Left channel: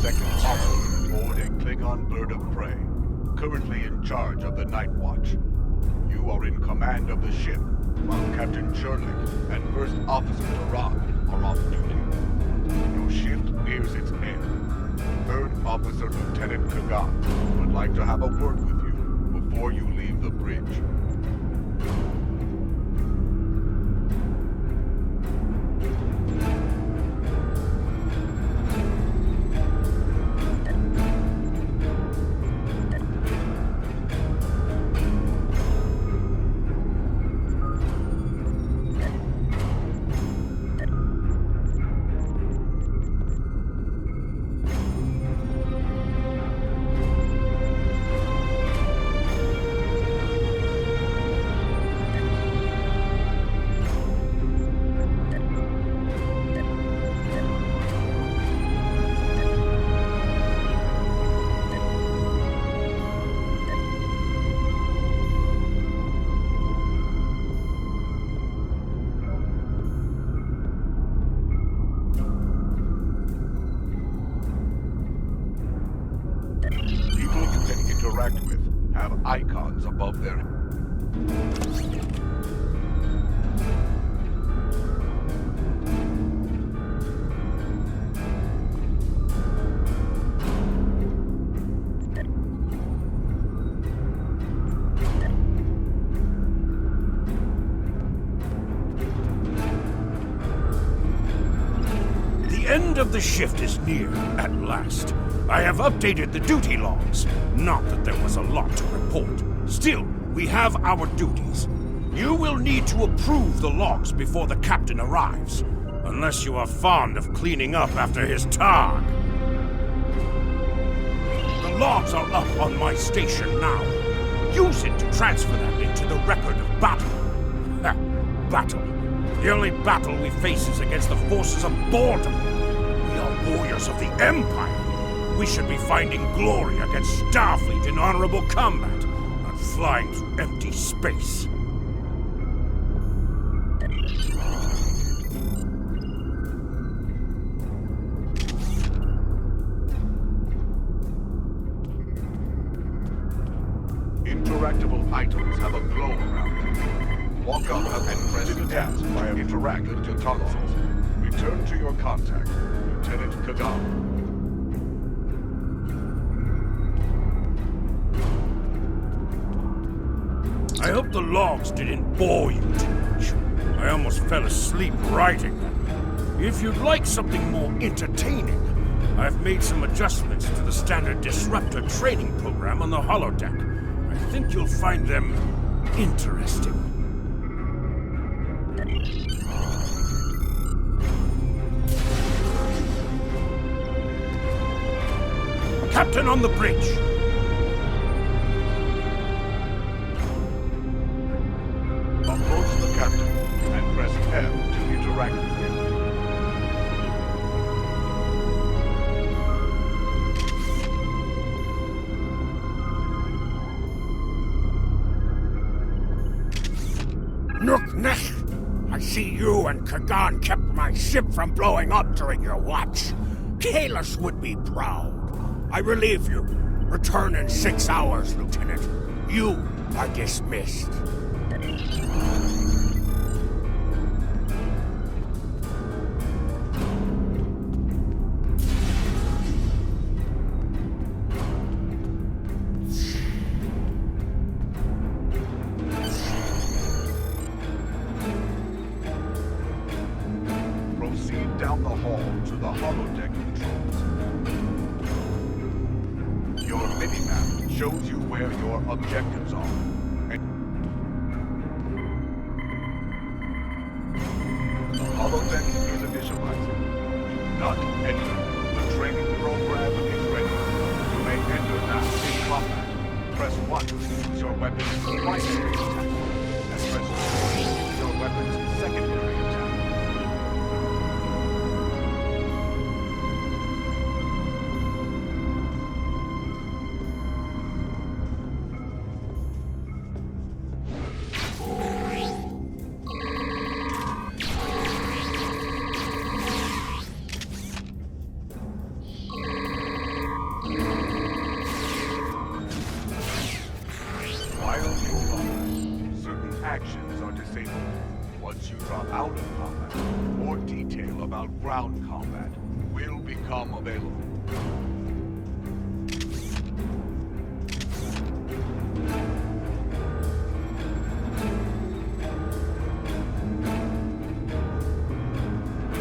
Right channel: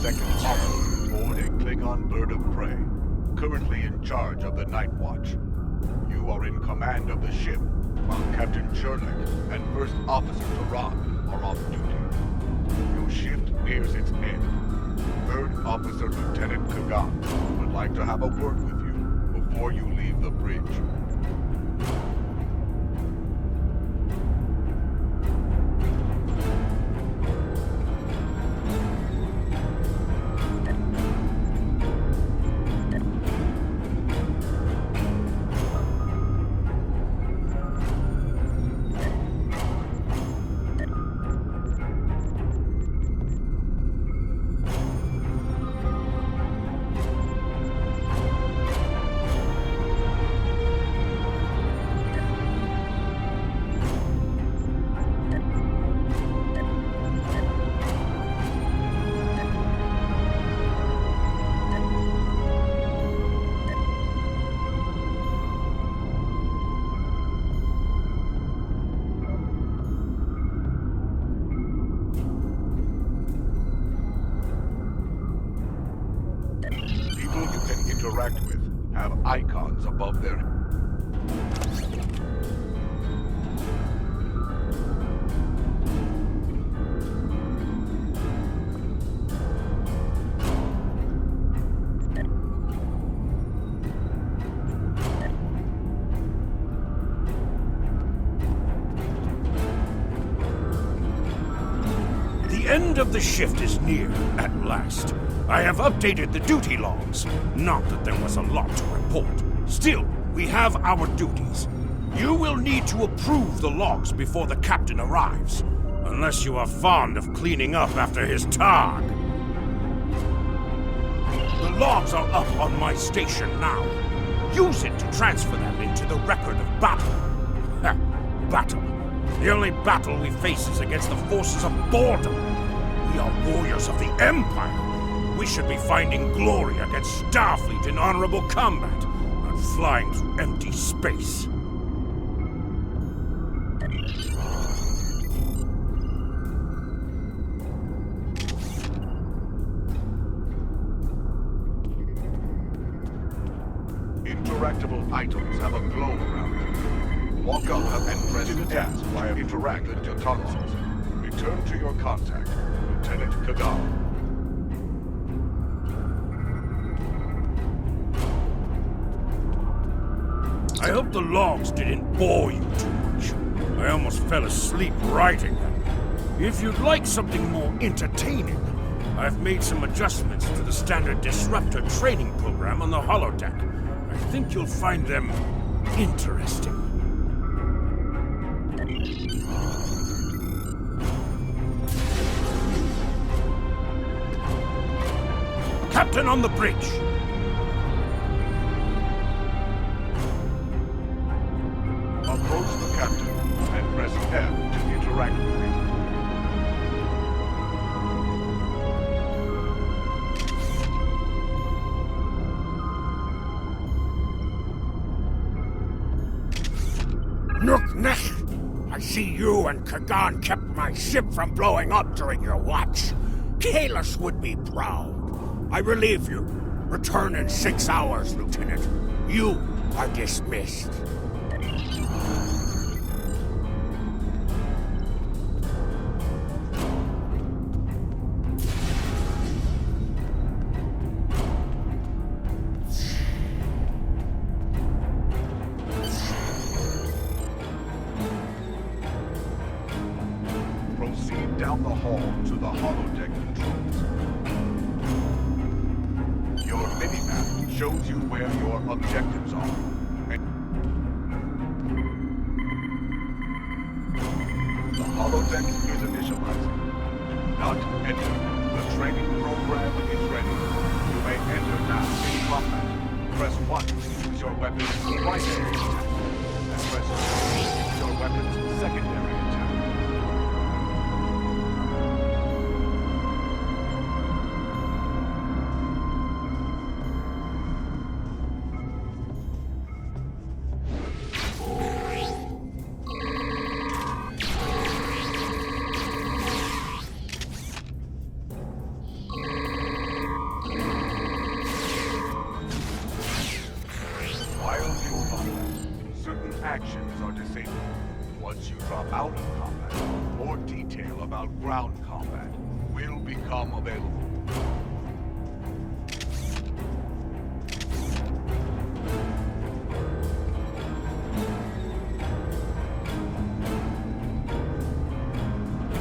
second officer aboard a Klingon bird of prey, currently in charge of the Night Watch. You are in command of the ship, while Captain Cherlik and First Officer Taran are off duty. Your shift nears its end. Third Officer Lieutenant Kagan would like to have a word with you before you leave the bridge. interact with have icons above their heads. The end of the shift is near, at last. I have updated the duty logs. Not that there was a lot to report. Still, we have our duties. You will need to approve the logs before the captain arrives. Unless you are fond of cleaning up after his tog. The logs are up on my station now. Use it to transfer them into the record of battle. Ha! Battle. The only battle we face is against the forces of boredom. We are warriors of the Empire. We should be finding glory against Starfleet in honorable combat, not flying through empty space. Interactable items have a glow around them. Walk up and press the task via interact with your consoles. Return to your contact, Lieutenant Kagam. I hope the logs didn't bore you too much. I almost fell asleep writing them. If you'd like something more entertaining, I've made some adjustments to the standard disruptor training program on the holodeck. I think you'll find them interesting. Captain on the bridge! Approach the captain and press F to interact with him. Nook, I see you and Kagan kept my ship from blowing up during your watch. Kalis would be proud. I relieve you. Return in 6 hours, Lieutenant. You are dismissed. Proceed down the hall to the holodeck controls. Your minimap shows you where your objectives are. The holodeck is initializing. Do not enter. The training program is ready. You may enter now in combat. Press 1 to use your weapon's primary attack, and press 2 to use your weapon's secondary attack. Actions are disabled. Once you drop out of combat, more detail about ground combat will become available.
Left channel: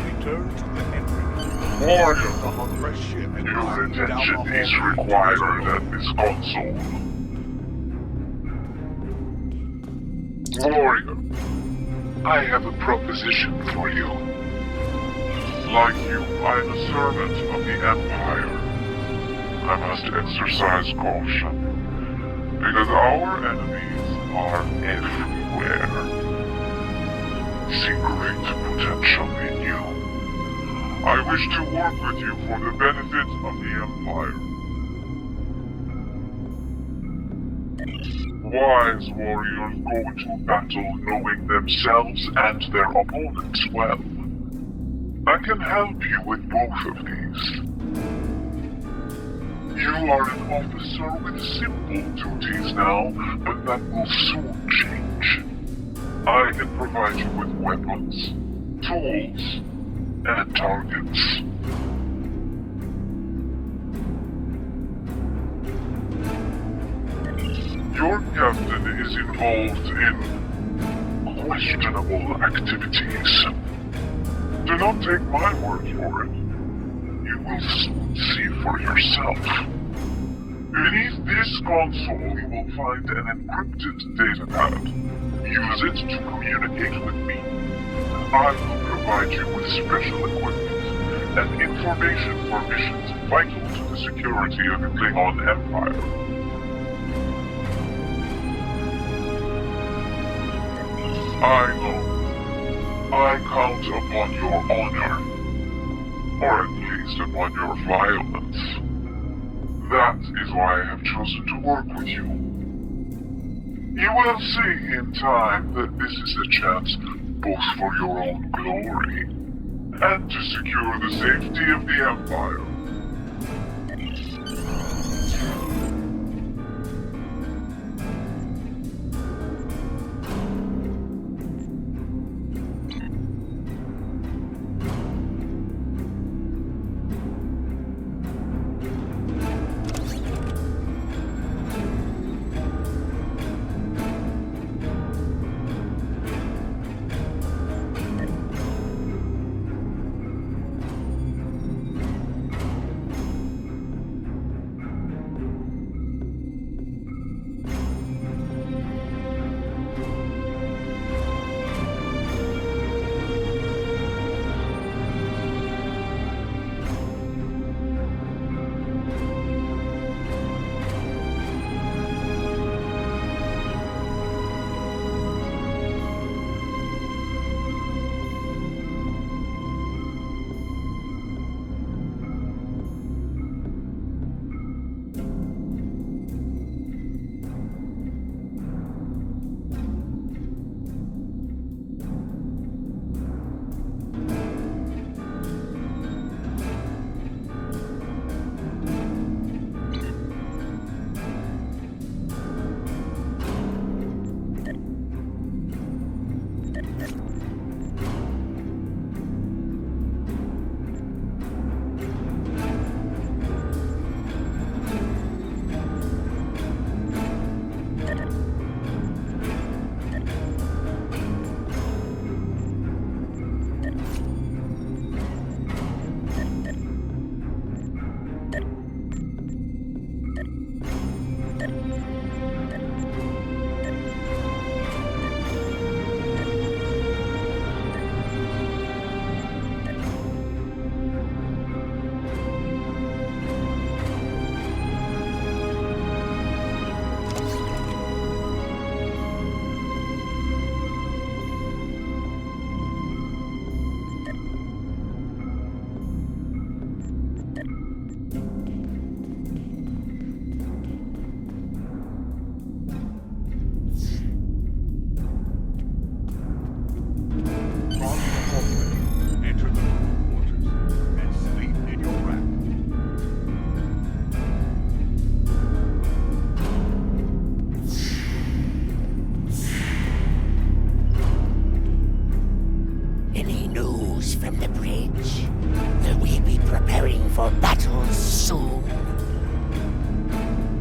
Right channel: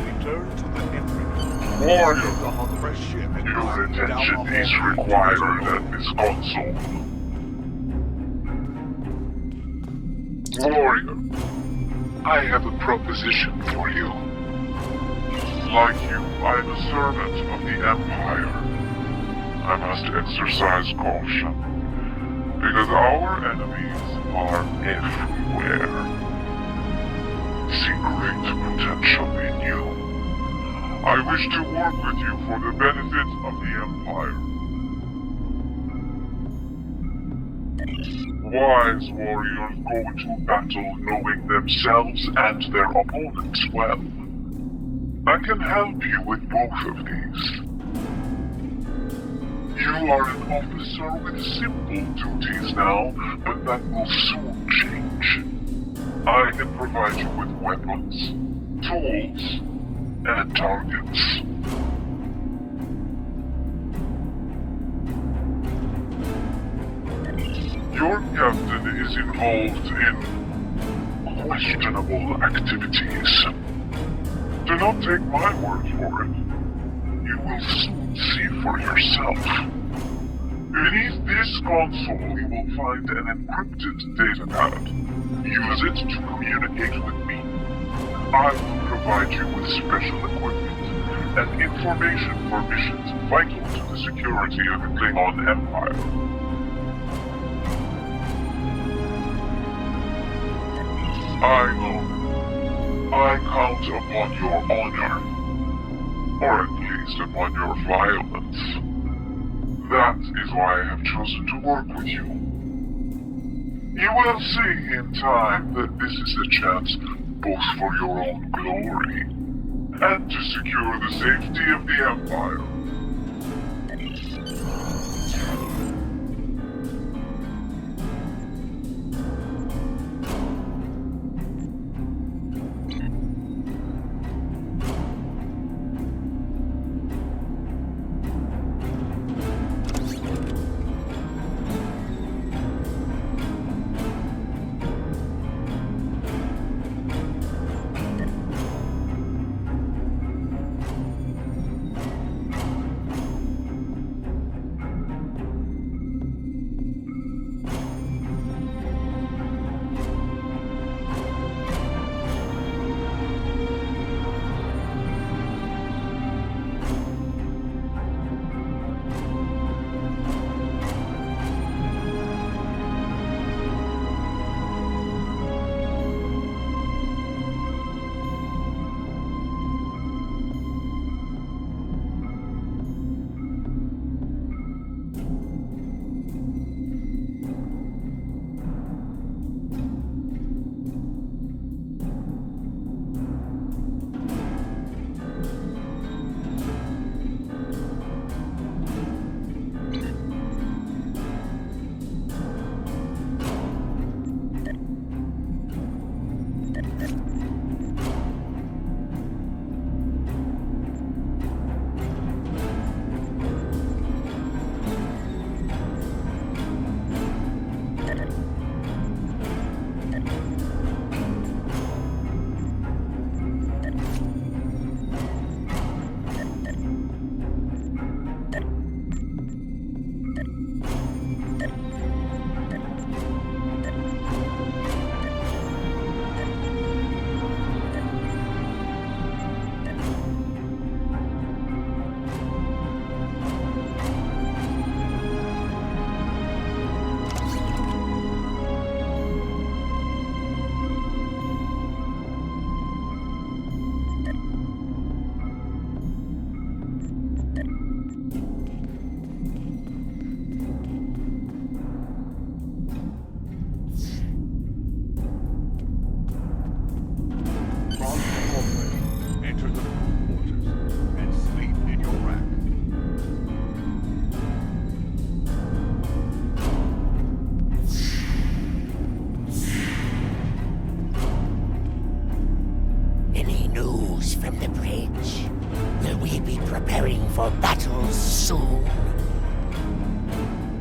Return to the entry. Warrior, Fresh ship and your climb down the attention hall is to required the at this console. Warrior, I have a proposition for you. Like you, I am a servant of the Empire. I must exercise caution, because our enemies are everywhere. See great potential in you. I wish to work with you for the benefit of the Empire. Wise warriors go into battle knowing themselves and their opponents well. I can help you with both of these. You are an officer with simple duties now, but that will soon change. I can provide you with weapons, tools, and targets. Your captain is involved in questionable activities. Do not take my word for it. You will soon see for yourself. Beneath this console, you will find an encrypted datapad. Use it to communicate with me. I will provide you with special equipment and information for missions vital to the security of the Klingon Empire. I know. I count upon your honor. Or at least upon your violence. That is why I have chosen to work with you. You will see in time that this is a chance both for your own glory and to secure the safety of the Empire. news from the bridge? Will we be preparing for battle soon?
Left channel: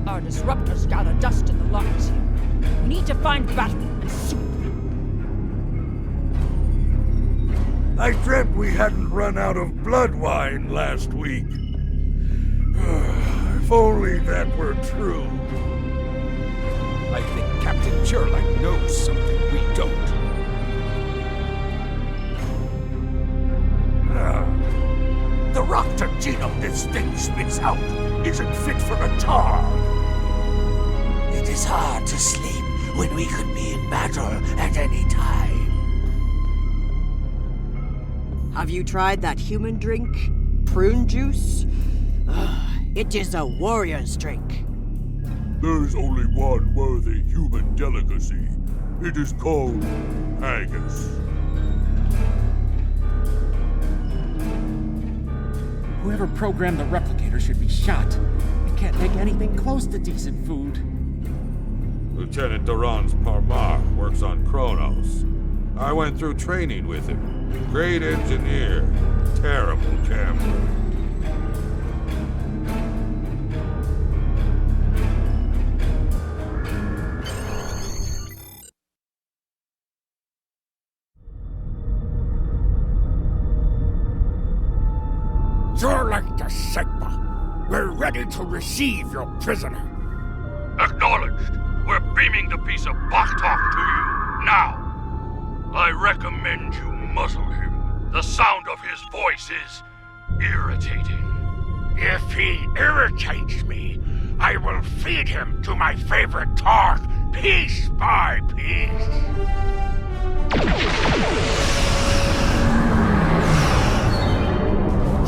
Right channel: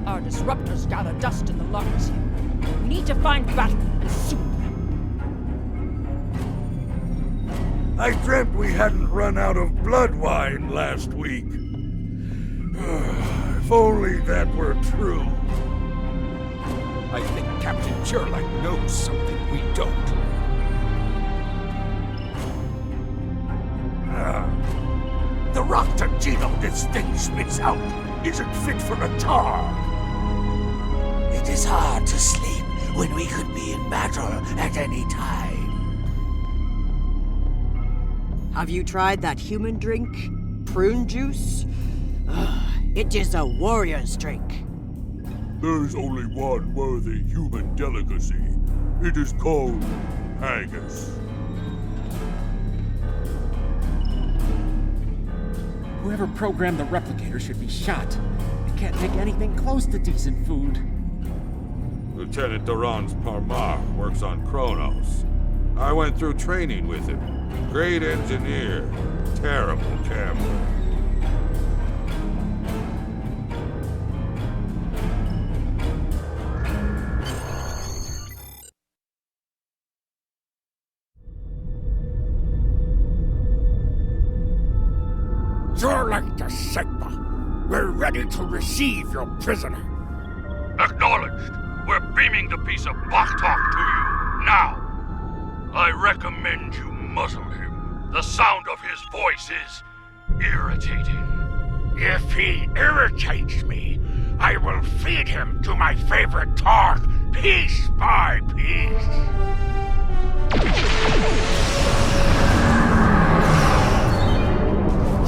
Our disruptors gather dust in the lockers here. We need to find battle, and soon. I dreamt we hadn't run out of blood wine last week. If only that were true. I think Captain Churlick knows something we don't. The Roctogeno this thing spits out isn't fit for a targ. It is hard to sleep when we could be in battle at any time. Have you tried that human drink? Prune juice? It is a warrior's drink. There's only one worthy human delicacy. It is called haggis. Whoever programmed the replicator should be shot. It can't make anything close to decent food. Lieutenant Duran's Parmar works on Kronos. I went through training with him. Great engineer, terrible gambler. Zurlek de Segba, we're ready to receive your prisoner. Acknowledged. We're beaming the piece of Bachtalk to you, now. I recommend you muzzle him. The sound of his voice is irritating. If he irritates me, I will feed him to my favorite targ, piece by piece.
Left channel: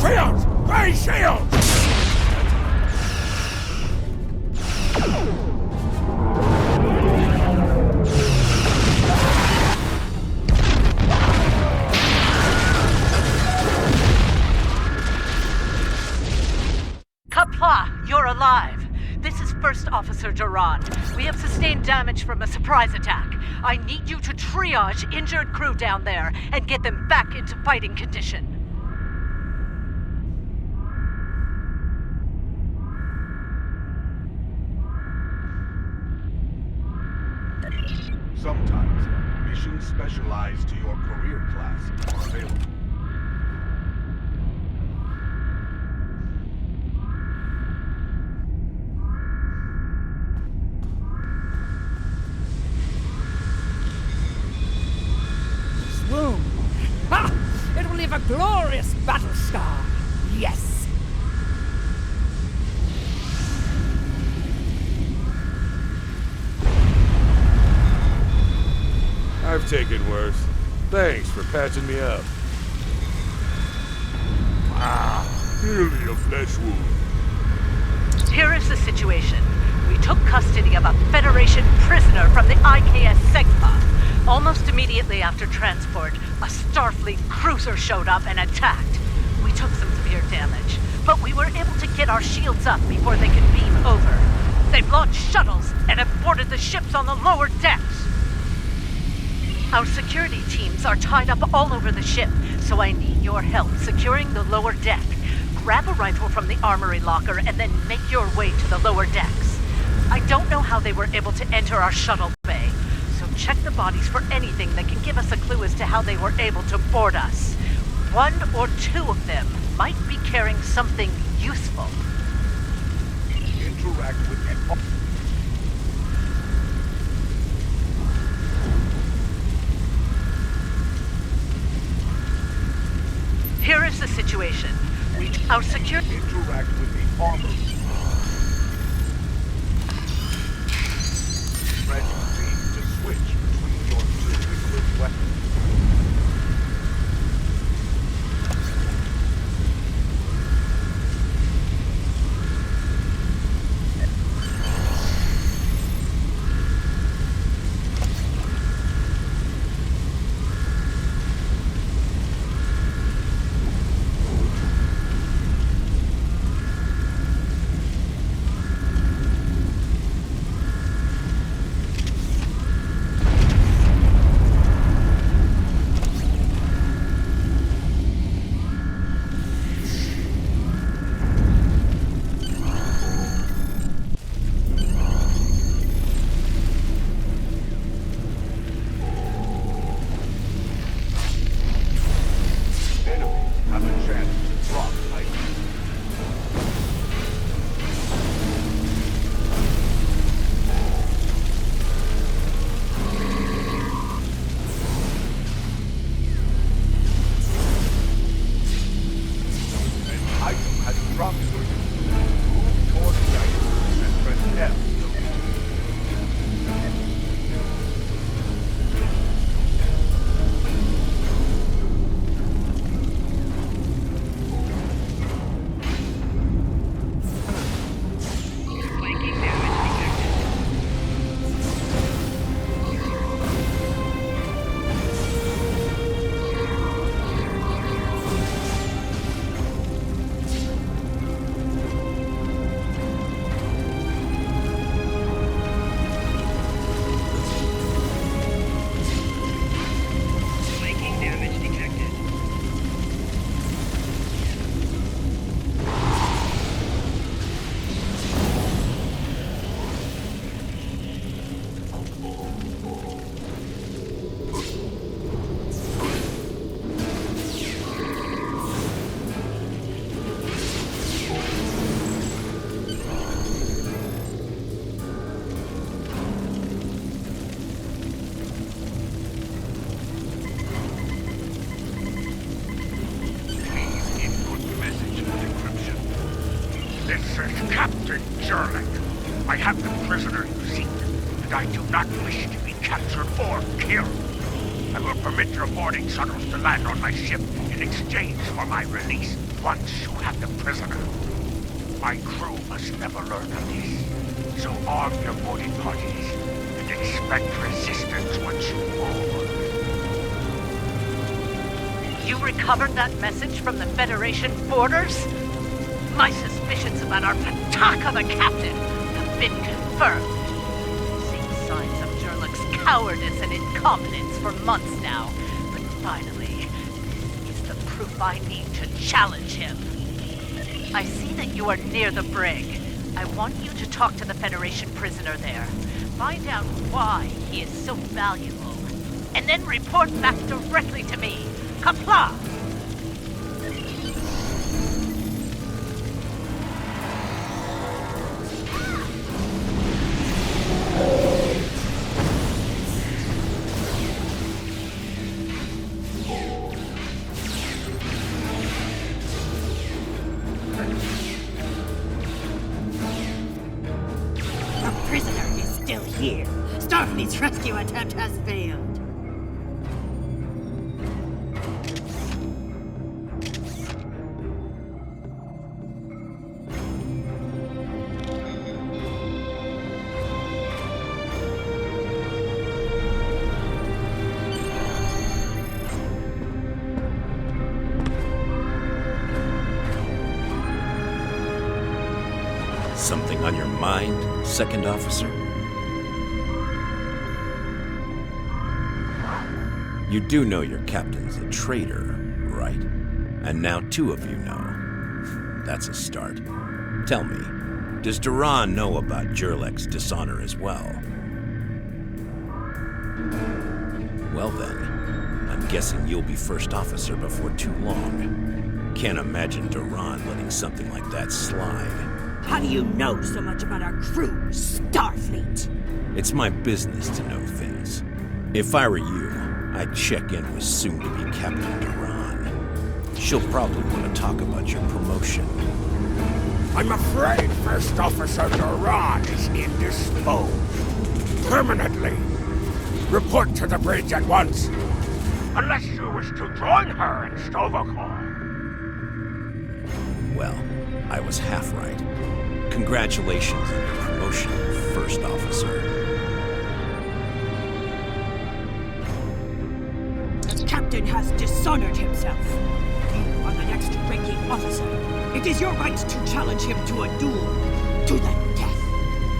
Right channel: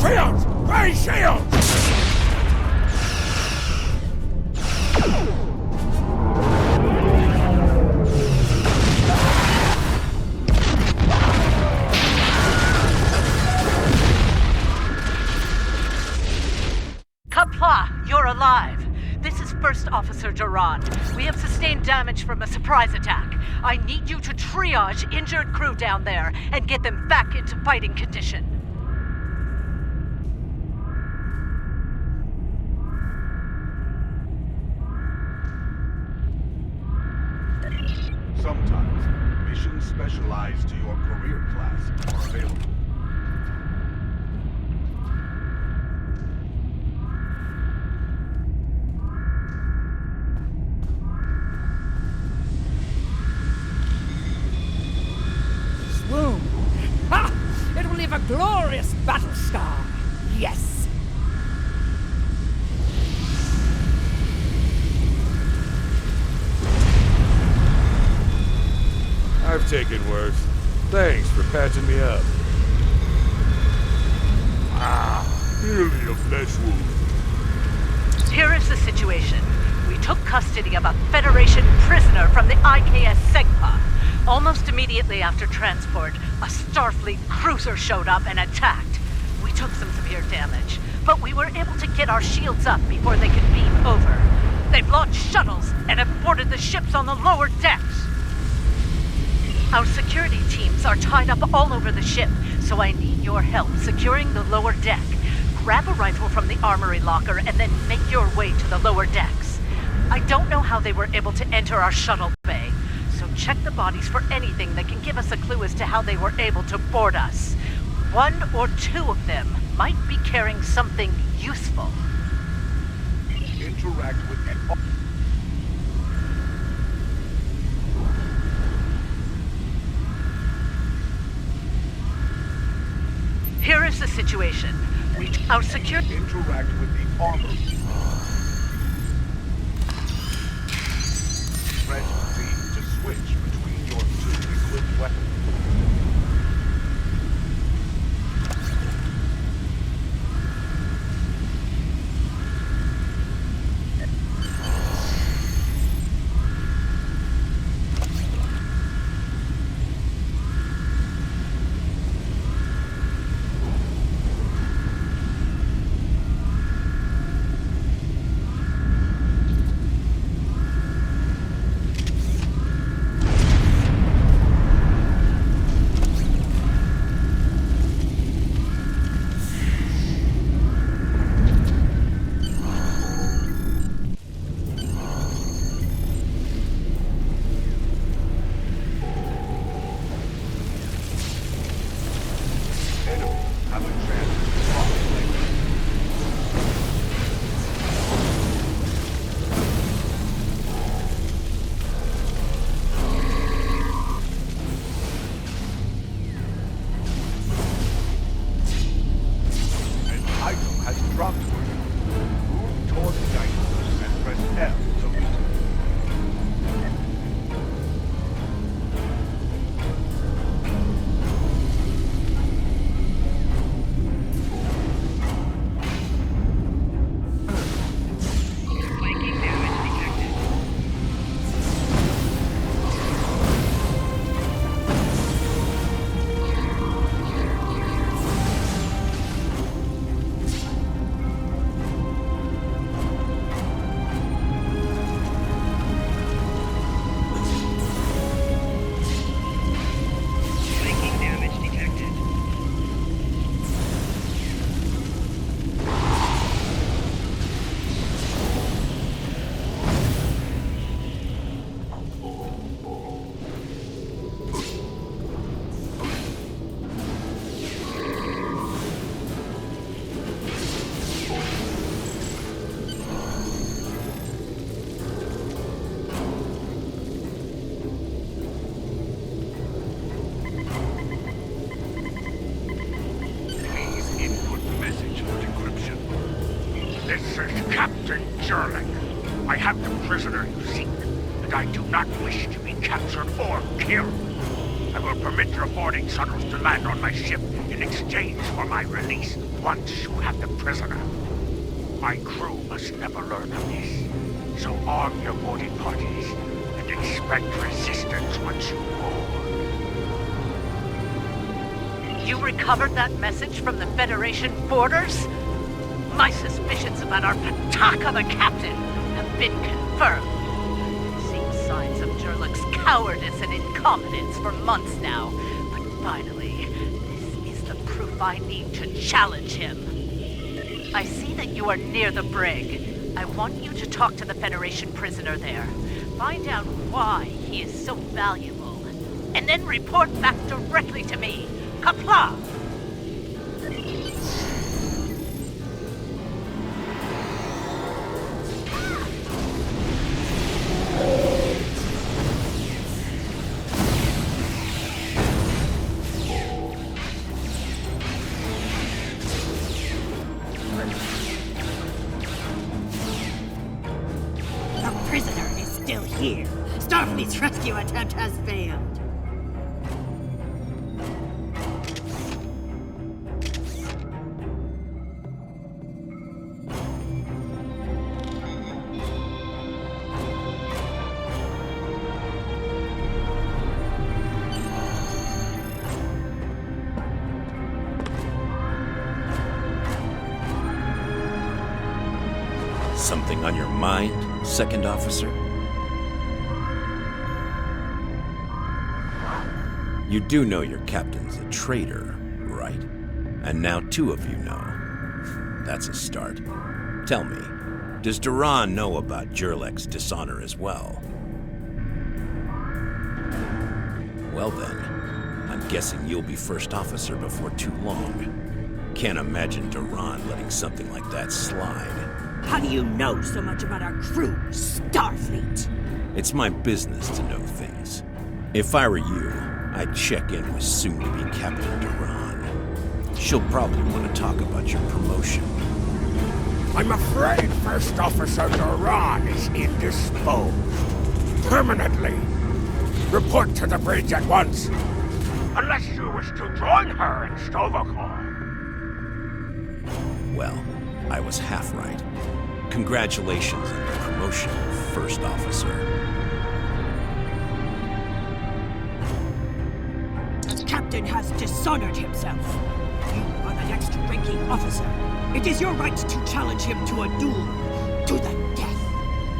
Shields! Ray shields! Kapla, you're alive. This is First Officer Duran. We have sustained damage from a surprise attack. I need you to triage injured crew down there and get them back into fighting condition. Sometimes, missions specialized to your career class are available. Swoon! Ha! It will leave a glorious battle scar. Yes. I've taken worse. Thanks for patching me up. Merely a flesh wound. Here is the situation. We took custody of a Federation prisoner from the IKS Segpa. Almost immediately after transport, a Starfleet cruiser showed up and attacked. We took some severe damage, but we were able to get our shields up before they could beam over. They've launched shuttles and have boarded the ships on the lower decks. Our security teams are tied up all over the ship, so I need your help securing the lower deck. Grab a rifle from the armory locker and then make your way to the lower decks. I don't know how they were able to enter our shuttle bay, so check the bodies for anything that can give us a clue as to how they were able to board us. One or two of them might be carrying something useful. Interact with an... Here is the situation. Our security... Interact with the armor. Press Z to switch between your two equipped weapons. Sherlock. I have the prisoner you seek, and I do not wish to be captured or killed. I will permit your boarding shuttles to land on my ship in exchange for my release once you have the prisoner. My crew must never learn of this, so arm your boarding parties and expect resistance once you board. You recovered that message from the Federation borders? My suspicions about our Pataka the Captain have been confirmed. I've seen signs of Jurlok's cowardice and incompetence for months now, but finally, this is the proof I need to challenge him. I see that you are near the brig. I want you to talk to the Federation prisoner there. Find out why he is so valuable, and then report back directly to me. Kapla! The prisoner is still here. Starfleet's rescue attempt has failed. Something on your mind, Second Officer? You do know your captain's a traitor, right? And now two of you know. That's a start. Tell me, does Duran know about Jurlek's dishonor as well? Well then, I'm guessing you'll be first officer before too long. Can't imagine Duran letting something like that slide. How do you know so much about our crew, Starfleet? It's my business to know things. If I were you, I'd check in with soon-to-be Captain Duran. She'll probably want to talk about your promotion. I'm afraid First Officer Duran is indisposed. Permanently. Report to the bridge at once. Unless you wish to join her in Stovacor. Well, I was half right. Congratulations on your promotion, First Officer. The captain has dishonored himself. You are the next ranking officer. It is your right to challenge him to a duel, to the death.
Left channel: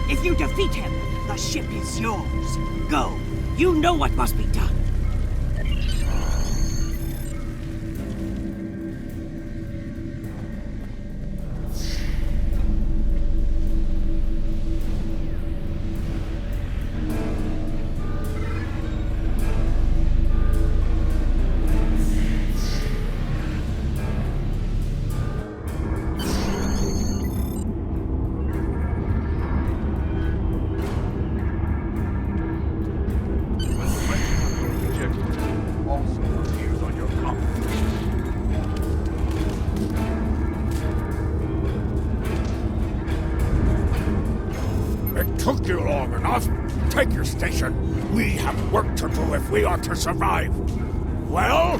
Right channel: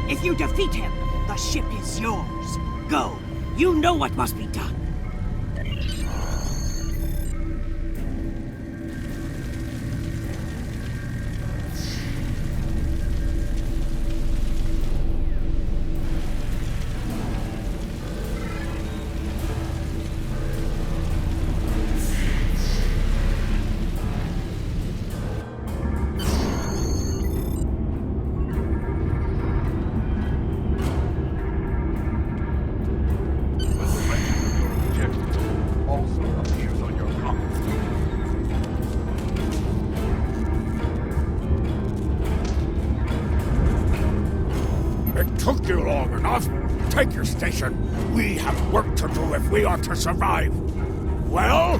If you defeat him, the ship is yours. Go. You know what must be done. Also appears on your compass. It took you long enough. Take your station. We have work to do if we are to survive. Well,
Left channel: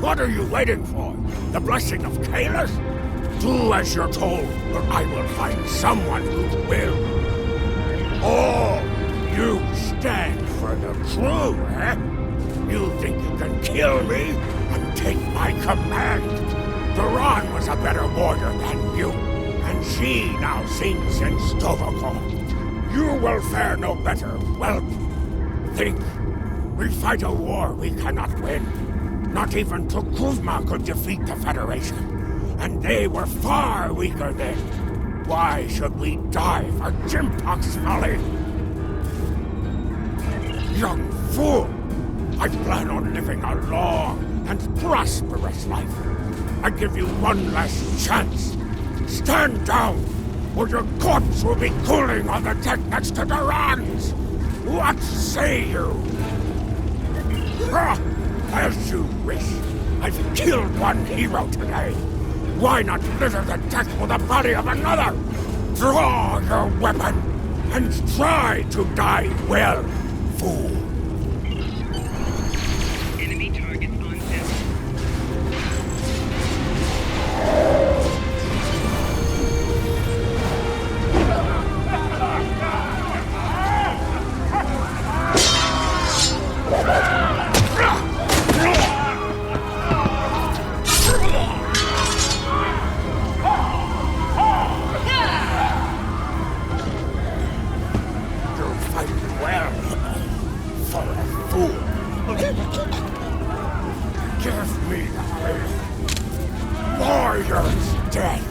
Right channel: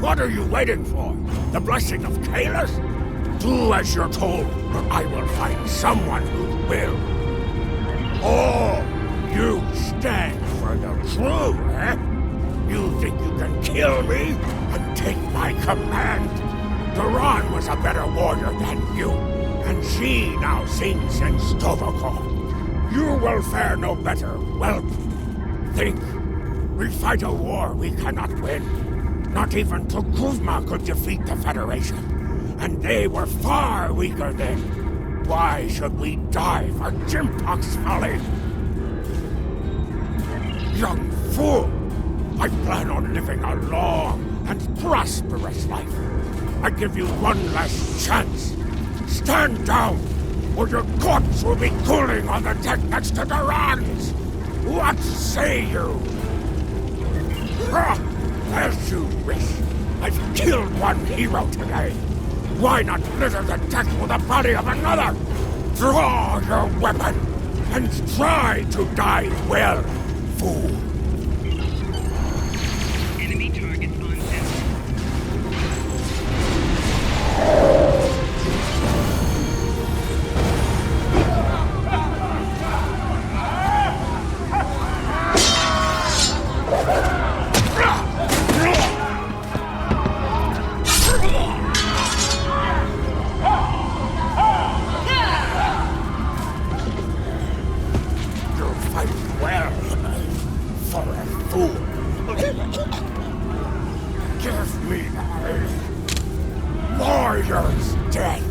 what are you waiting for? The blessing of Kalis? Do as you're told, or I will find someone who will. Oh, you stand for the crew, eh? You think you can kill me and take my command? Duran was a better warrior than you, and she now sings in Stovacor. You will fare no better, whelp. Think. We fight a war we cannot win. Not even Tukuzma could defeat the Federation, and they were far weaker then. Why should we die for Jimpok's folly? Young fool! I plan on living a long and prosperous life. I give you one last chance. Stand down, or your corpse will be cooling on the deck next to Duran's. What say you? As you wish. I've killed one hero today. Why not litter the deck with the body of another? Draw your weapon and try to die well, fool. Enemy target on test. You fight well for a fool. Give me the warrior's death.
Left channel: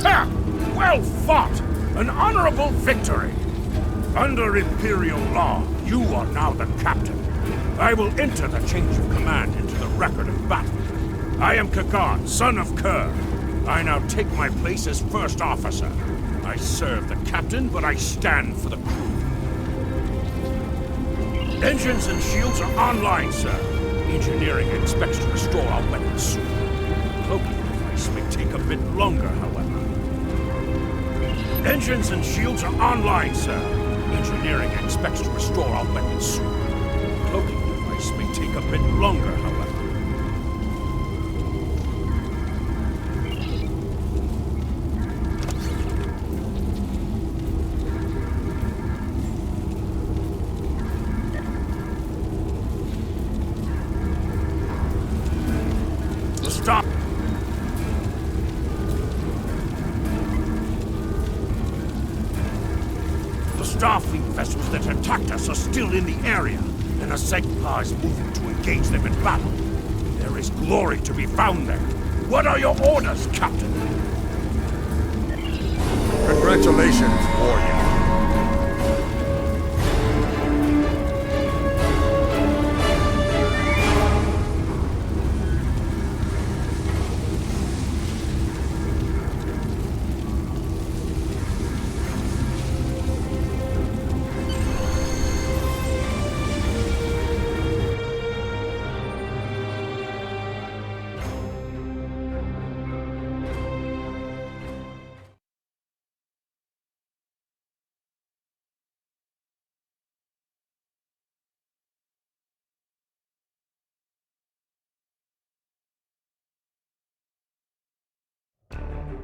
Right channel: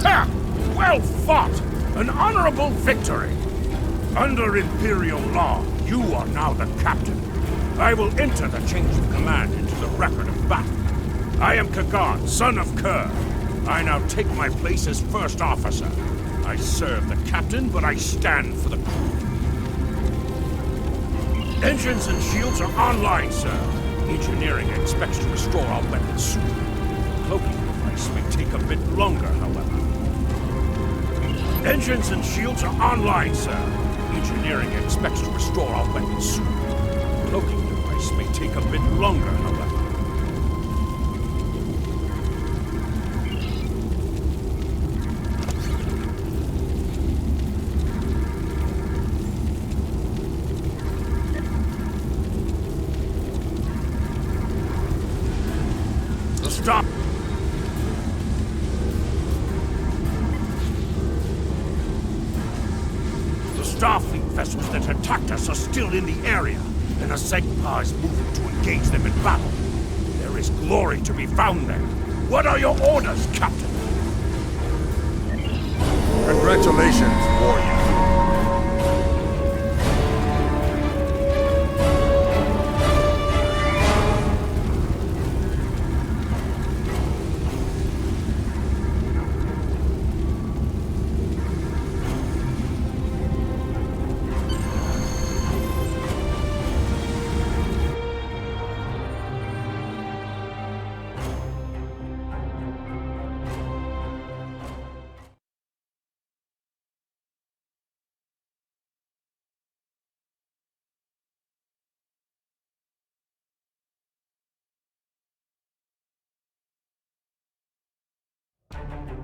Ha! Well fought! An honorable victory! Under Imperial law, you are now the captain. I will enter the change of command into the record of battle. I am Kagan, son of Kerr. I now take my place as first officer. I serve the captain, but I stand for the crew. Engines and shields are online, sir. Engineering expects to restore our weapons soon. The cloaking device may take a bit longer, however. Engines and shields are online, sir. Engineering expects to restore our weapons soon. The cloaking device may take a bit longer, however. Stop! The Starfleet vessels that attacked us are still in the area, and the Segpa is moving to engage them in battle. There is glory to be found there. What are your orders, Captain? Congratulations, warrior.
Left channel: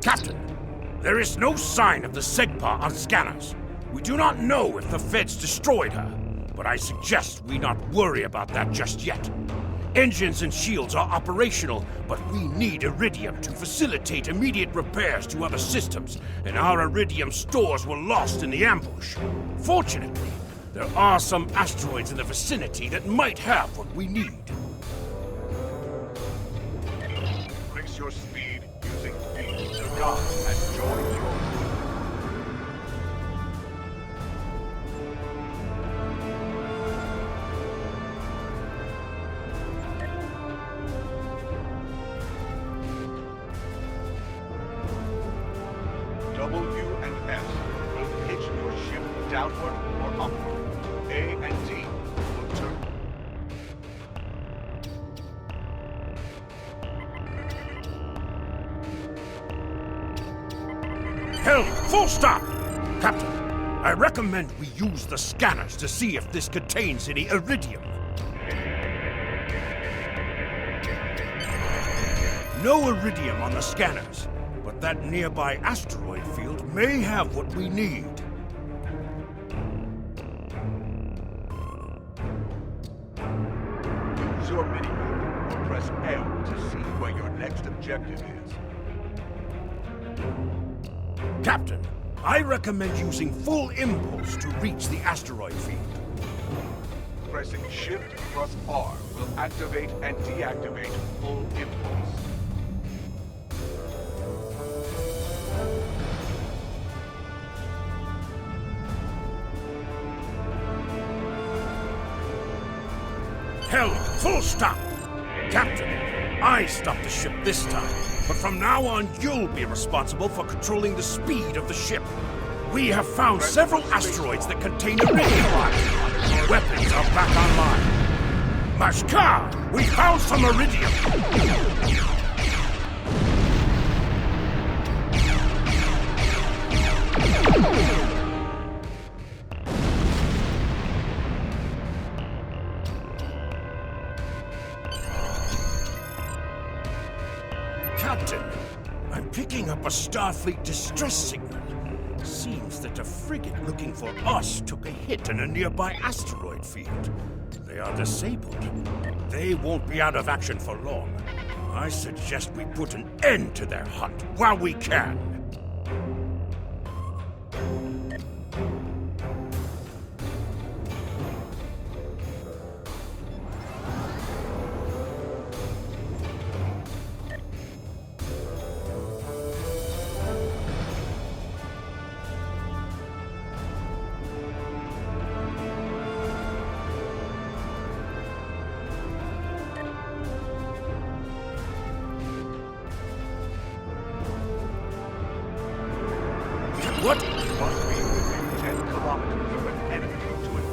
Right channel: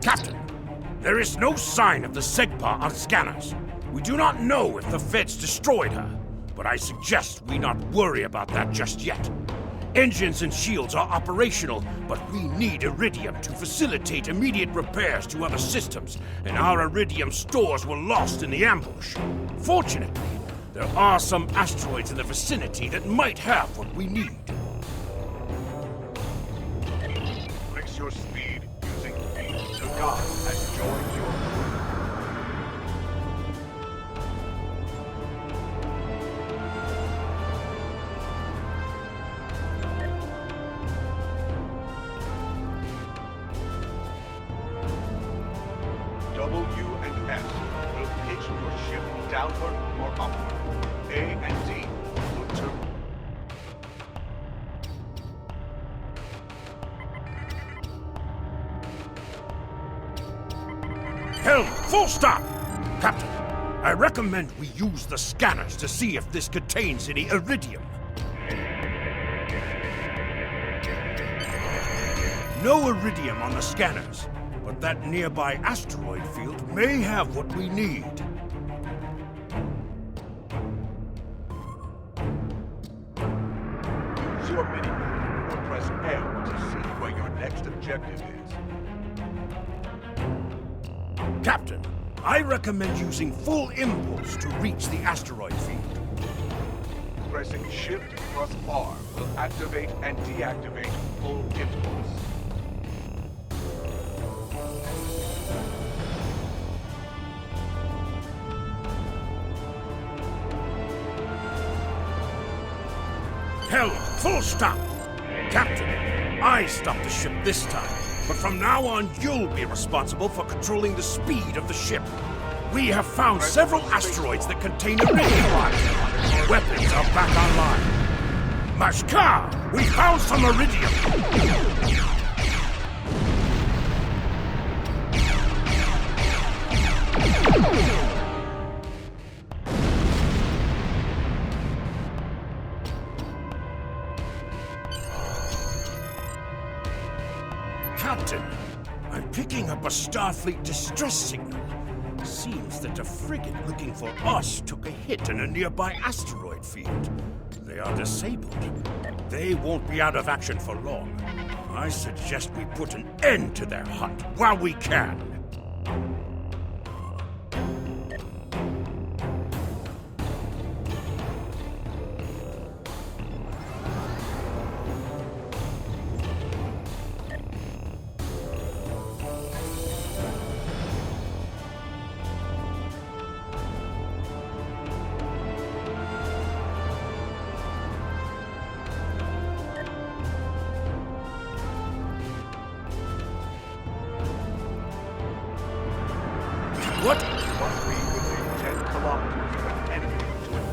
Captain, there is no sign of the Segpa on scanners. We do not know if the Feds destroyed her, but I suggest we not worry about that just yet. Engines and shields are operational, but we need Iridium to facilitate immediate repairs to other systems, and our Iridium stores were lost in the ambush. Fortunately, there are some asteroids in the vicinity that might have what we need. Increase your speed using V. Kagan has joined your crew. W and S will pitch your ship downward or upward. A and D will turn. Helm, full stop! Captain, I recommend we use the scanners to see if this contains any Iridium. No Iridium on the scanners, but that nearby asteroid field may have what we need. Use your minimap or press L to see where your next objective is. Captain, I recommend using full impulse to reach the asteroid field. Pressing Shift plus R will activate and deactivate full impulse. Helm, full stop! Captain, I stopped the ship this time, but from now on you'll be responsible for controlling the speed of the ship. We have found several asteroids that contain iridium. Weapons are back online. Mashkar, we found some iridium. Captain, I'm picking up a Starfleet distress signal. Seems that a frigate looking for us took a hit in a nearby asteroid field. They are disabled. They won't be out of action for long. I suggest we put an end to their hunt while we can. What? You must be within 10 kilometers of an enemy to it.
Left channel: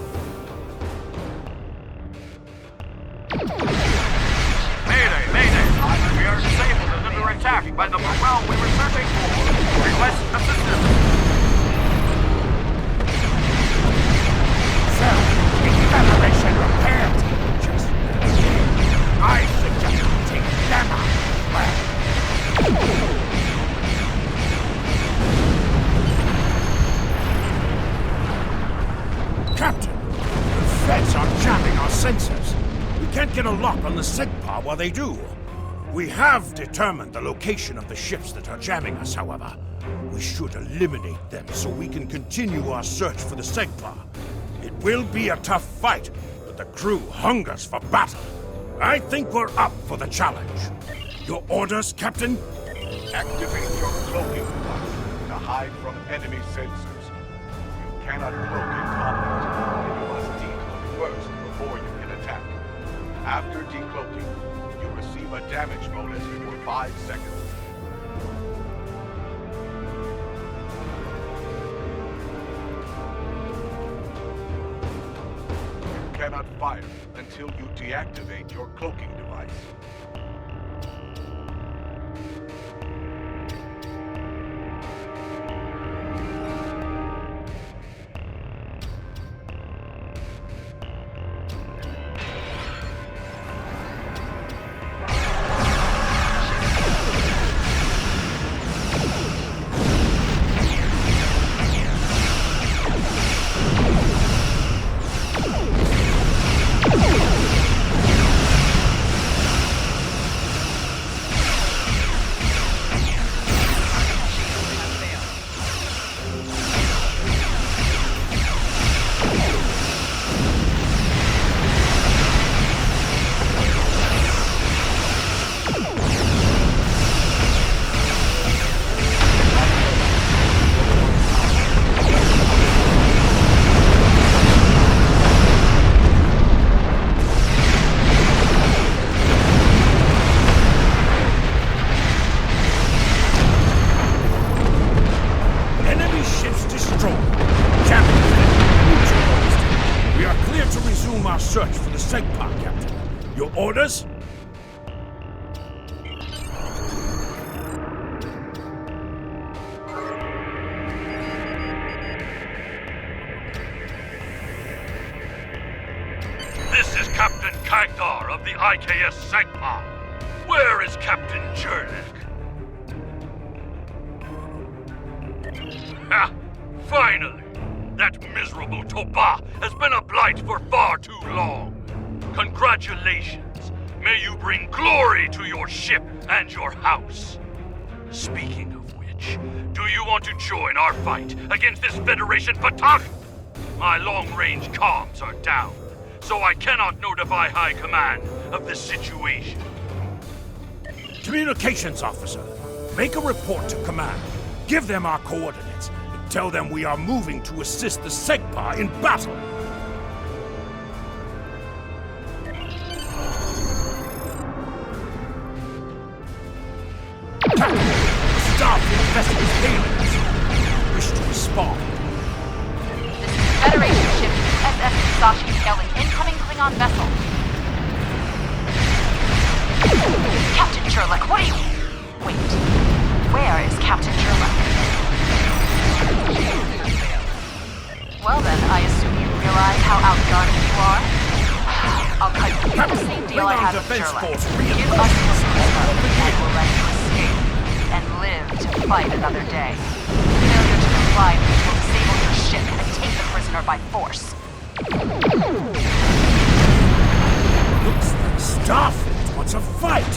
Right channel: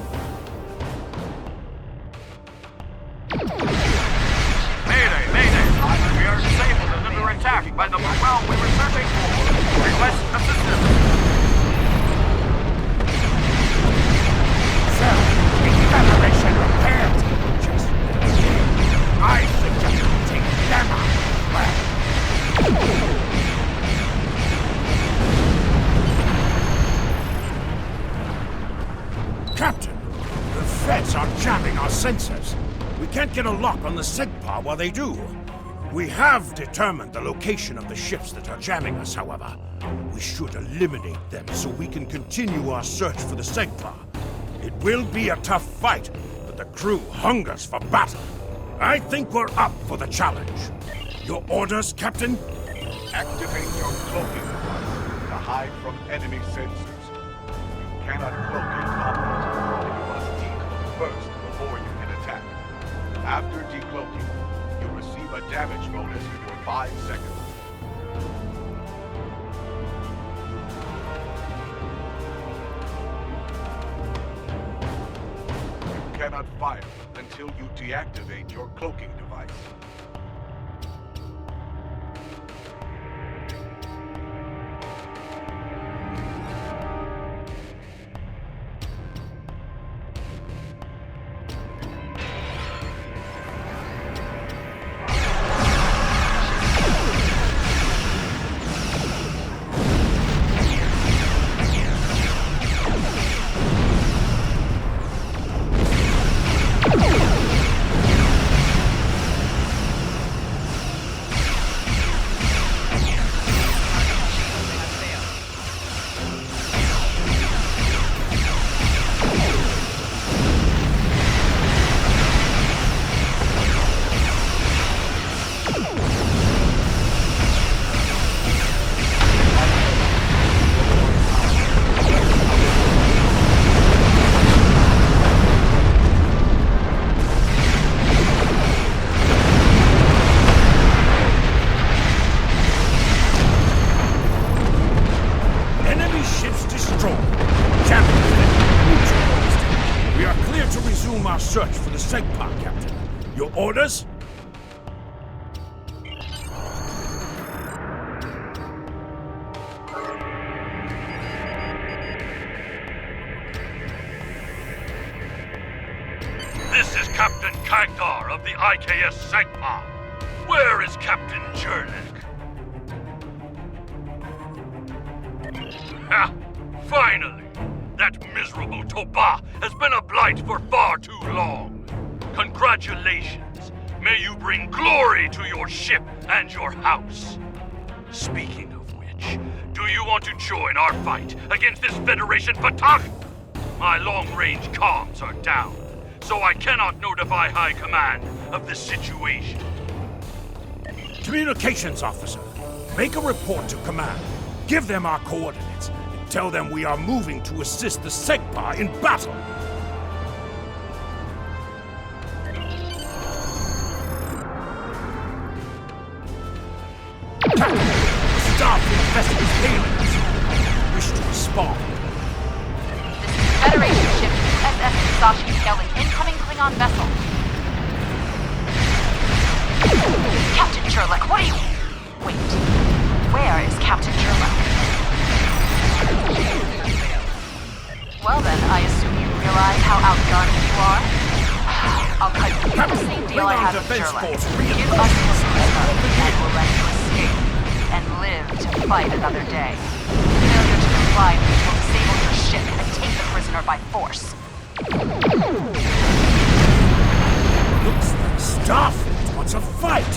Mayday! Mayday! We are disabled and under attack by the morale we were searching for. Request assistance. Sir, the Federation repair team just I suggest we take them out. Well. Captain, the Feds are jamming our sensors. We can't get a lock on the SEGPA while they do. We have determined the location of the ships that are jamming us, however. We should eliminate them so we can continue our search for the SEGPA. It will be a tough fight, but the crew hungers for battle. I think we're up for the challenge. Your orders, Captain? Activate your cloaking device to hide from enemy sensors. You cannot cloak in combat, and you must decloak first before you can attack. After decloaking, you receive a damage bonus for 5 seconds. You cannot fire until you deactivate your cloaking device. Search for the SEGPA, Captain. Your orders? This is Captain Kagdar of the IKS SEGPA. Where is Captain Jernik? Ha! Finally! That miserable Toba has been a blight for far too long. Congratulations. May you bring glory to your ship and your house. Speaking of which, do you want to join our fight against this Federation Patak? My long-range comms are down, so I cannot notify High Command of the situation. Communications officer, make a report to Command. Give them our coordinates. Tell them we are moving to assist the SEGPA in battle. infested with aliens. Wish to respond. This is Federation ship USS Musashi hailing incoming Klingon vessel. Captain Sherlock, what are you... Wait. Where is Captain Sherlock? Well then, I assume you realize how outgunned you are? I'll cut you the same deal I have with Sherlock. Give us your prisoner, and we'll let you escape. And live to fight another day. Failure to comply means we'll disable your ship and take the prisoner by force. Looks like Starfleet wants a fight.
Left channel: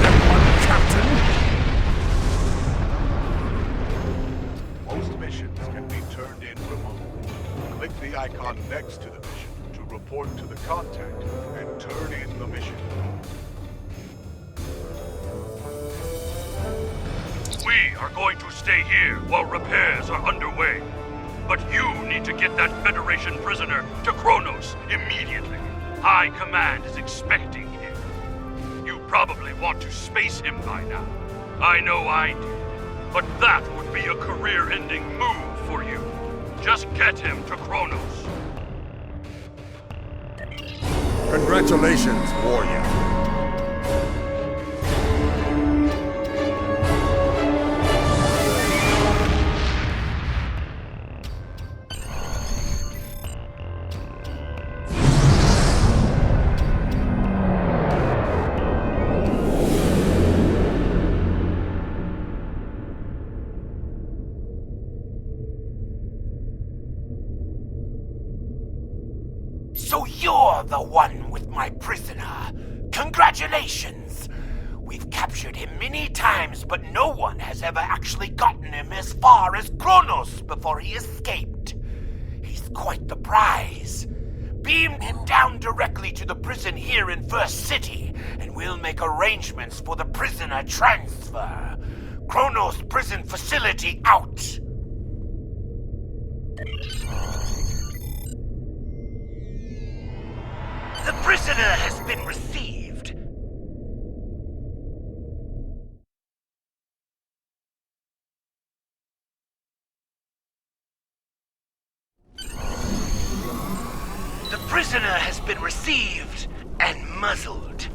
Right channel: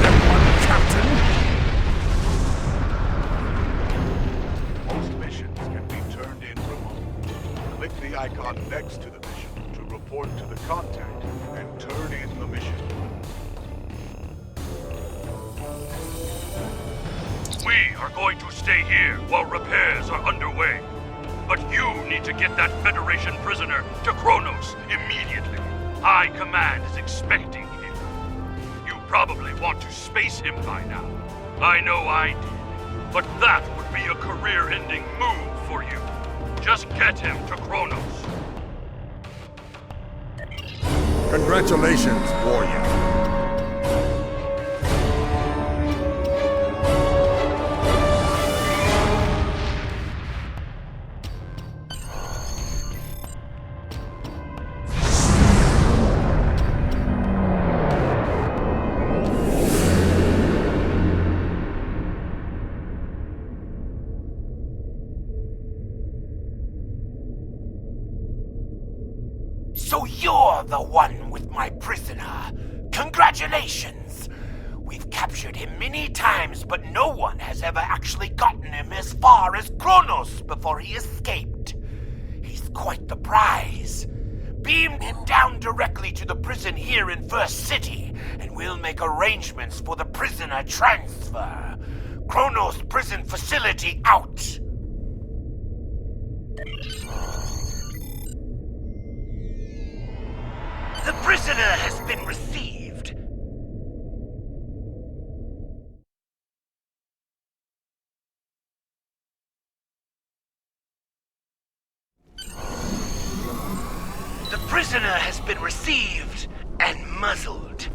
Then one, Captain. Most missions can be turned in remotely. Click the icon next to the mission to report to the contact and turn in the mission. We are going to stay here while repairs are underway. But you need to get that Federation prisoner to Kronos immediately. High Command is expecting him. You probably want to space him by now. I know I did. But that would be a career-ending move for you. Just get him to Kronos. Congratulations, warrior. So you're the one with my prisoner. Congratulations! We've captured him many times, but no one has ever actually gotten him as far as Kronos before he escaped. He's quite the prize. Beam him down directly to the prison here in First City, and we'll make arrangements for the prisoner transfer. Kronos prison facility out! The prisoner has been received. The prisoner has been received and muzzled.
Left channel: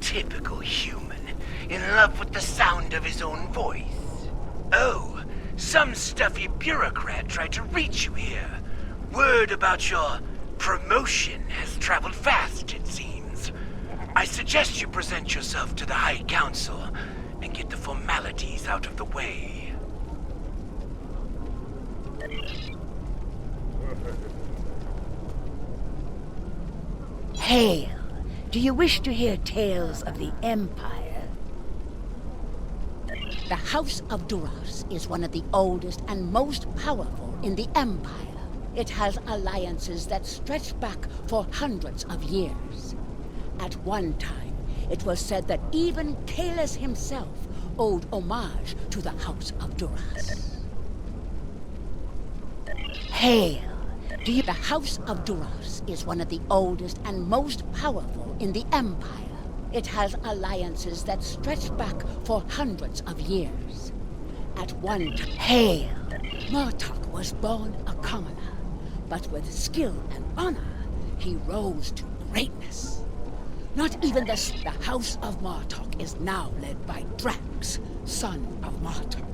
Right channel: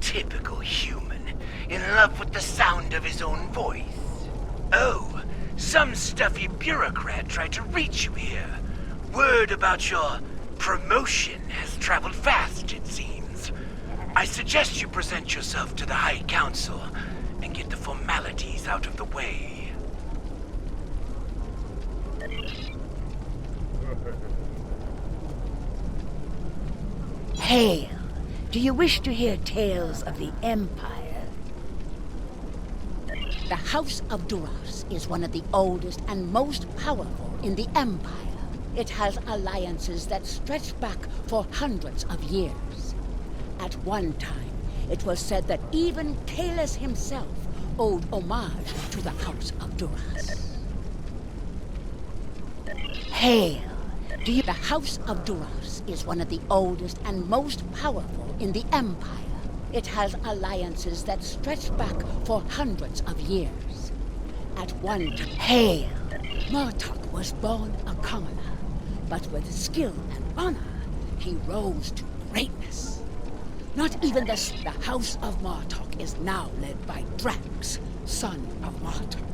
Typical human, in love with the sound of his own voice. Oh, some stuffy bureaucrat tried to reach you here. Word about your promotion has traveled fast, it seems. I suggest you present yourself to the High Council and get the formalities out of the way. Hail! Do you wish to hear tales of the Empire? The House of Duras is one of the oldest and most powerful in the Empire. It has alliances that stretch back for hundreds of years. At one time, it was said that even Kalis himself owed homage to the House of Duras. Hail! The House of Duras is one of the oldest and most powerful in the Empire. It has alliances that stretch back for hundreds of years. At one time, Hail! Martok was born a commoner. But with skill and honor, he rose to greatness. Not even the House of Martok is now led by Drax, son of Martok.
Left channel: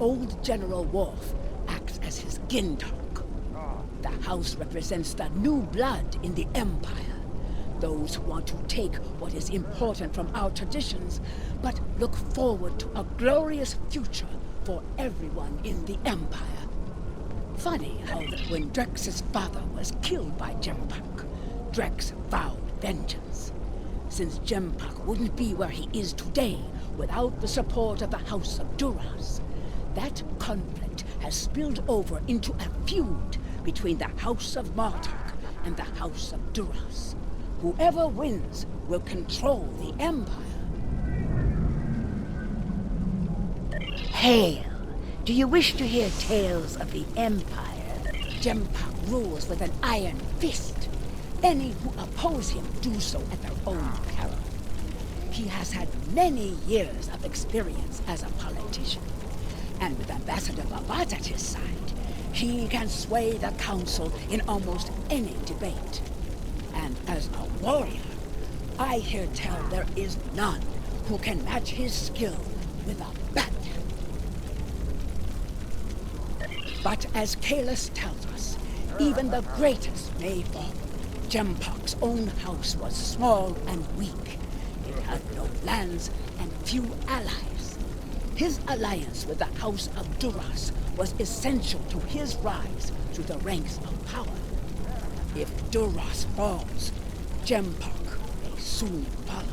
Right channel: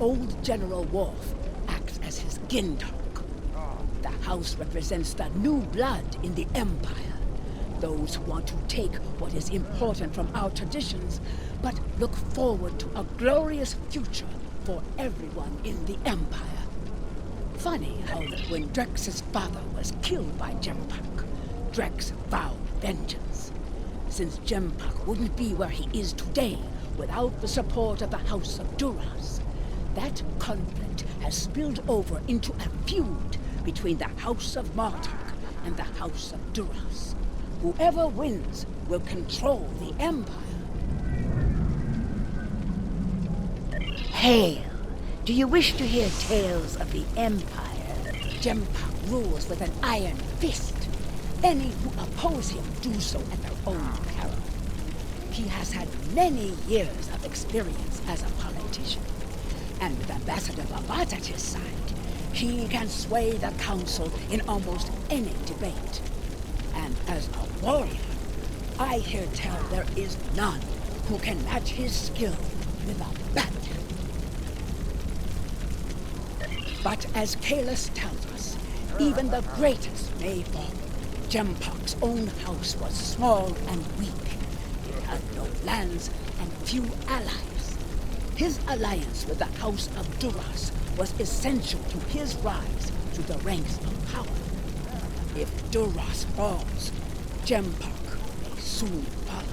Old General Worf acts as his Gintok. The House represents the new blood in the Empire. Those who want to take what is important from our traditions, but look forward to a glorious future for everyone in the Empire. Funny how when Drex's father was killed by Jempak, Drex vowed vengeance. Since Jempak wouldn't be where he is today without the support of the House of Duras, that conflict has spilled over into a feud between the House of Martok and the House of Duras. Whoever wins will control the Empire. Hail! Do you wish to hear tales of the Empire? Jempak rules with an iron fist. Any who oppose him do so at their own peril. He has had many years of experience as a politician. And with Ambassador Babat at his side, he can sway the council in almost any debate. And as a warrior, I hear tell there is none who can match his skill with a bat. But as Kalis tells us, even the greatest may fall. Jempok's own house was small and weak. It had no lands and few allies. His alliance with the House of Duras was essential to his rise to the ranks of power. If Duras falls, Jempok may soon follow.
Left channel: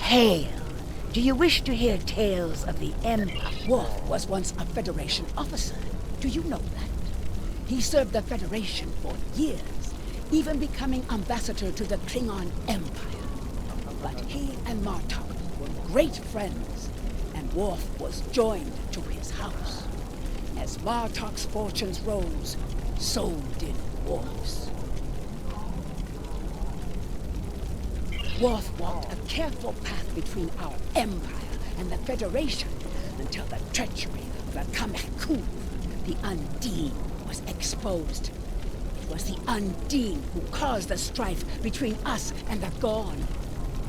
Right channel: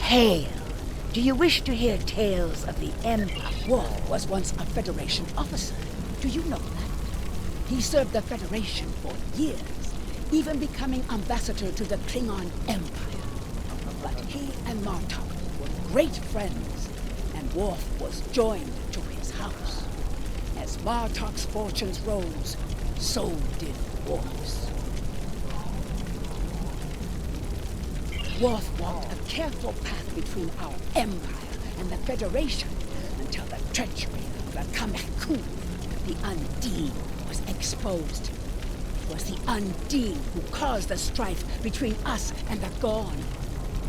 Hail! Do you wish to hear tales of the Empire? Worf was once a Federation officer. Do you know that? He served the Federation for years, even becoming ambassador to the Klingon Empire. But he and Martok were great friends, and Worf was joined to his house. As Martok's fortunes rose, so did Worf's. Worf walked a careful path between our Empire and the Federation until the treachery of the Kameku, the Undine, was exposed. It was the Undine who caused the strife between us and the Gorn.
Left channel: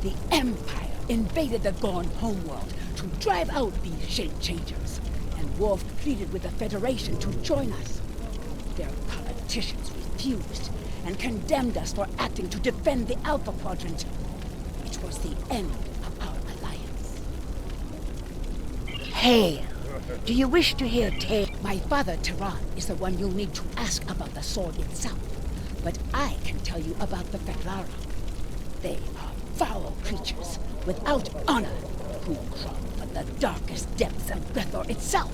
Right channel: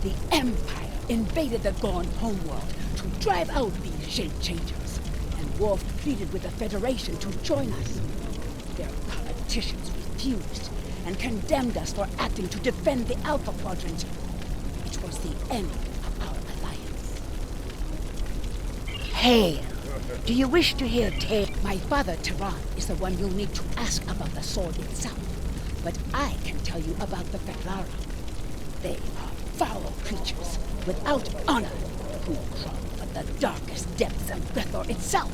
The Empire invaded the Gorn homeworld to drive out these shape-changers, and Worf pleaded with the Federation to join us. Their politicians refused and condemned us for acting to defend the Alpha Quadrant. It was the end of our alliance. Hail! Do you wish to hear tales? My father, Tehran, is the one you'll need to ask about the sword itself. But I can tell you about the Feklari. They are foul creatures without honor who crawl from the darkest depths of Grethor itself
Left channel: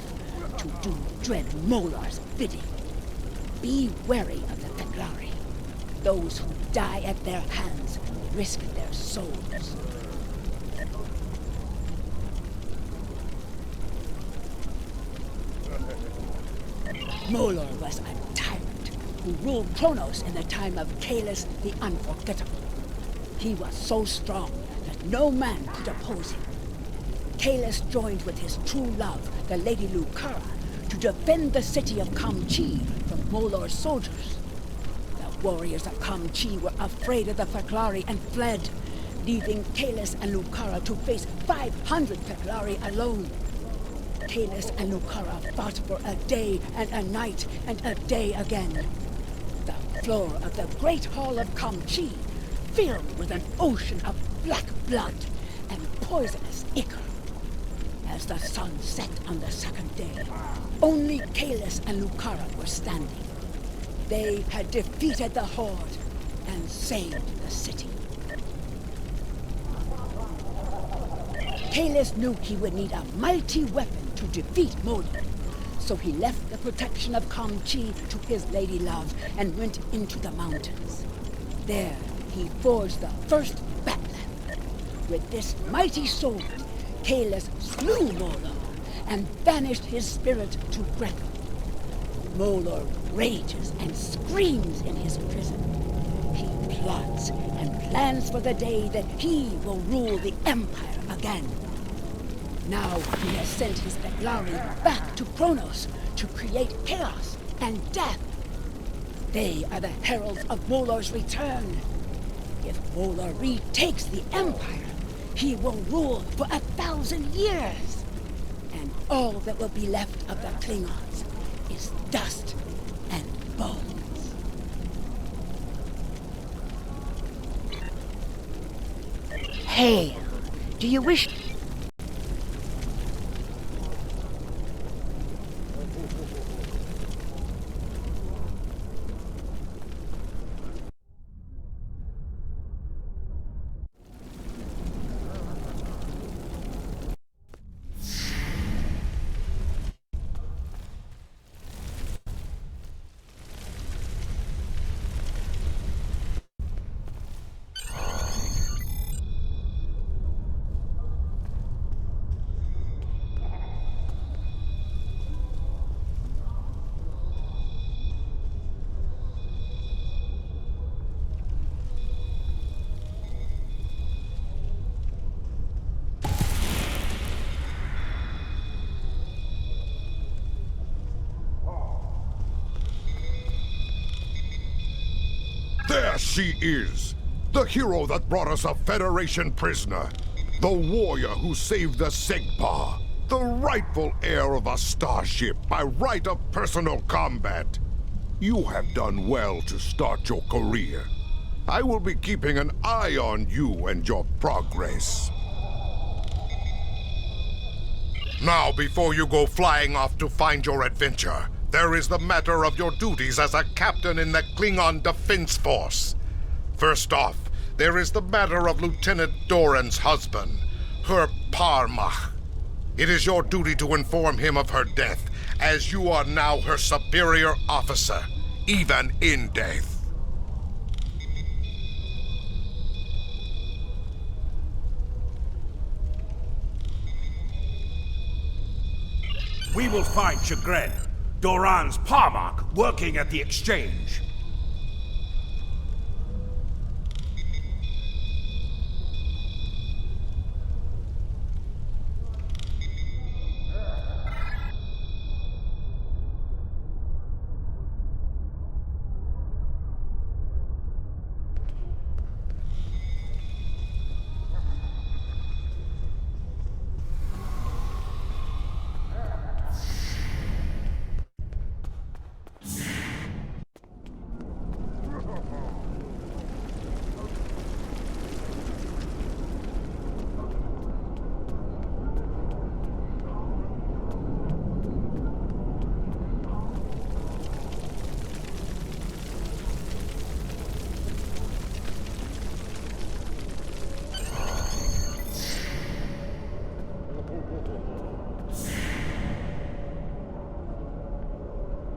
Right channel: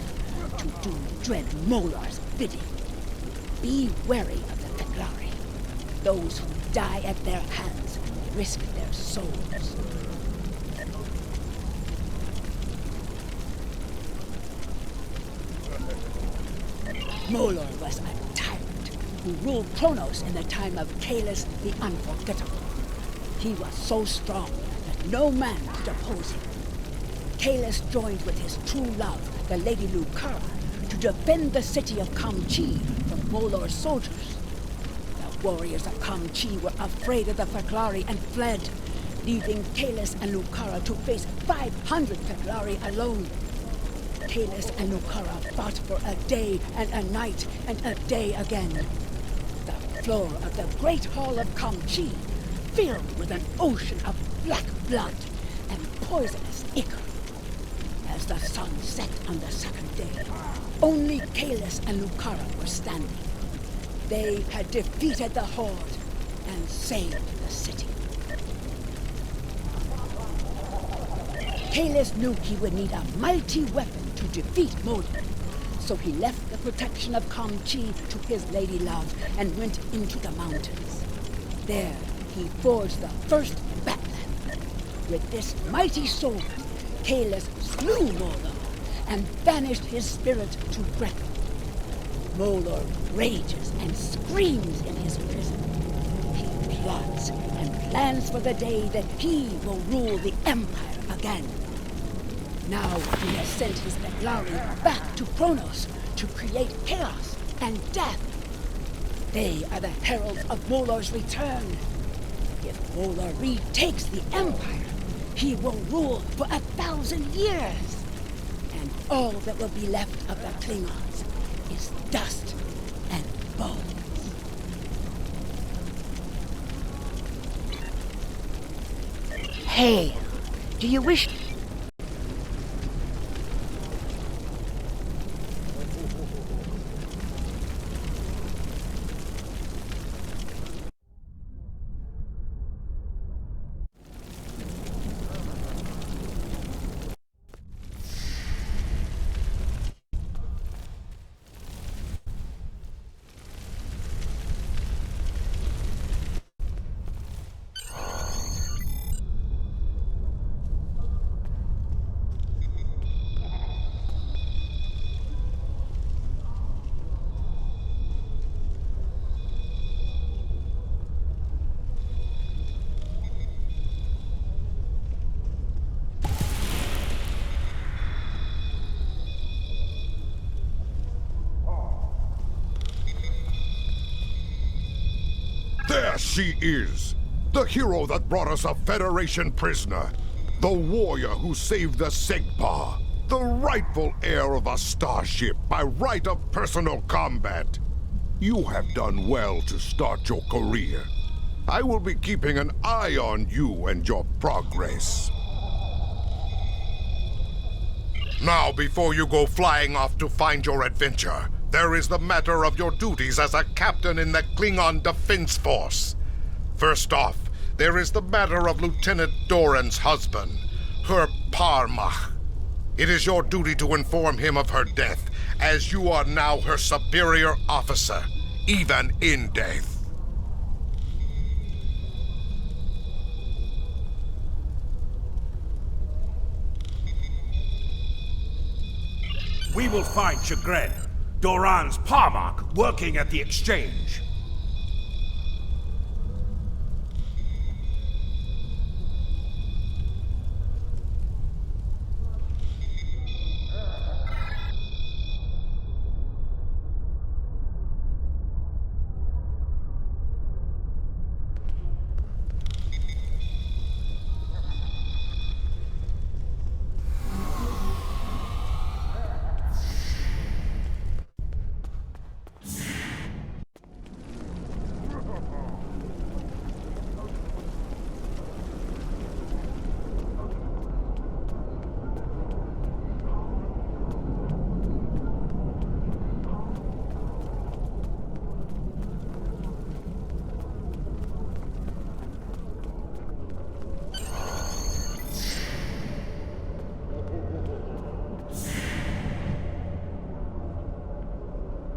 to do dread Molar's bidding. Be wary of the Feklari. Those who die at their hands risk their souls. Molar was a tyrant who ruled Kronos in the time of Kalis the Unforgettable. He was so strong that no man could oppose him. Kalis joined with his true love, the Lady Lucara, to defend the city of Kamchi from Molar's soldiers. The warriors of Kamchi were afraid of the Feklari and fled, leaving Kalis and Lucara to face 500 Feklari alone. Kalis and Lucara fought for a day and a night and a day again. The floor of the Great Hall of Kamchi filled with an ocean of black blood and poisonous ichor. As the sun set on the second day, only Kalis and Lucara were standing. They had defeated the Horde and saved the city. Kalis knew he would need a mighty weapon to defeat Molar, so he left the protection of Kamchi to his lady love and went into the mountains. There, he forged the first Batland. With this mighty sword, Kalis slew Molar and banished his spirit to Grethor. Molar rages and screams in his prison. He plots and plans for the day that he will rule the Empire again. Now he has sent his Feklari back to Kronos to create chaos and death. They are the heralds of Molar's return. If Molar retakes the Empire, he will rule for 1,000 years. And all that will be left of the Klingons is dust and bones. Hail! Do you wish... Yes, she is. The hero that brought us a Federation prisoner. The warrior who saved the Segpa. The rightful heir of a starship by right of personal combat. You have done well to start your career. I will be keeping an eye on you and your progress. Now, before you go flying off to find your adventure, there is the matter of your duties as a captain in the Klingon Defense Force. First off, there is the matter of Lieutenant Doran's husband, her Parmach. It is your duty to inform him of her death, as you are now her superior officer, even in death. We will find Chagrin, Doran's Parmach, working at the exchange.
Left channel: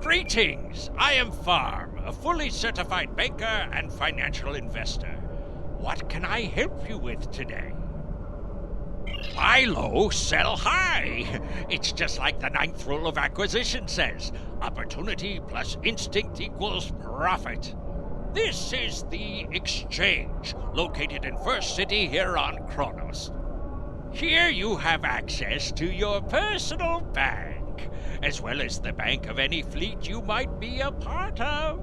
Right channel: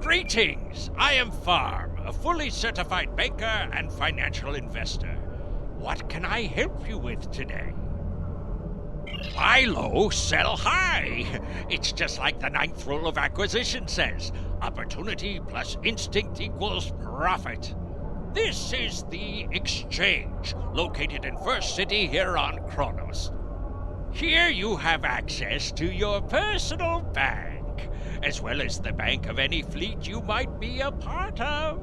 Greetings! I am Farm, a fully certified banker and financial investor. What can I help you with today? Buy low, sell high! It's just like the 9th rule of acquisition says. Opportunity plus instinct equals profit. This is the Exchange, located in First City here on Kronos. Here you have access to your personal bank, as well as the bank of any fleet you might be a part of.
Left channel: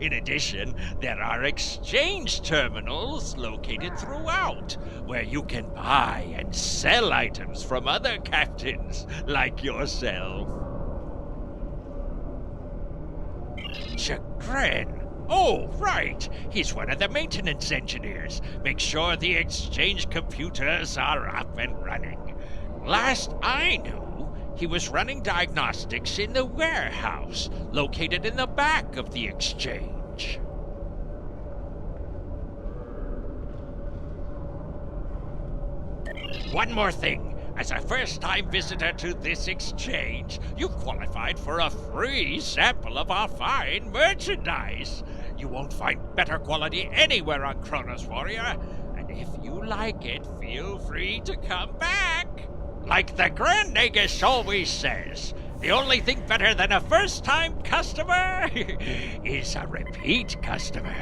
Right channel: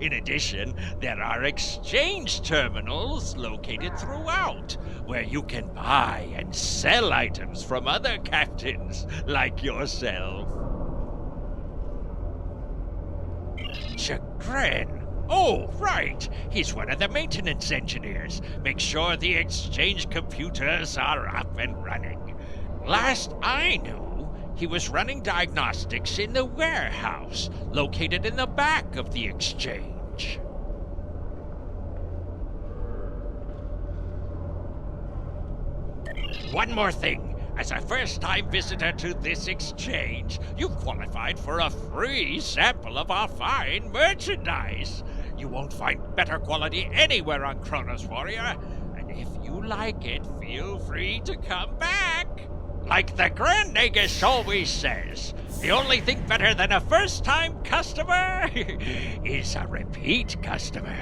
In addition, there are exchange terminals located throughout, where you can buy and sell items from other captains like yourself. Chagrin. Oh, right. He's one of the maintenance engineers. Make sure the exchange computers are up and running. Last I knew, he was running diagnostics in the warehouse, located in the back of the exchange. One more thing. As a first-time visitor to this exchange, you've qualified for a free sample of our fine merchandise. You won't find better quality anywhere on Kronos, Warrior. And if you like it, feel free to come back. Like the Grand Nagus always says, the only thing better than a first-time customer is a repeat customer.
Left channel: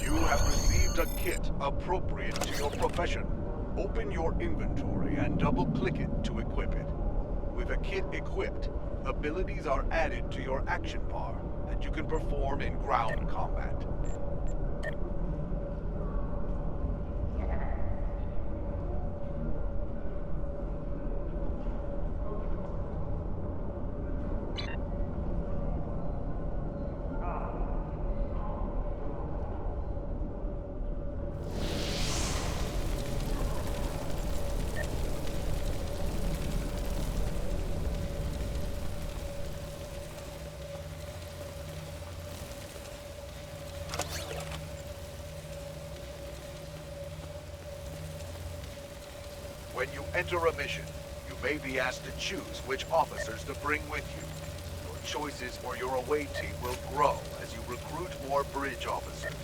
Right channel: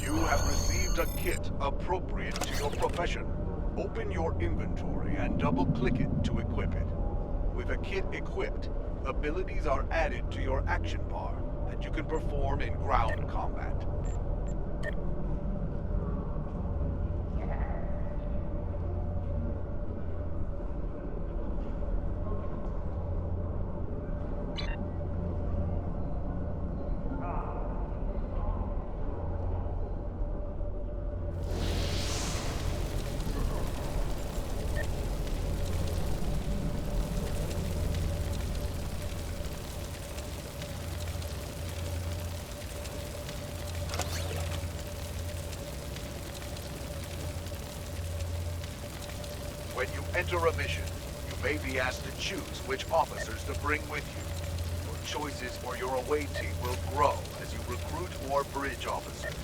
You have received a kit appropriate to your profession. Open your inventory and double-click it to equip it. With a kit equipped, abilities are added to your action bar, and you can perform in ground combat. When you enter a mission, you may be asked to choose which officers to bring with you. Your choices for your away team will grow as you recruit more bridge officers.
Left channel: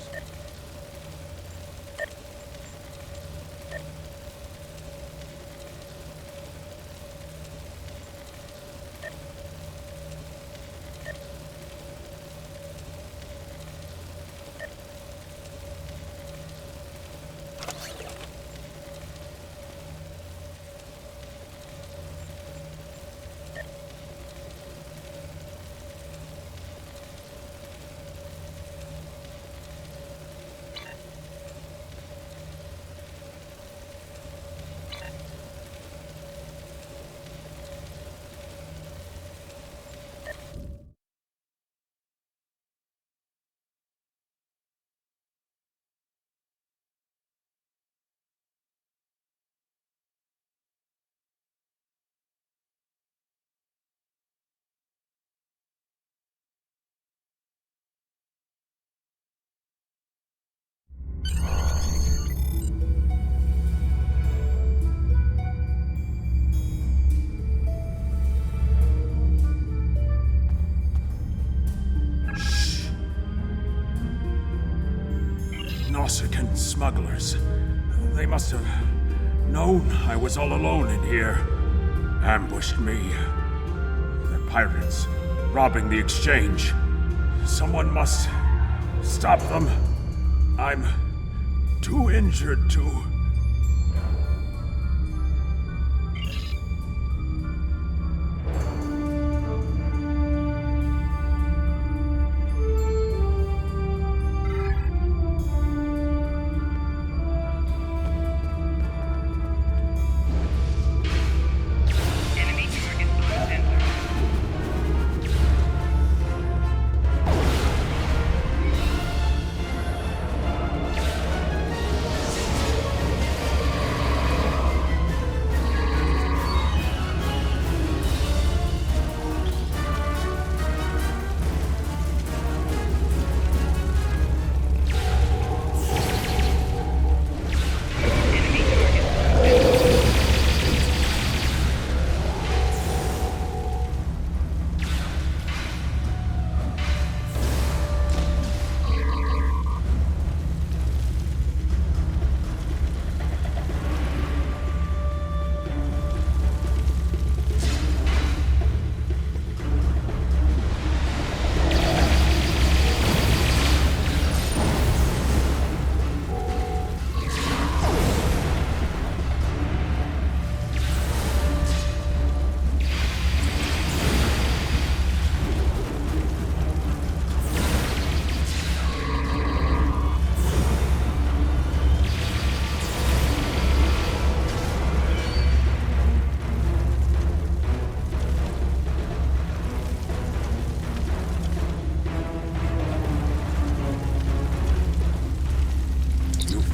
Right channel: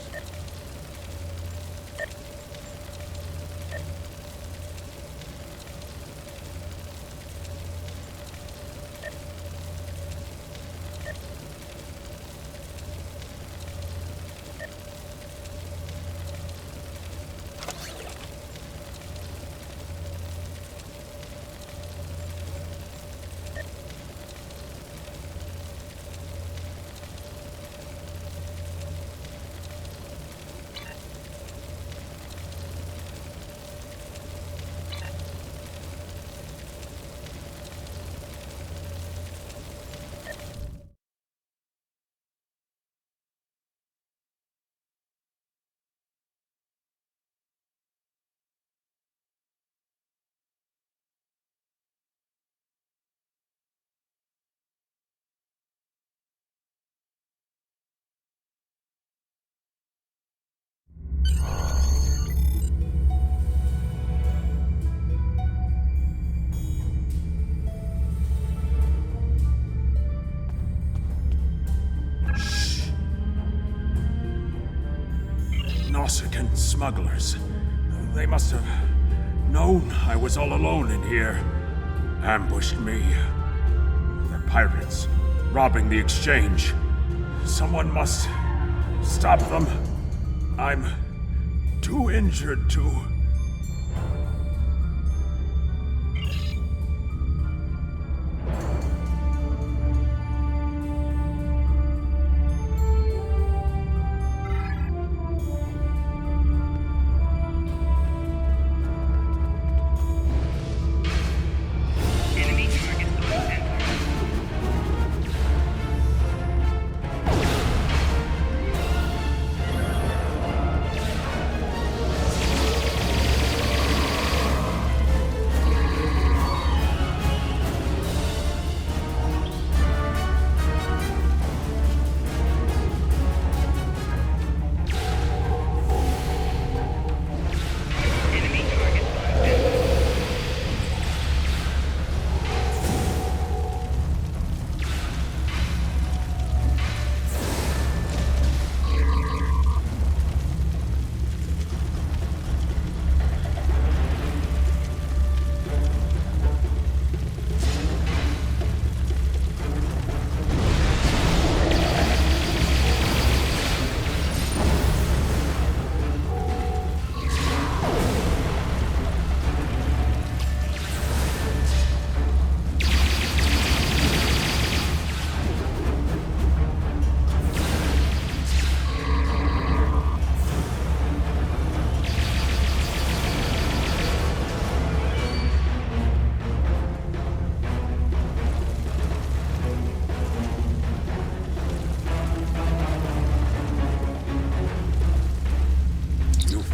Nausicaan smugglers. They must have known I was all alone in here. Ambushed me. They're pirates, robbing the exchange. Someone must stop them. I'm too injured to...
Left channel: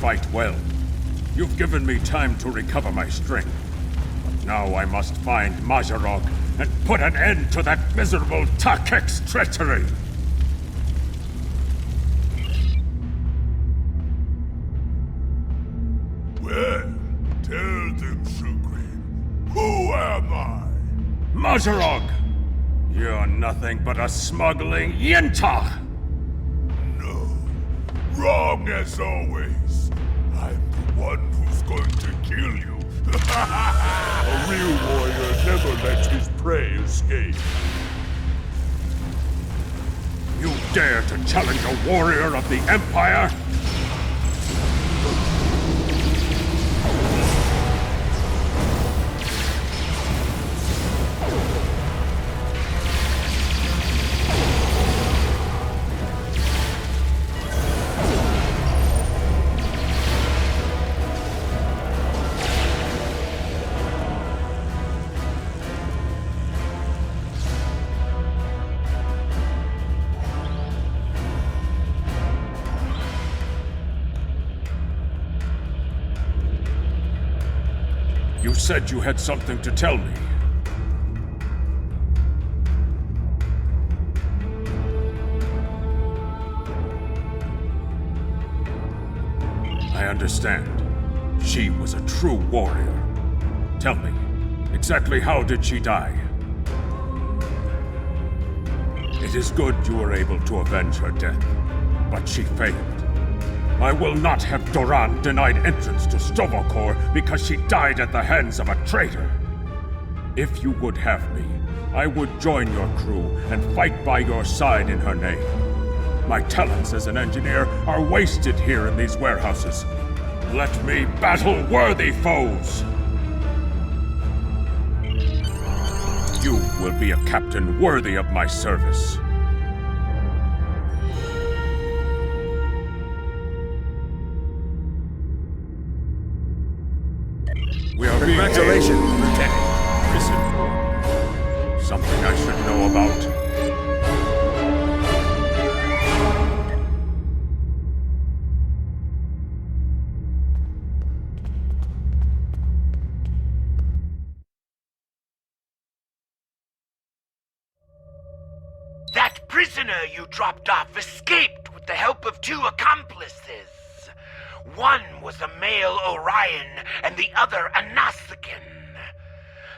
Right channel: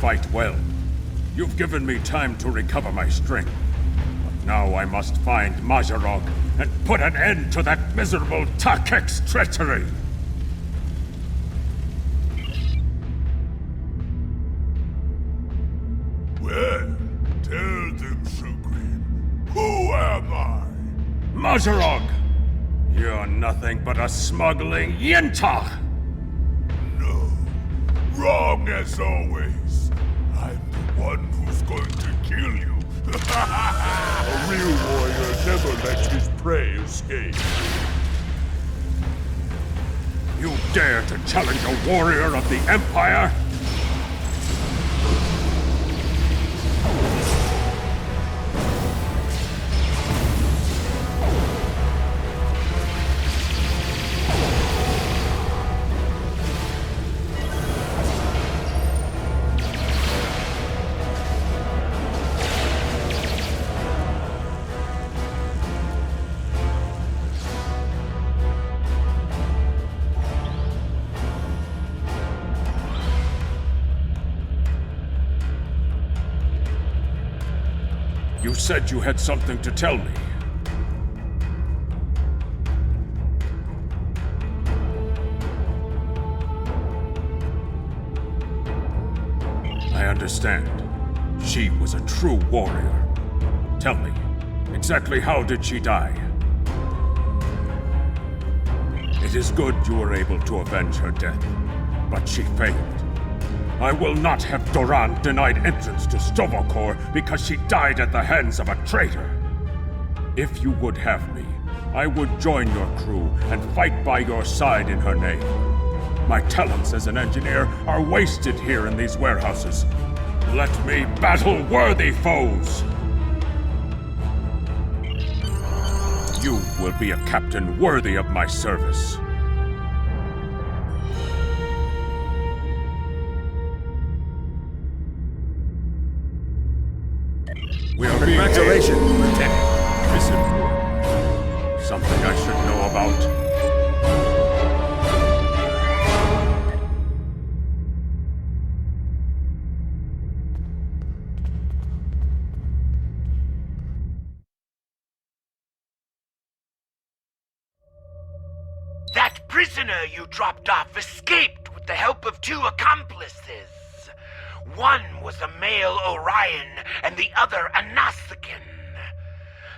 Fight well. You've given me time to recover my strength. But now I must find Mazarog and put an end to that miserable Takek's treachery! Well, tell them, Supreme. Who am I? Mazarog! You're nothing but a smuggling Yintach! No. Wrong as always. I'm the one who's going to kill you. A real warrior never lets his prey escape. You dare to challenge a warrior of the Empire? You said you had something to tell me. I understand. She was a true warrior. Tell me, exactly how did she die? It is good you were able to avenge her death, but she failed. I will not have Doran denied entrance to Stovokor because she died at the hands of a traitor. If you would have me, I would join your crew and fight by your side in her name. My talents as an engineer are wasted here in these warehouses. Let me battle worthy foes! You will be a captain worthy of my service. We are Congratulations, Lieutenant. Prison war. Something I should know about. That prisoner you dropped off escaped with the help of 2 accomplices. One was a male Orion, and the other a Nausicaan.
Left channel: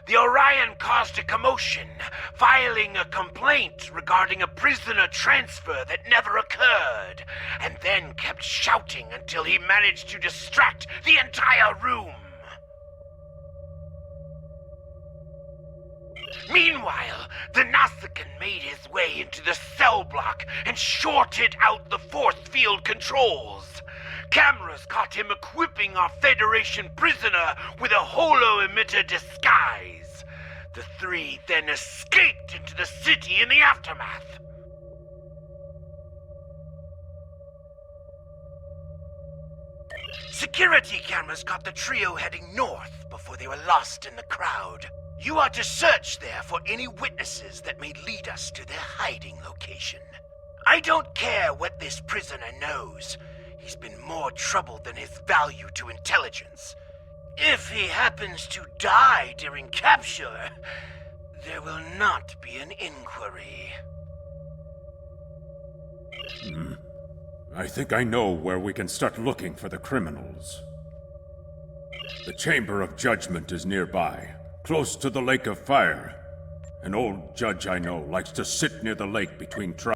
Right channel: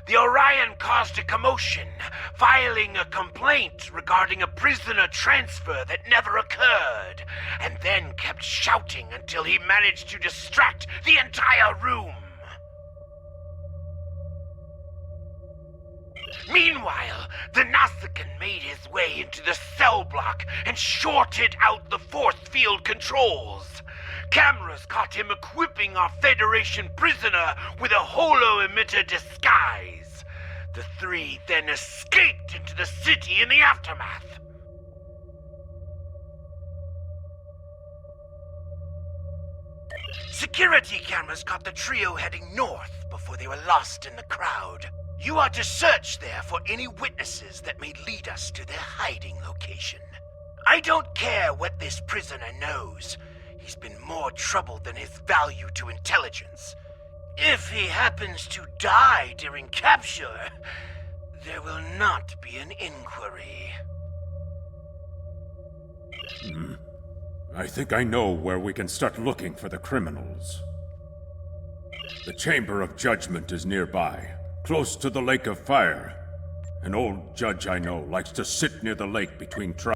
the Orion caused a commotion, filing a complaint regarding a prisoner transfer that never occurred, and then kept shouting until he managed to distract the entire room. Meanwhile, the Nausicaan made his way into the cell block and shorted out the force field controls. Cameras caught him equipping our Federation prisoner with a holo-emitter disguise. The three then escaped into the city in the aftermath. Security cameras caught the trio heading north before they were lost in the crowd. You are to search there for any witnesses that may lead us to their hiding location. I don't care what this prisoner knows. He's been more trouble than his value to intelligence. If he happens to die during capture, there will not be an inquiry. I think I know where we can start looking for the criminals. The Chamber of Judgment is nearby, close to the Lake of Fire. An old judge I know likes to sit near the lake between trials.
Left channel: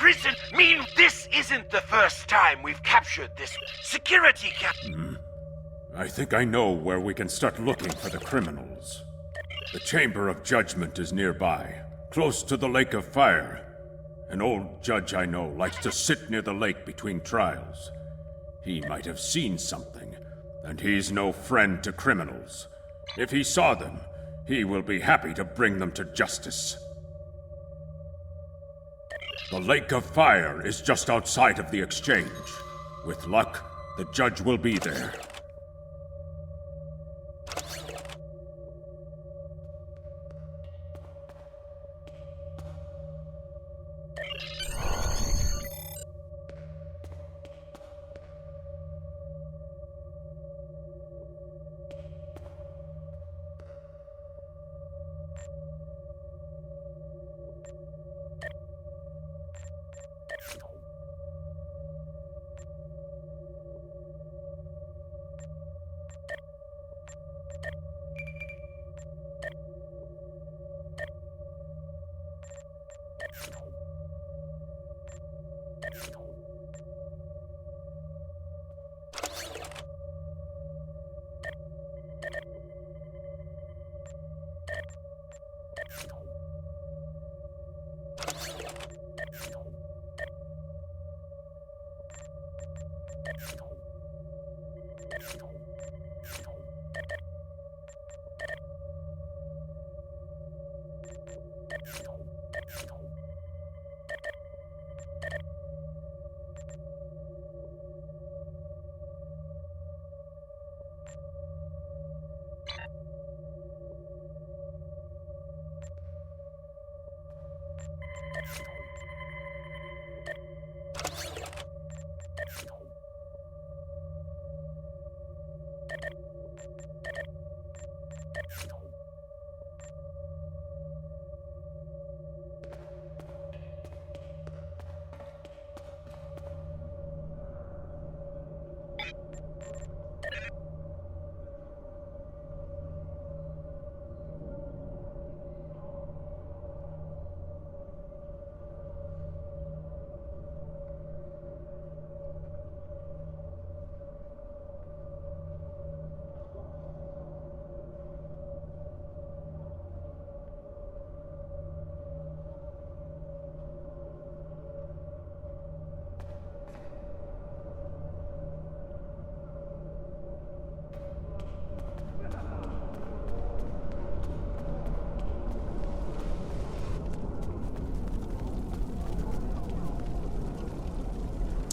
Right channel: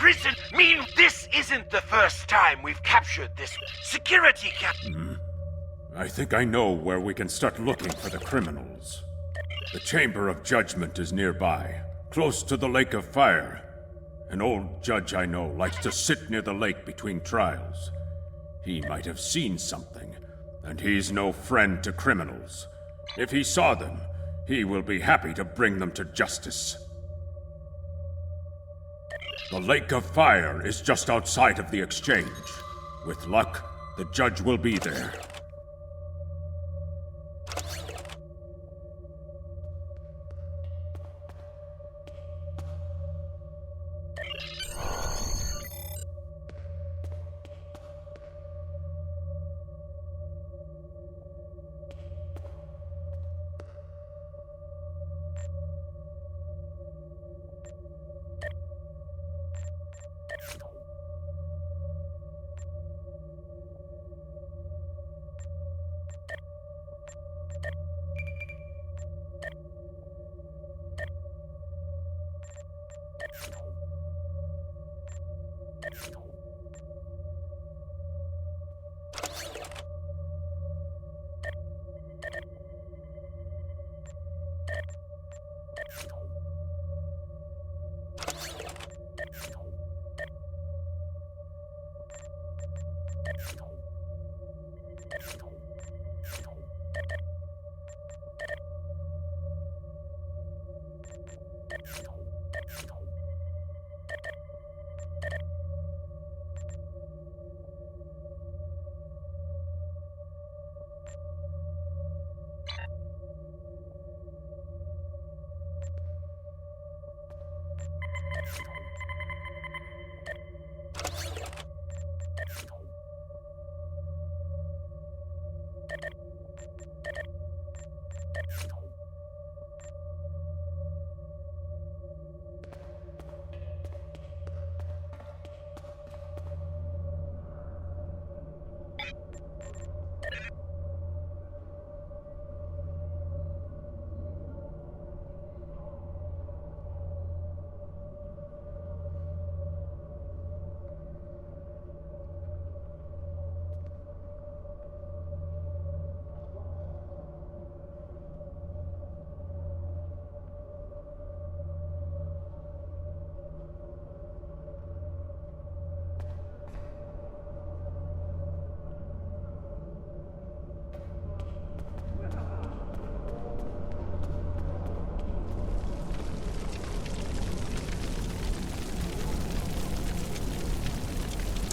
Prison mean this isn't the first time we've captured this security I think I know where we can start looking for the criminals. The Chamber of Judgment is nearby, close to the Lake of Fire. An old judge I know likes to sit near the lake between trials. He might have seen something, and he's no friend to criminals. If he saw them, he will be happy to bring them to justice. The Lake of Fire is just outside of the exchange. With luck, the judge will be there.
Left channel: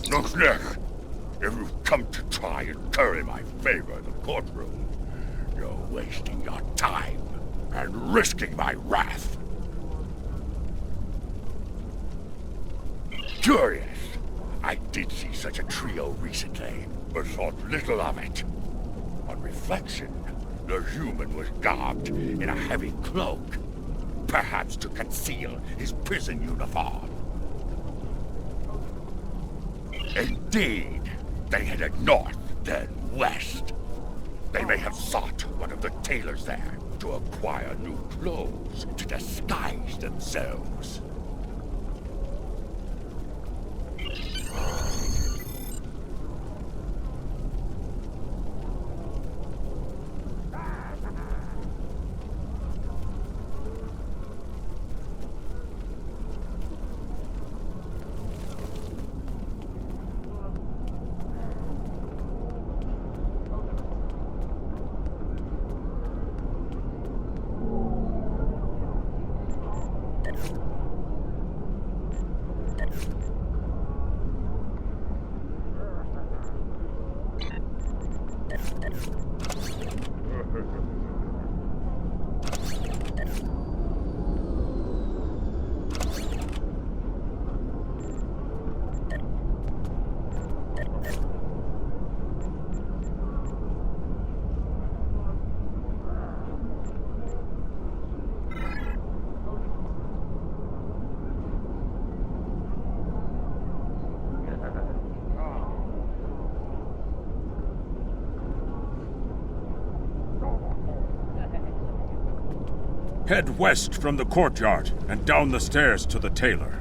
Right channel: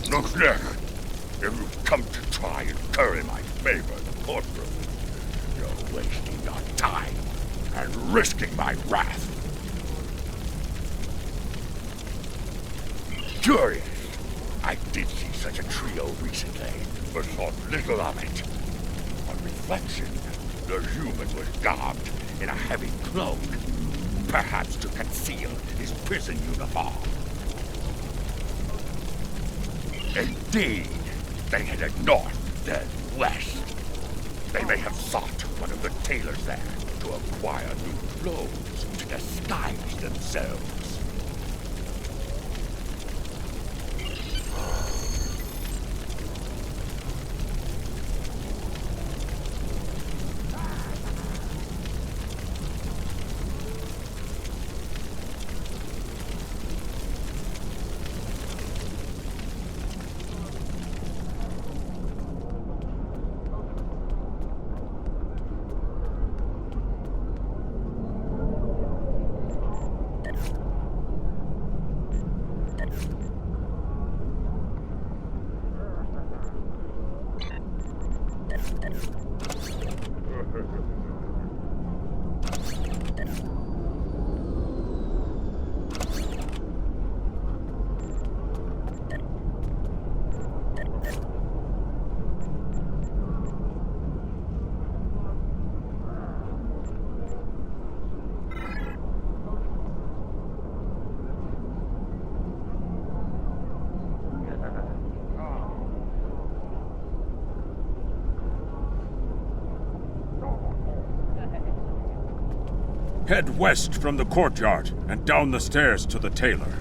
Look, Nick, if you come to try and curry my favor in the courtroom, you're wasting your time and risking my wrath. Curious. I did see such a trio recently, but thought little of it. On reflection, the human was garbed in a heavy cloak, perhaps to conceal his prison uniform. Indeed, they headed north, then west. They may have sought one of the tailors there to acquire new clothes to disguise themselves. Head west from the courtyard and down the stairs to the tailor.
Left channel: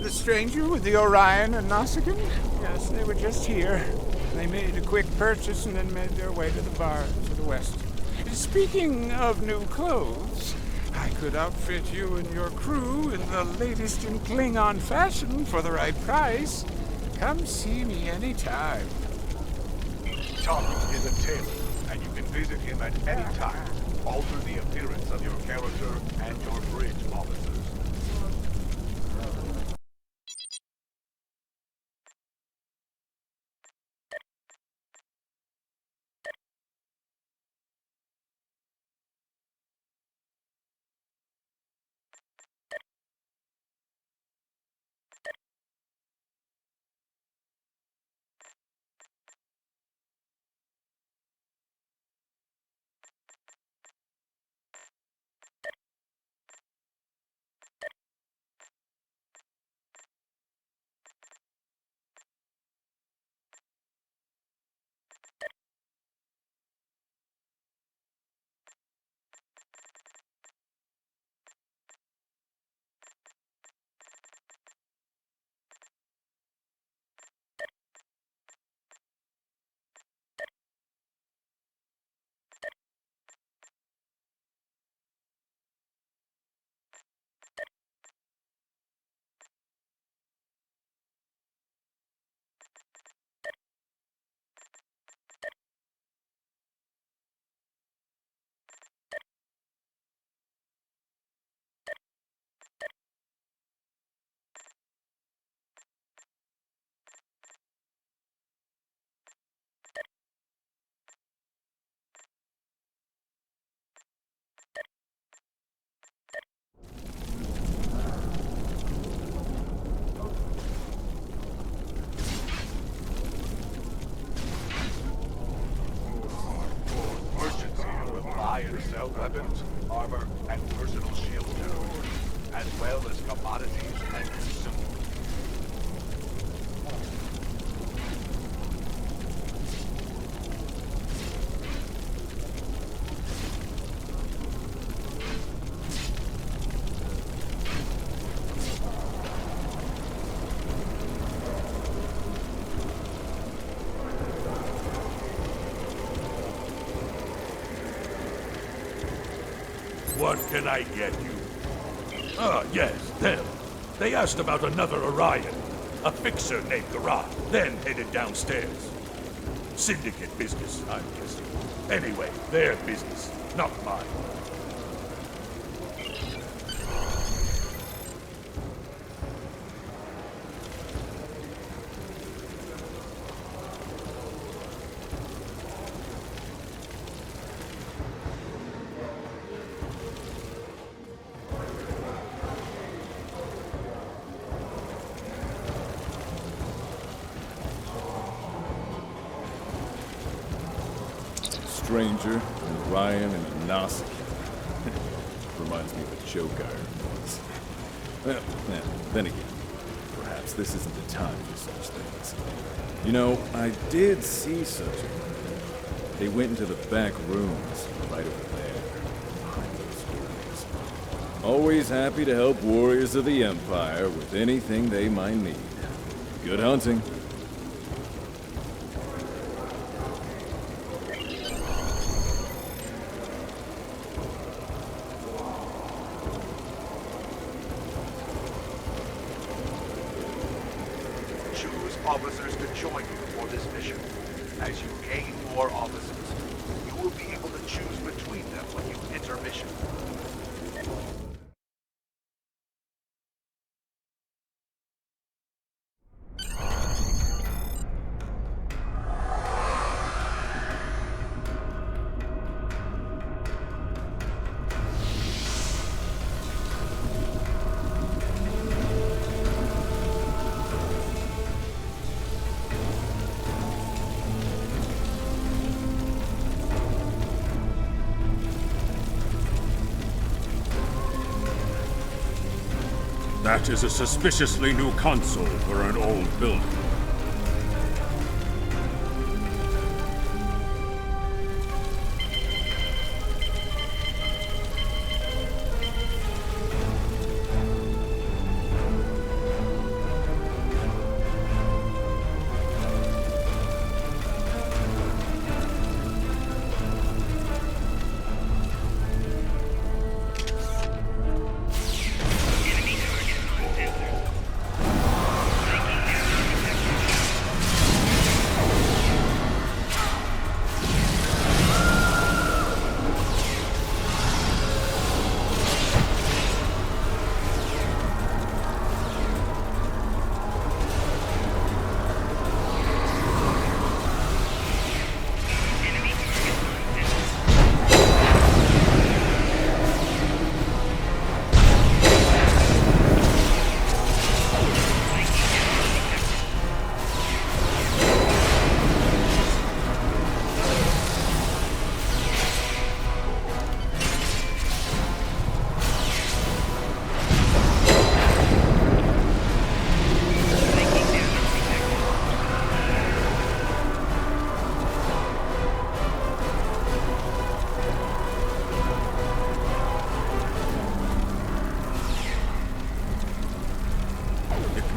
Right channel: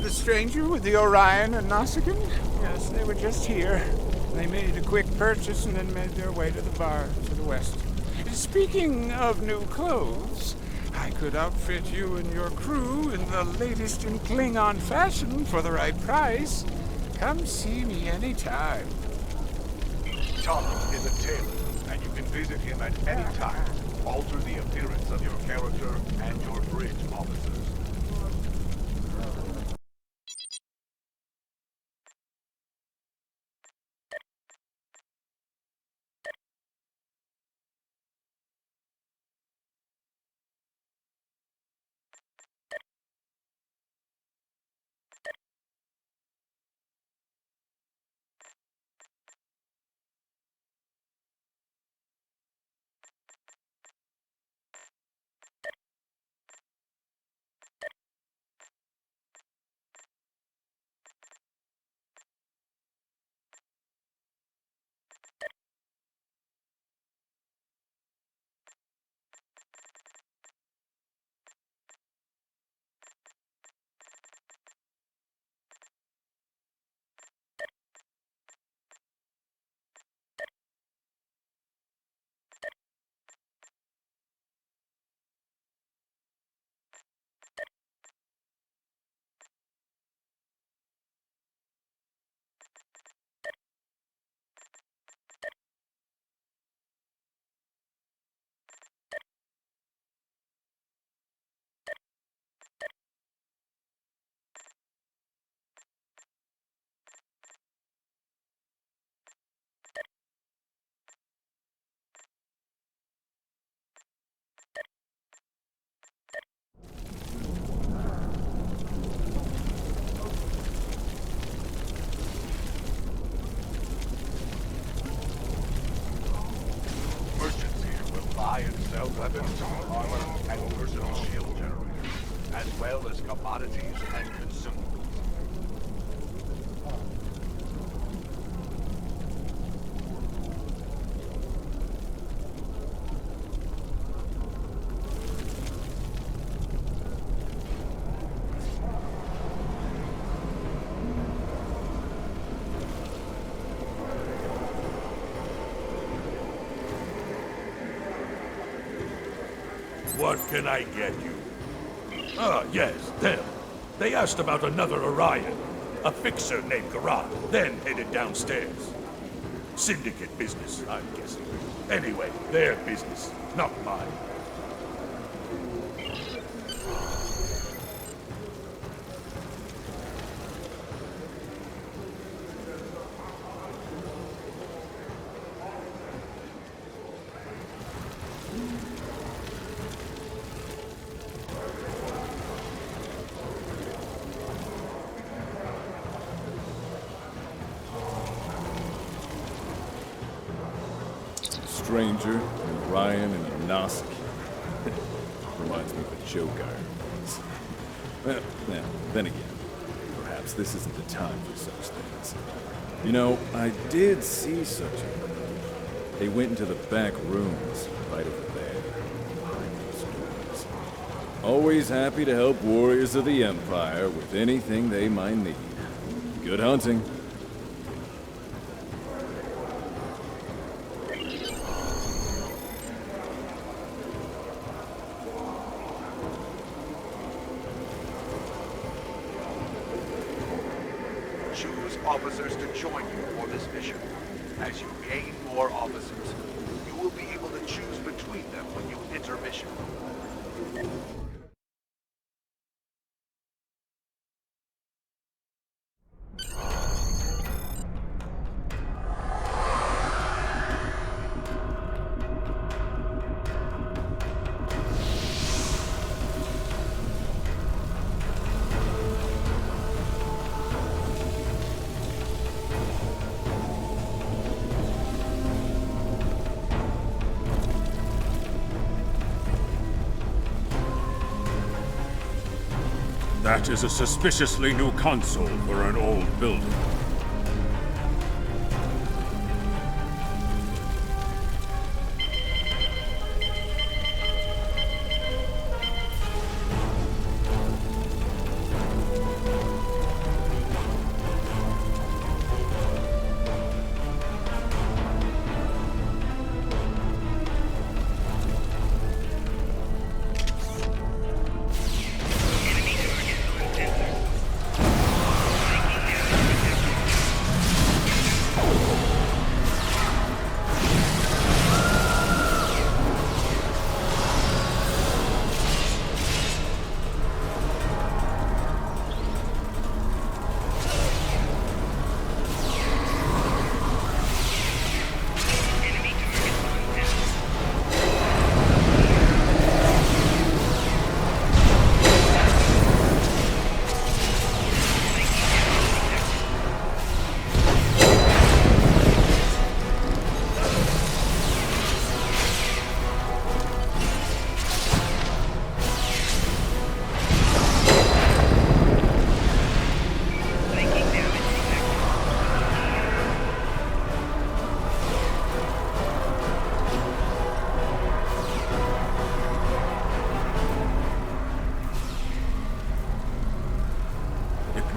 The stranger with the Orion and Nausicaan? Yes, they were just here. They made a quick purchase and then made their way to the bar to the west. Speaking of new clothes, I could outfit you and your crew in the latest in Klingon fashion for the right price. Come see me anytime. Tom is a tailor, and you can visit him at any time. Alter the appearance of your character and your bridge officers. And sell weapons, armor, and personal shield generators, as well as commodities and consumables. What can I get you? Ah, yes, them. They asked about another Orion, a fixer named Garat, then headed downstairs. Syndicate business, I'm guessing. Anyway, their business, not mine. Stranger, and Ryan, and a Nausicaa. Reminds me of a joke I heard once. Well, then again, perhaps this isn't the time for such things. You know, I did see such a group. They went into the back rooms, right over there, behind those doors. Always happy to help warriors of the Empire with anything they might need. Good hunting. Choose officers to join you for this mission. As you gain more officers, you will be able to choose between them when you enter mission. That is a suspiciously new console for an old building.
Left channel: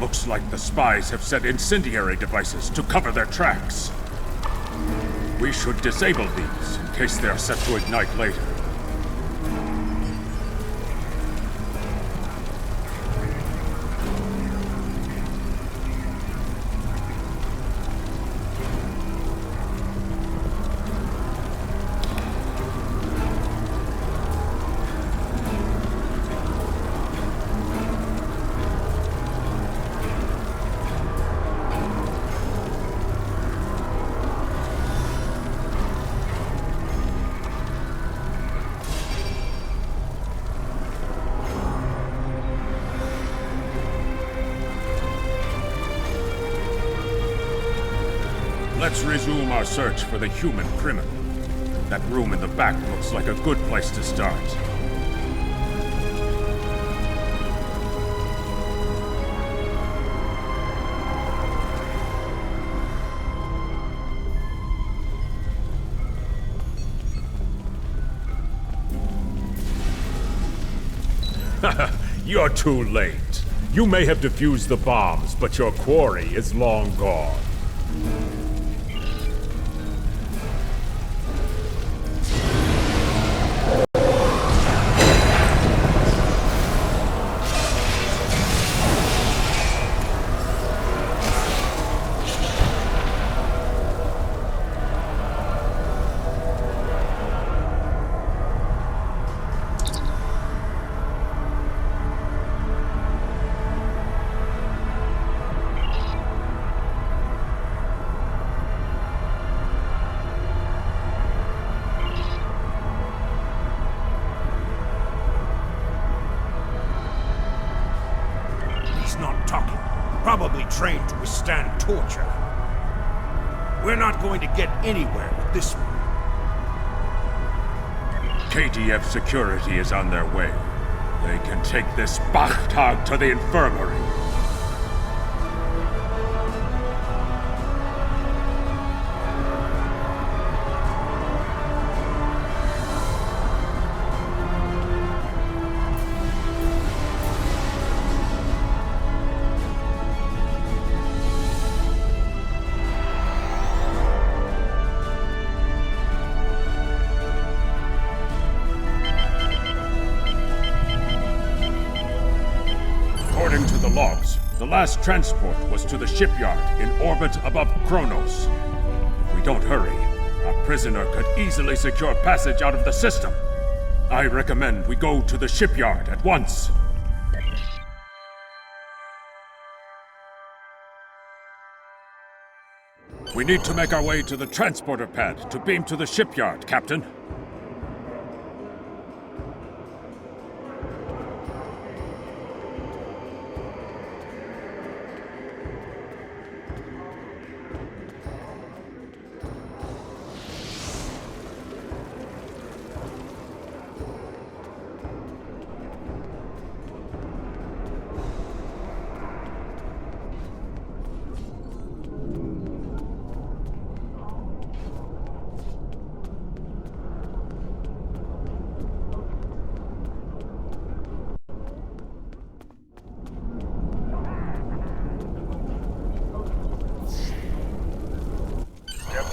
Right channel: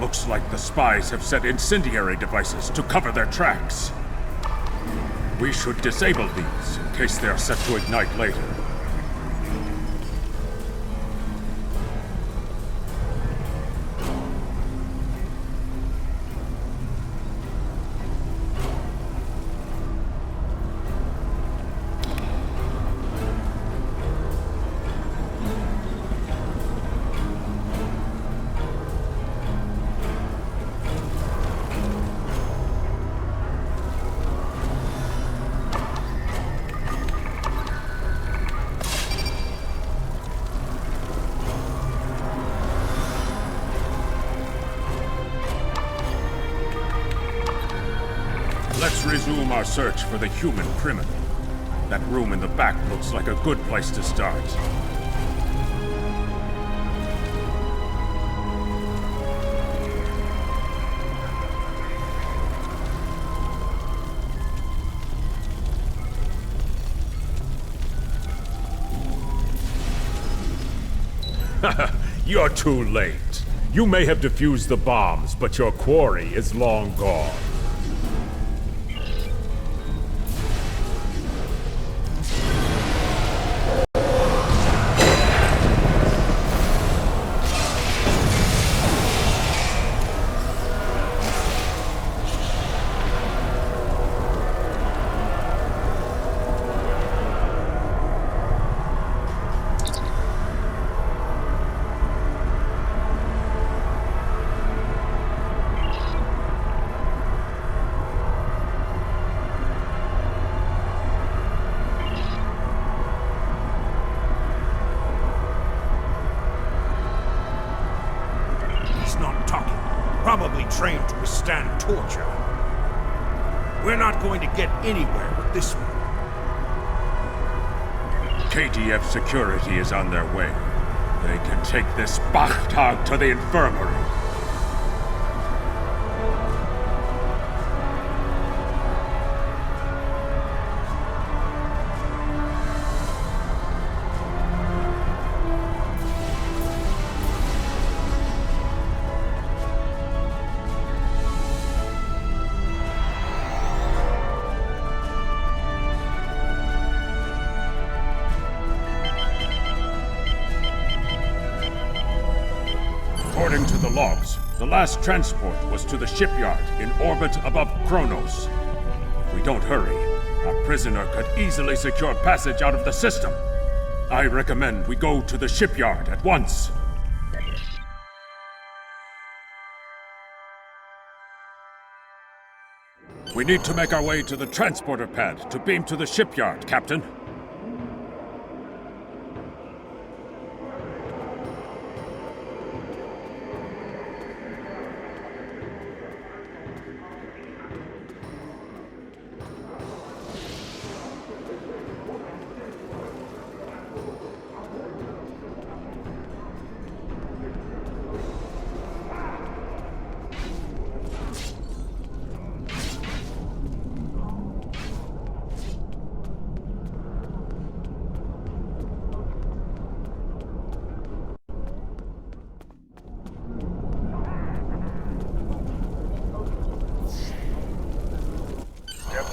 Looks like the spies have set incendiary devices to cover their tracks. We should disable these in case they are set to ignite later. Let's resume our search for the human criminal. That room in the back looks like a good place to start. You're too late. You may have defused the bombs, but your quarry is long gone. he's not talking. Probably trained to withstand torture. We're not going to get anywhere with this one. KDF security is on their way. They can take this Bachtag to the infirmary. According to the logs, the last transport was to the shipyard in orbit above Kronos. If we don't hurry, a prisoner could easily secure passage out of the system. I recommend we go to the shipyard at once. We need to make our way to the transporter pad to beam to the shipyard, Captain.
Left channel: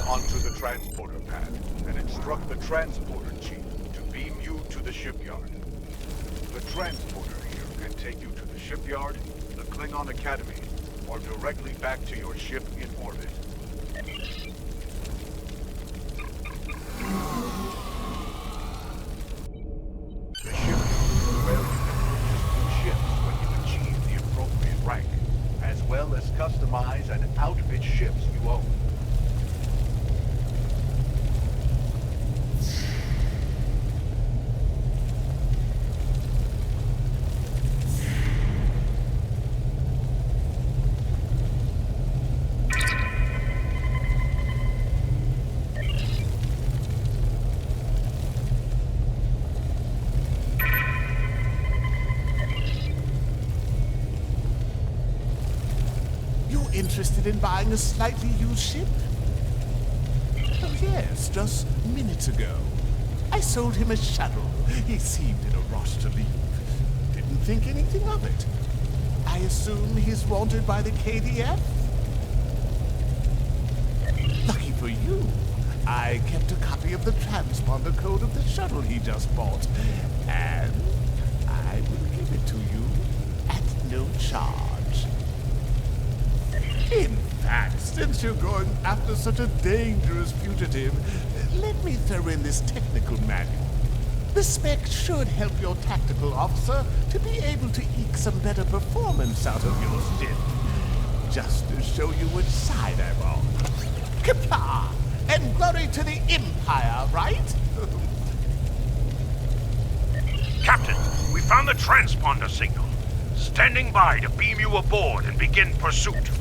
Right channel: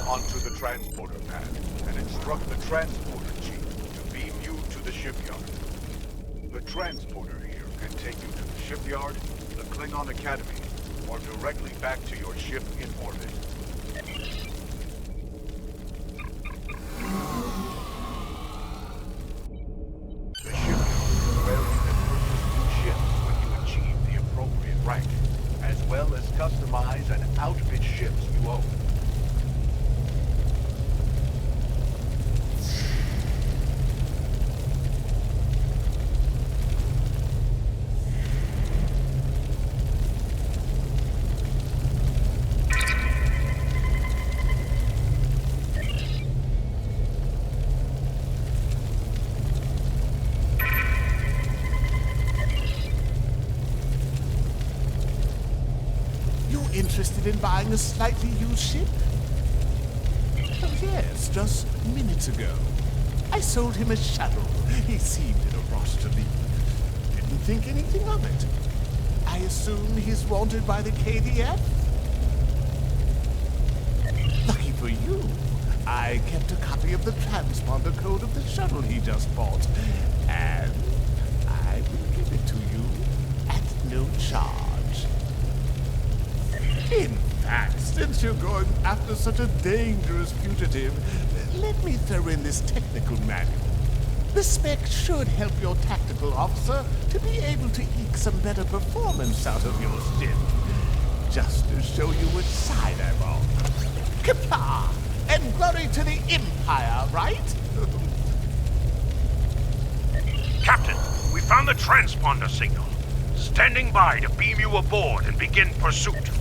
Onto the transporter pad and instruct the transporter chief to beam you to the shipyard. The transporter here can take you to the shipyard, the Klingon Academy, or directly back to your ship in orbit. The shipyard is where you can purchase new ships when you achieve the appropriate rank, as well as customize and outfit ships you own. Interested in buying a slightly used ship? Oh yes, just minutes ago. I sold him a shuttle. He seemed in a rush to leave. Didn't think anything of it. I assume he's wanted by the KDF? Lucky for you, I kept a copy of the transponder code of the shuttle he just bought. And I will give it to you at no charge. In fact, since you're going after such a dangerous fugitive, let me throw in this technical manual. The spec should help your tactical officer to be able to eke some better performance out of your ship. Just to show you which side I'm on. Kapla! And glory to the Empire, right? Captain, we found the transponder signal. Standing by to beam you aboard and begin pursuit.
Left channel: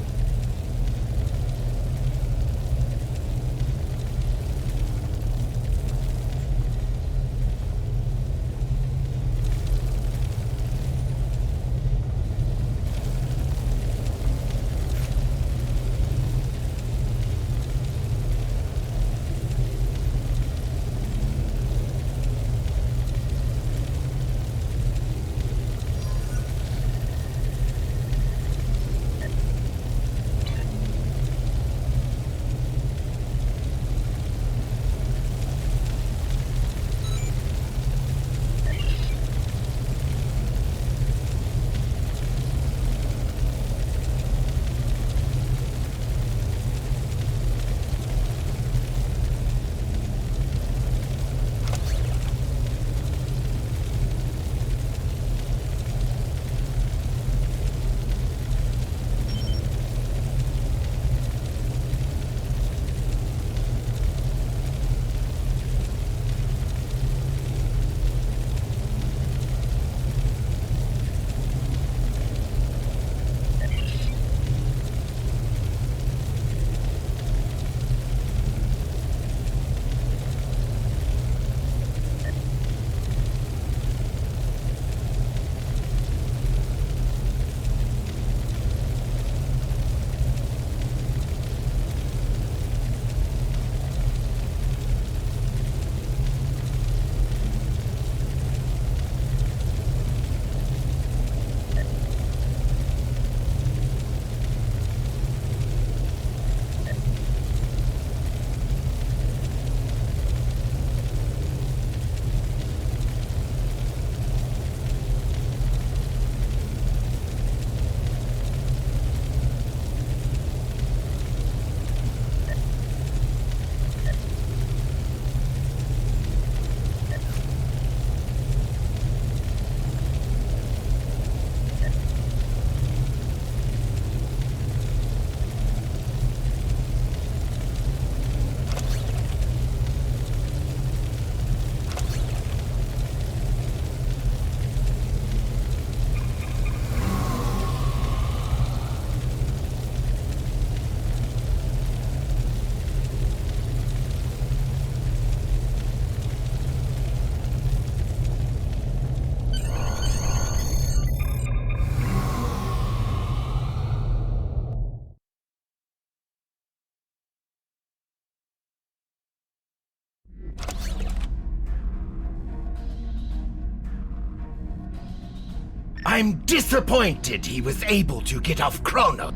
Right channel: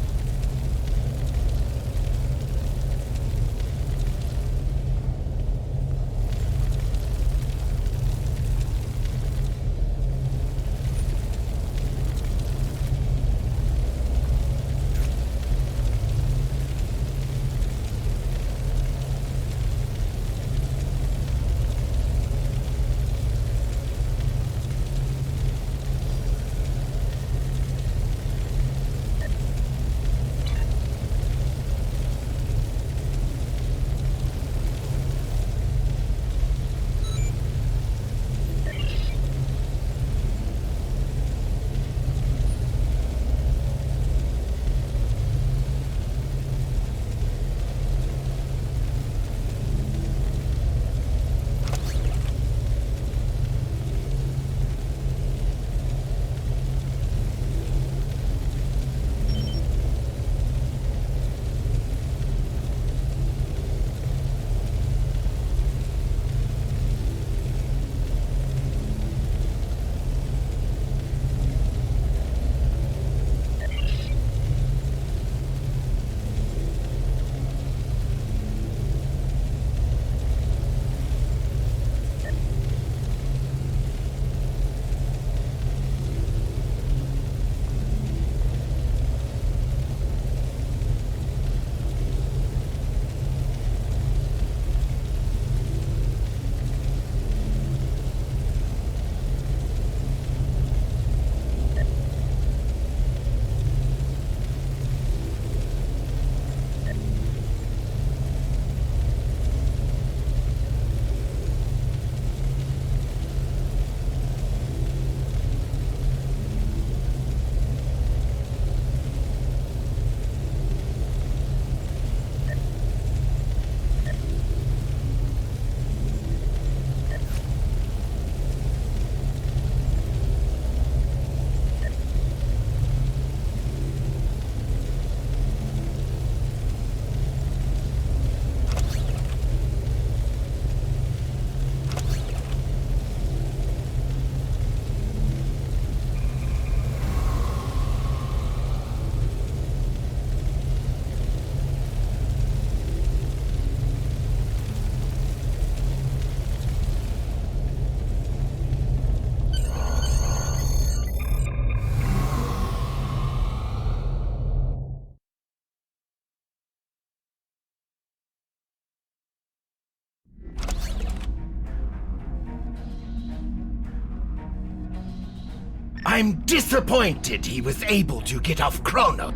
I'm disappointed he was able to get off Kronos.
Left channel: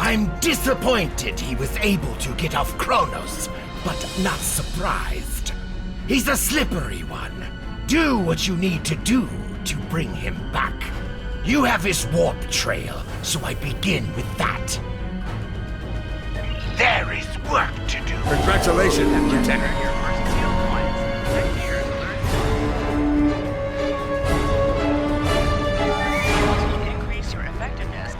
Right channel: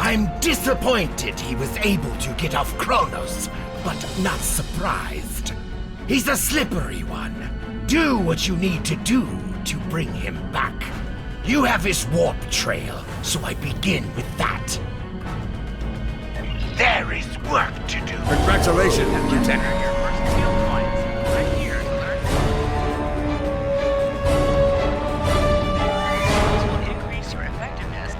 I'm disappointed he was able to get off Kronos, but not surprised. He's a slippery one. Do what you need to do to bring him back. You have his warp trail, so I begin with that. There is work to do. Congratulations, Lieutenant. Earn your first skill points. Click here to learn more. Skills will increase your effectiveness.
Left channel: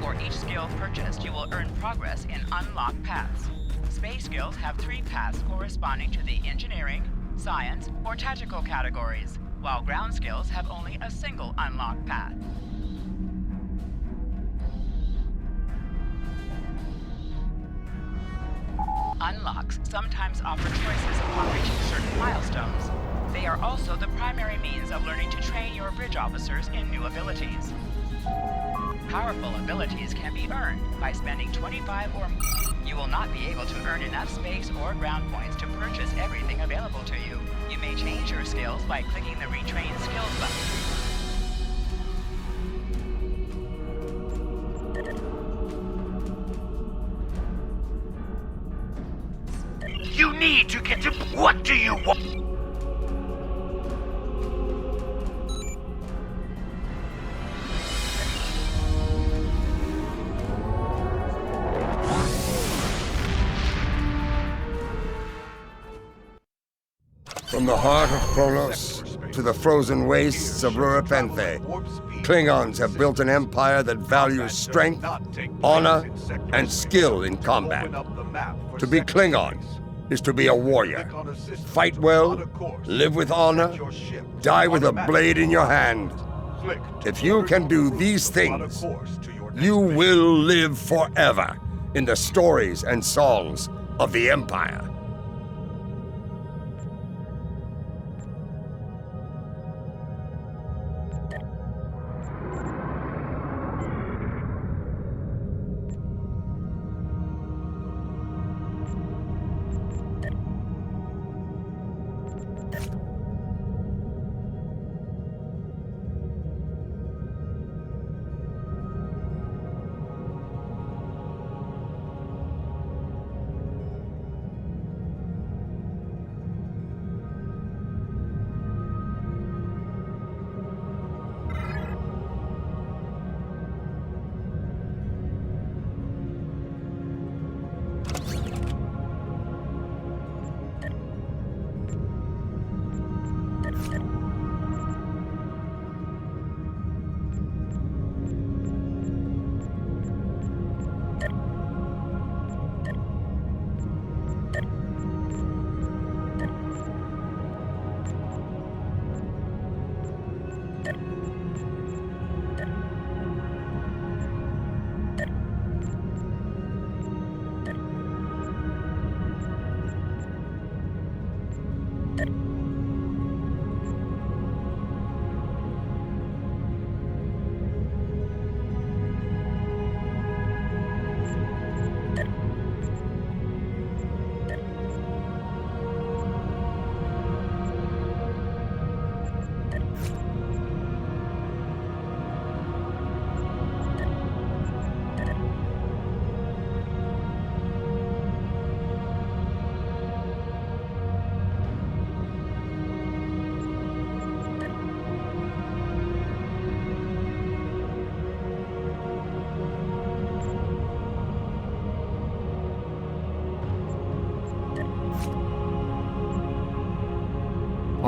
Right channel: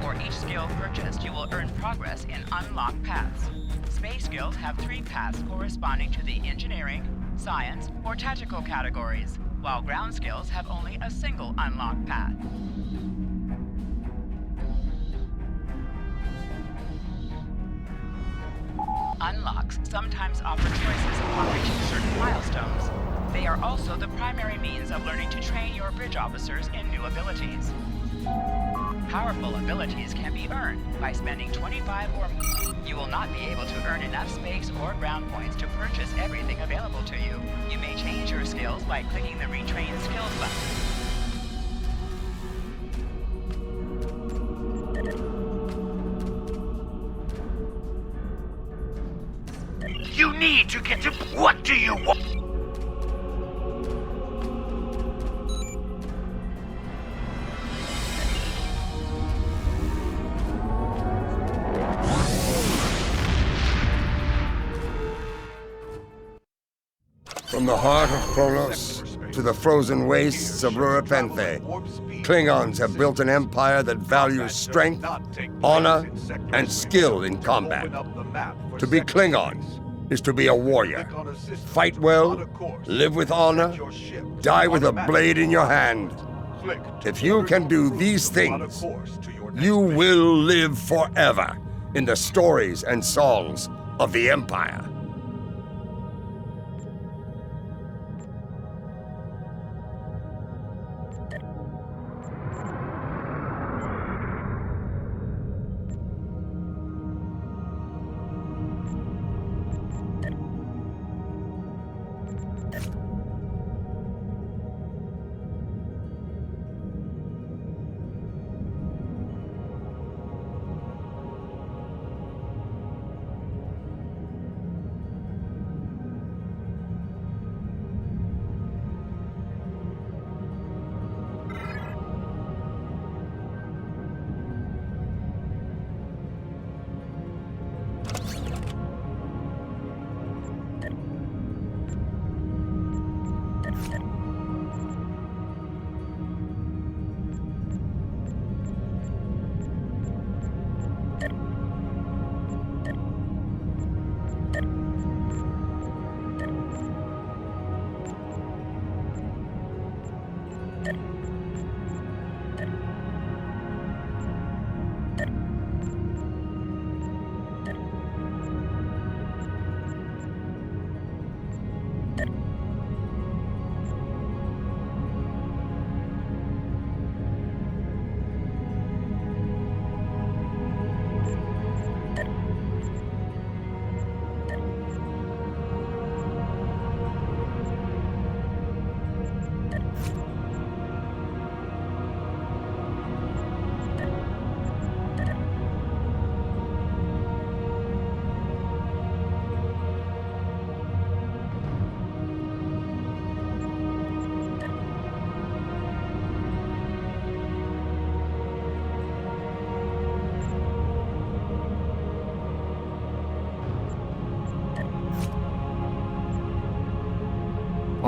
For each skill purchased, you will earn progress in unlocked paths. Space skills have 3 paths corresponding to the engineering, science, or tactical categories, while ground skills have only a single unlocked path. Unlocks sometimes offer choices upon reaching certain milestones. They are also the primary means of learning to train your bridge officers in new abilities. Powerful abilities can be earned by spending 25 or more. You will not be able to earn enough space or ground points to purchase everything available to you. You may change your skills by clicking the Retrain Skills button. You need to get to... What do you want? From the heart of Kronos to the frozen wastes of Recruitment, Klingons have built an empire that values strength, honor, and skill in combat. To be Klingon is to be a warrior. Fight well, live with honor, die with a blade in your hand. If you can do these things, you will live forever in the stories and songs of the Empire.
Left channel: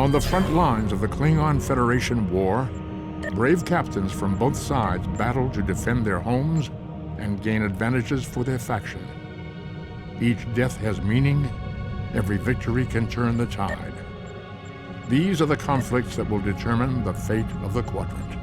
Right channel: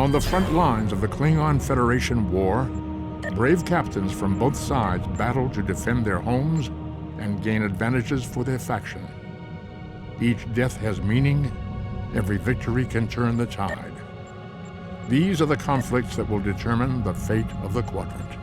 On the front lines of the Klingon Federation war, brave captains from both sides battle to defend their homes and gain advantages for their faction. Each death has meaning. Every victory can turn the tide. These are the conflicts that will determine the fate of the Quadrant.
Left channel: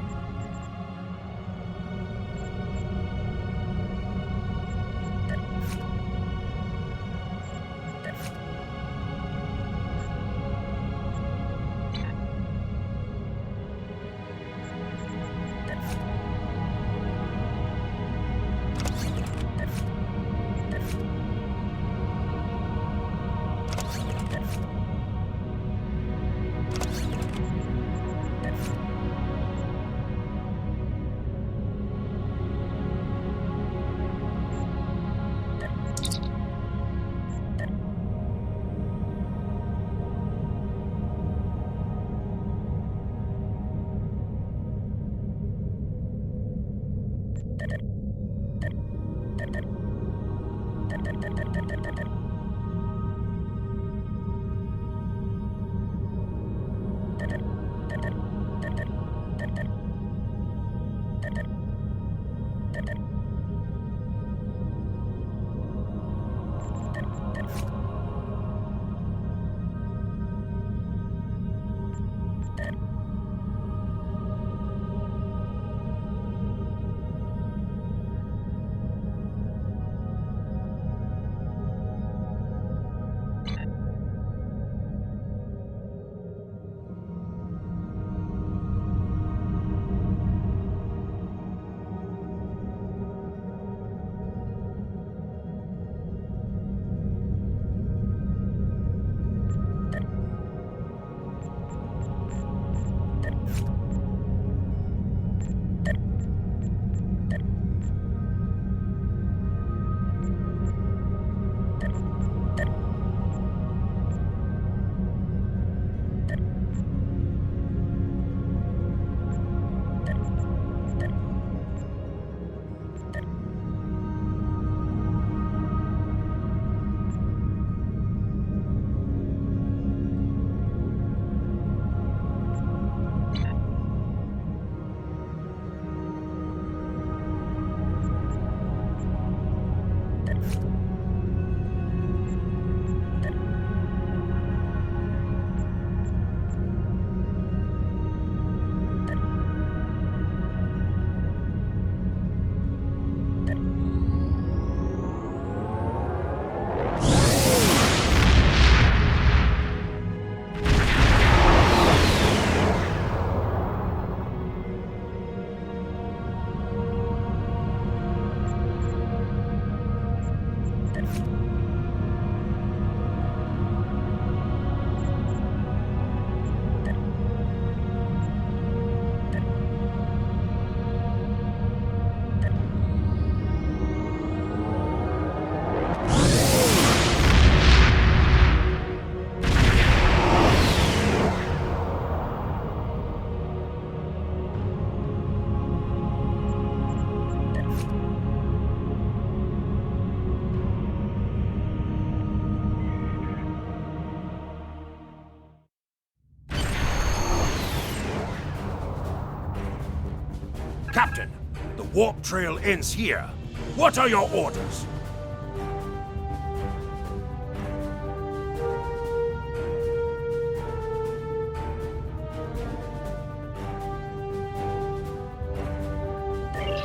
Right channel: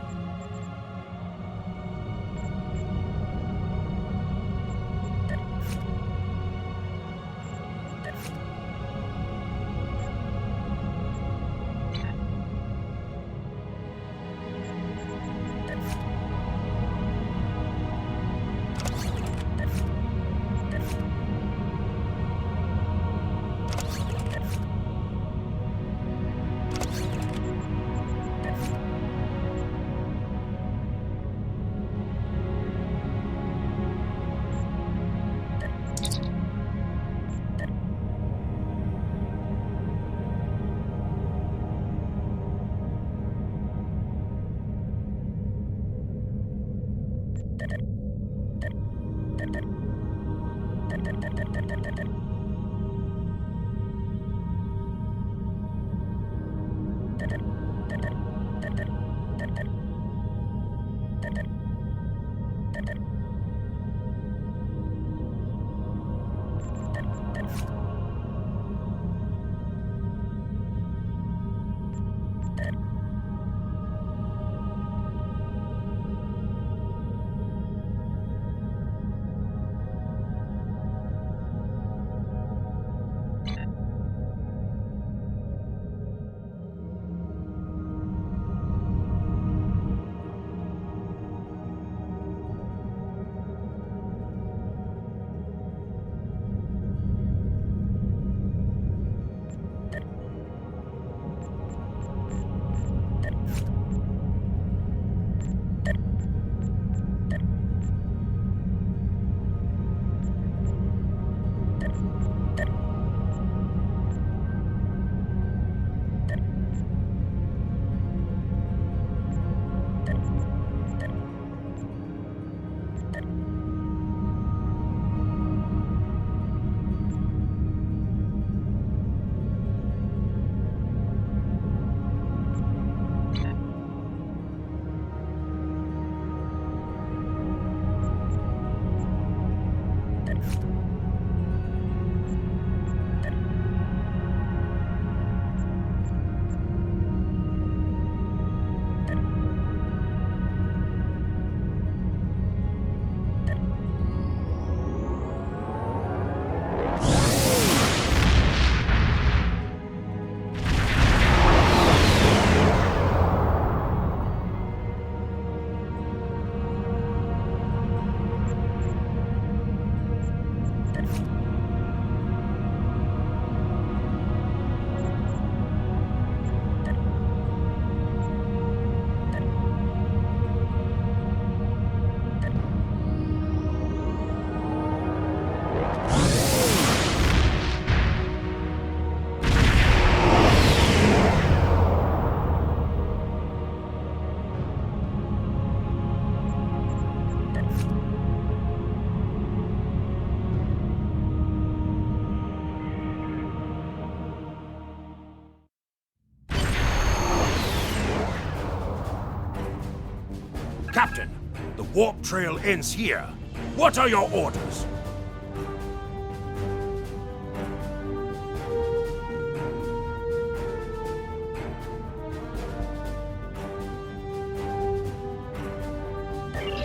Captain, the warp trail ends here. What are your orders?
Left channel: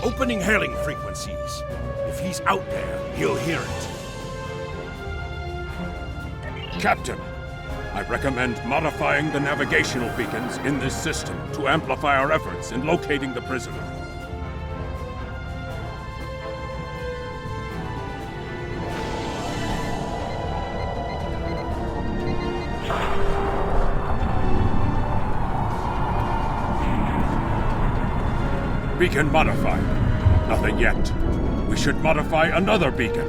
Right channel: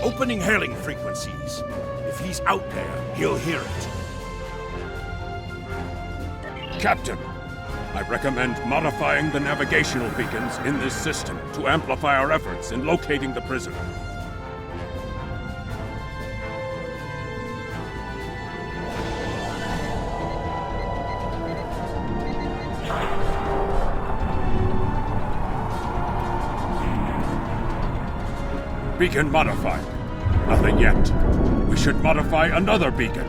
Opening hailing frequencies. If he's out there, he'll hear it. Captain, I recommend modifying the navigational beacons in this system to amplify our efforts in locating the prisoner. Beacon modified. Nothing yet. We should modify another beacon.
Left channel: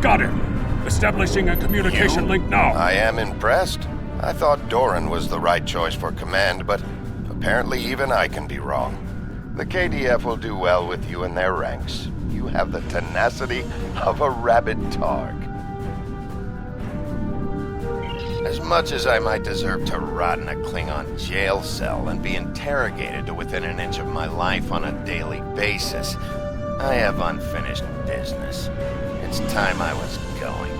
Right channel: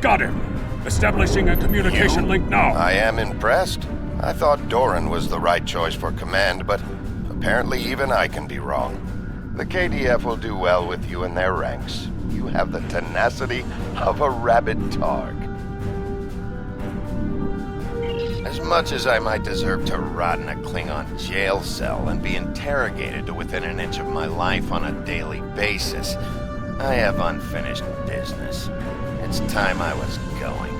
Got him! Establishing a communication link now. I am impressed. I thought Doran was the right choice for command, but apparently even I can be wrong. The KDF will do well with you in their ranks. You have the tenacity of a rabid targ. As much as I might deserve to rot in a Klingon jail cell and be interrogated to within an inch of my life on a daily basis, I have unfinished business. It's time I was going.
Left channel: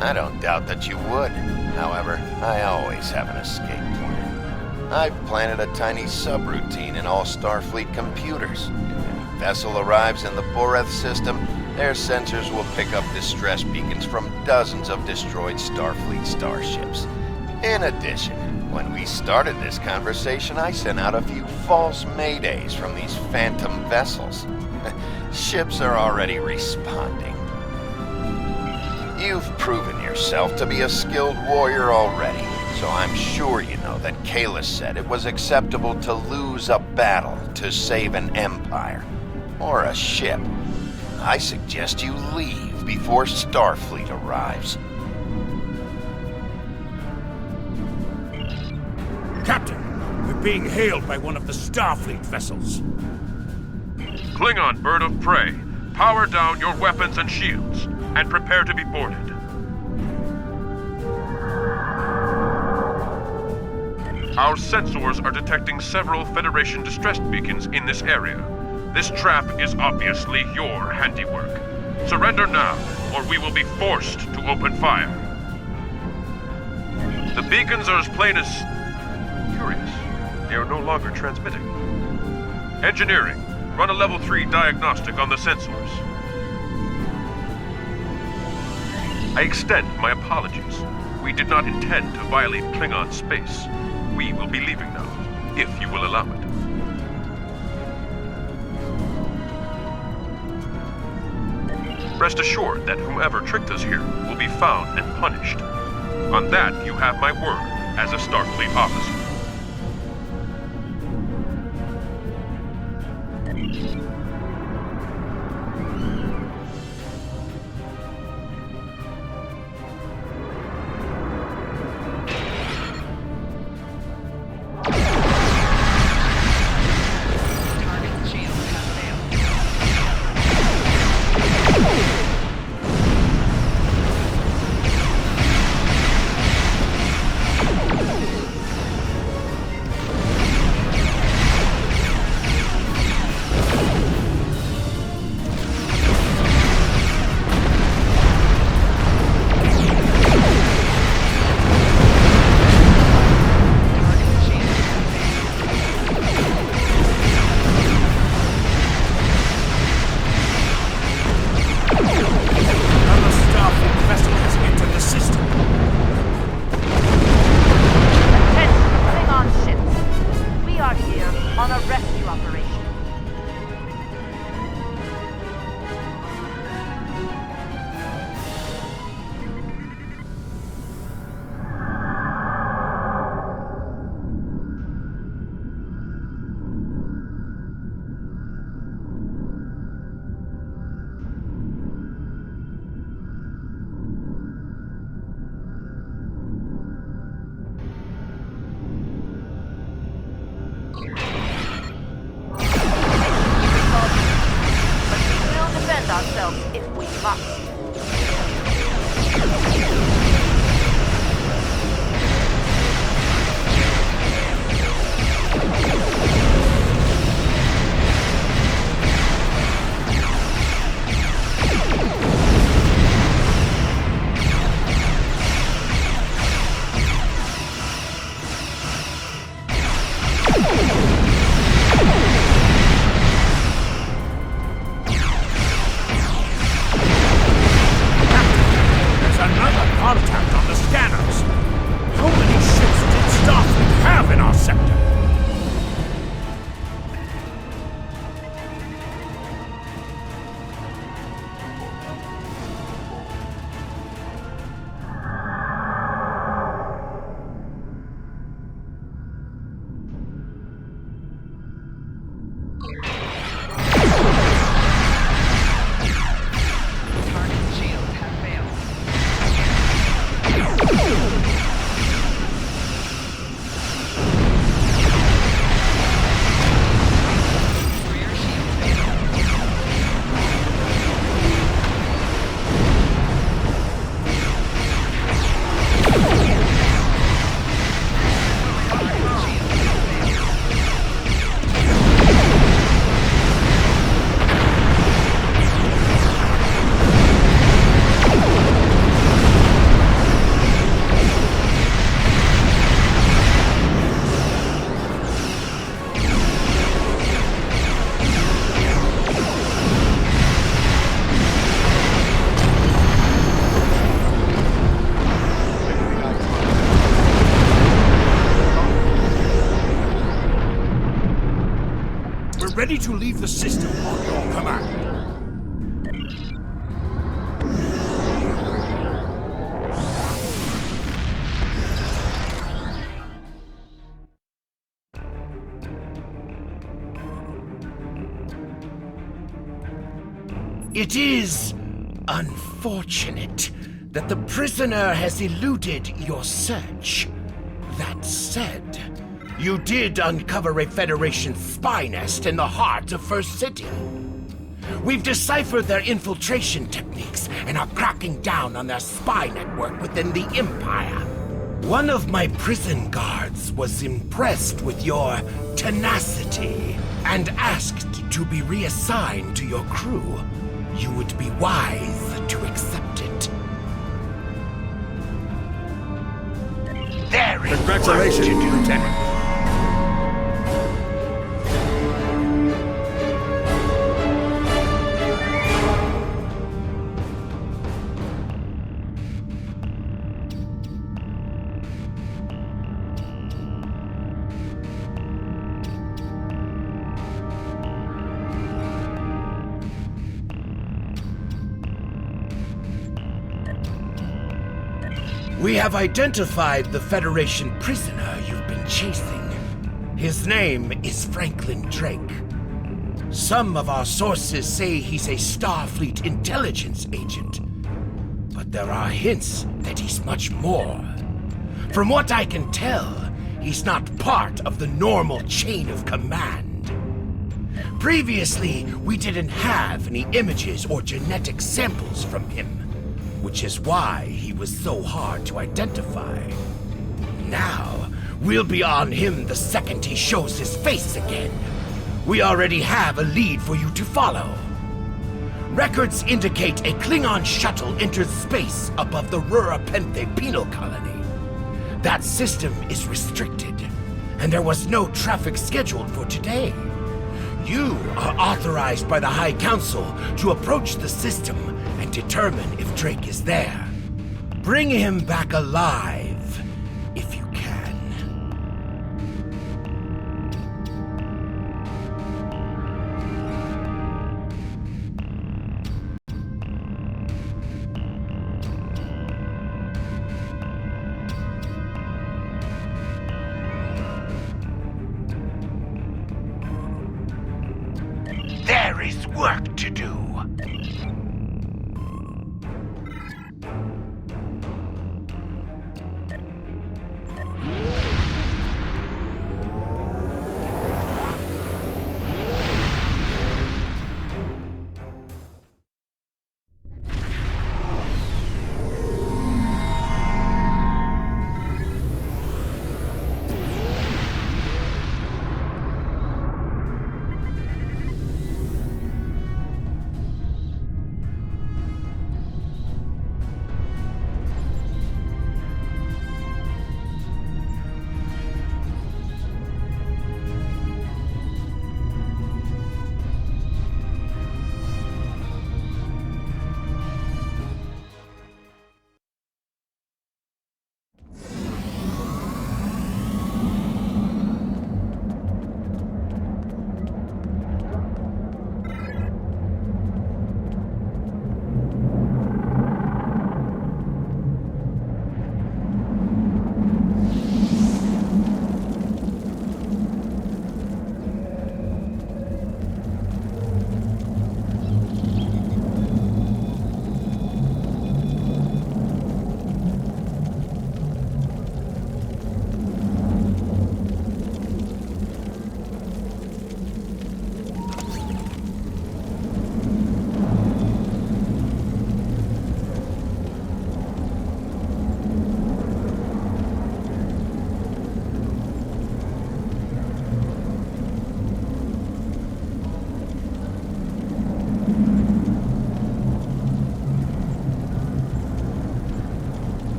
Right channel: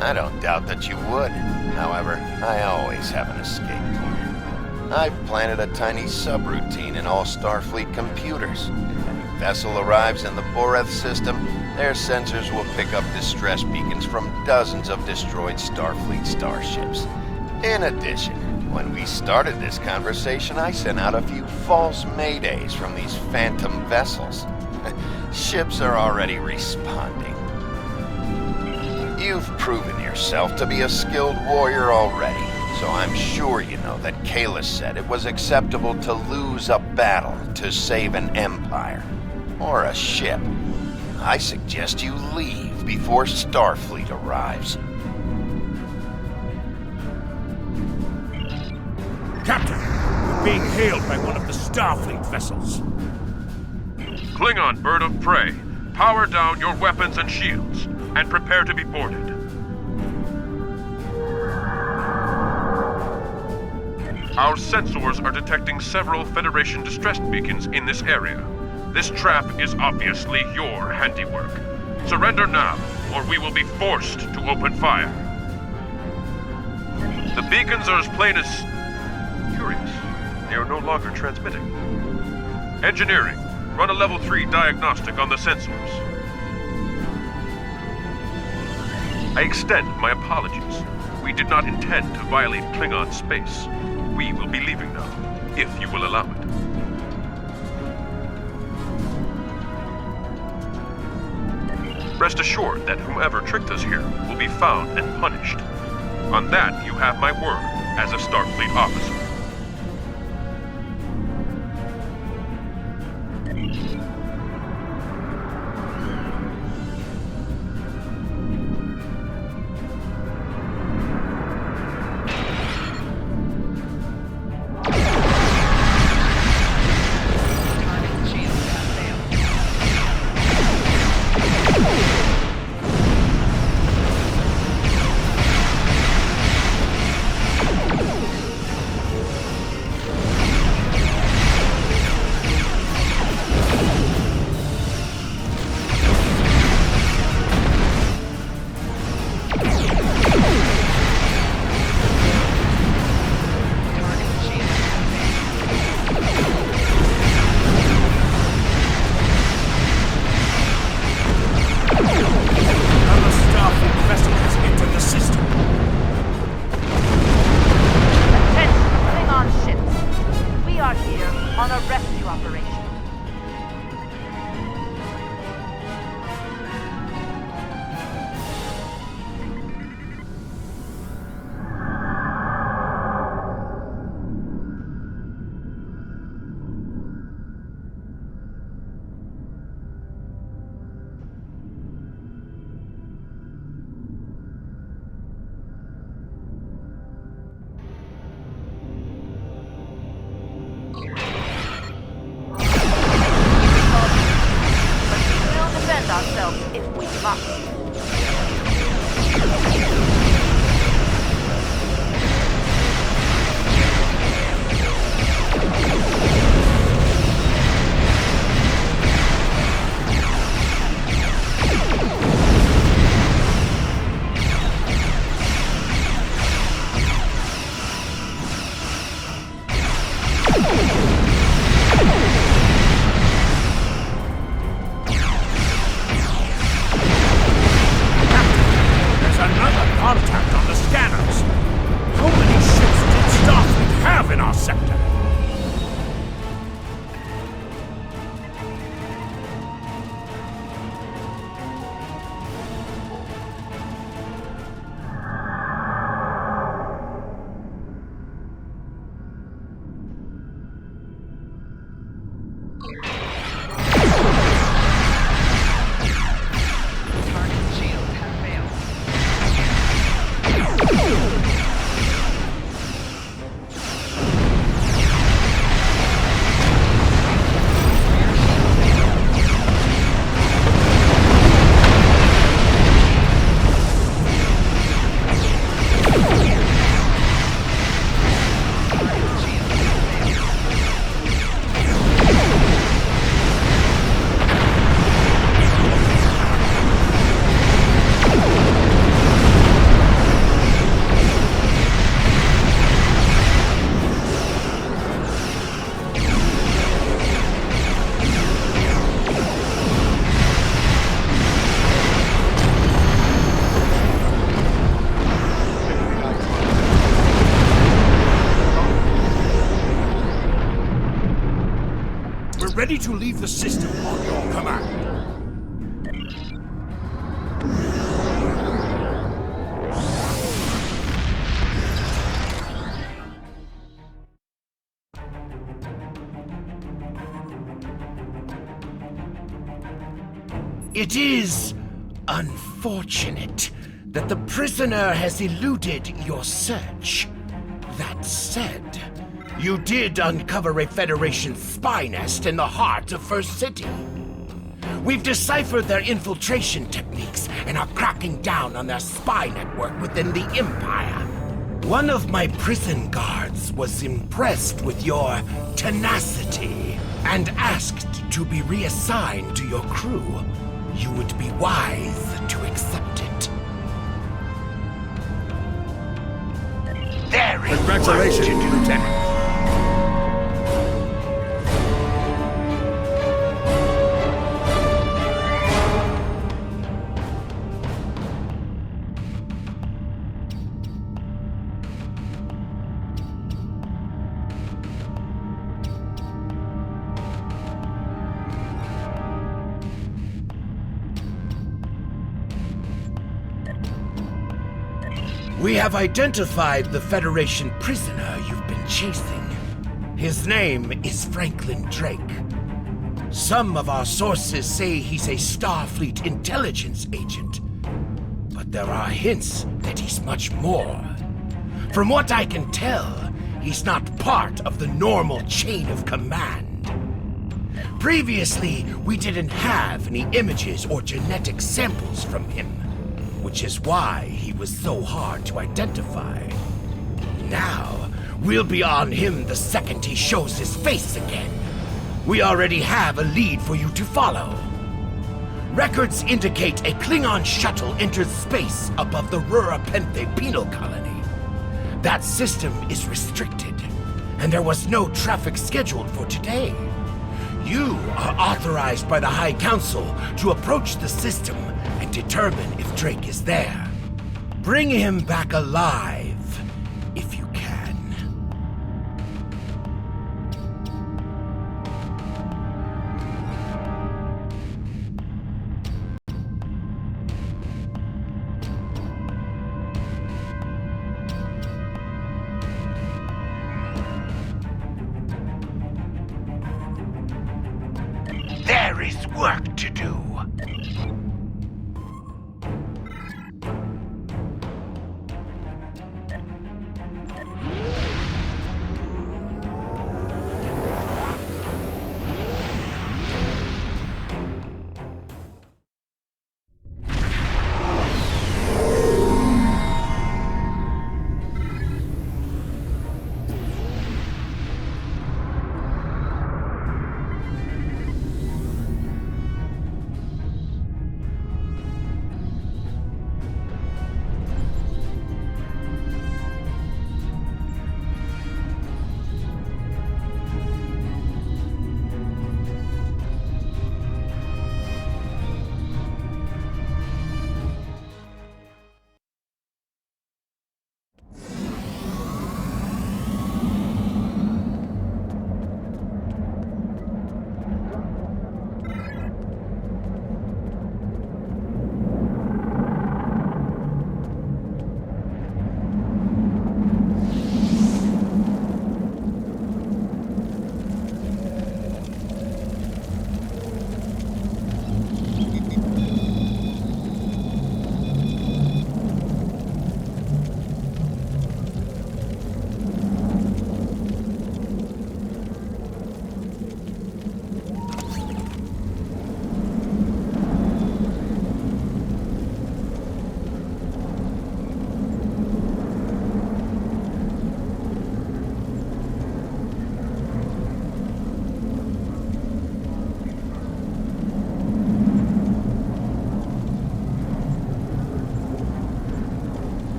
I don't doubt that you would. However, I always have an escape plan. I've planted a tiny subroutine in all Starfleet computers. If any vessel arrives in the Boreth system, their sensors will pick up distress beacons from dozens of destroyed Starfleet starships. In addition, when we started this conversation, I sent out a few false maydays from these phantom vessels. Ships are already responding. You've proven yourself to be a skilled warrior already, so I'm sure you know that Kalis said it was acceptable to lose a battle to save an empire, or a ship. I suggest you leave before Starfleet arrives. Captain, we're being hailed by one of the Starfleet vessels. Klingon bird of prey, power down your weapons and shields, and prepare to be boarded. Our sensors are detecting several Federation distress beacons in this area. This trap is obviously your handiwork. Surrender now, or we will be forced to open fire. The beacons are as plain as curious. They are no longer transmitting. Engineering, run a level 3 diagnostic on the sensors. I extend my apologies. We did not intend to violate Klingon space. We will be leaving now, if you will allow it. Rest assured that whomever tricked us here will be found and punished. On that, you have my word as a Starfleet officer. ourselves if we must. ready to leave the system on your command. It is unfortunate that the prisoner has eluded your search. That said, you did uncover a Federation spy nest in the heart of First City. We've deciphered their infiltration techniques and are cracking down on their spy network within the Empire. One of my prison guards was impressed with your tenacity and asked to be reassigned to your crew. You would be wise to accept it. There is Congratulations, work to do. Lieutenant. We have identified the Federation prisoner you've been chasing. His name is Franklin Drake. Some of our sources say he's a Starfleet intelligence agent, but there are hints that he's much more. From what I can tell, he's not part of the normal chain of command. Previously, we didn't have any images or genetic samples from him, which is why he was so hard to identify. Now, we'll be on him the second he shows his face again. We already have a lead for you to follow. Records indicate a Klingon shuttle entered space above the Rurapenthe penal colony. That system is restricted, and there was no traffic scheduled for today. You are authorized by the High Council to approach the system and determine if Drake is there. Bring him back alive, if you can. There is work to do.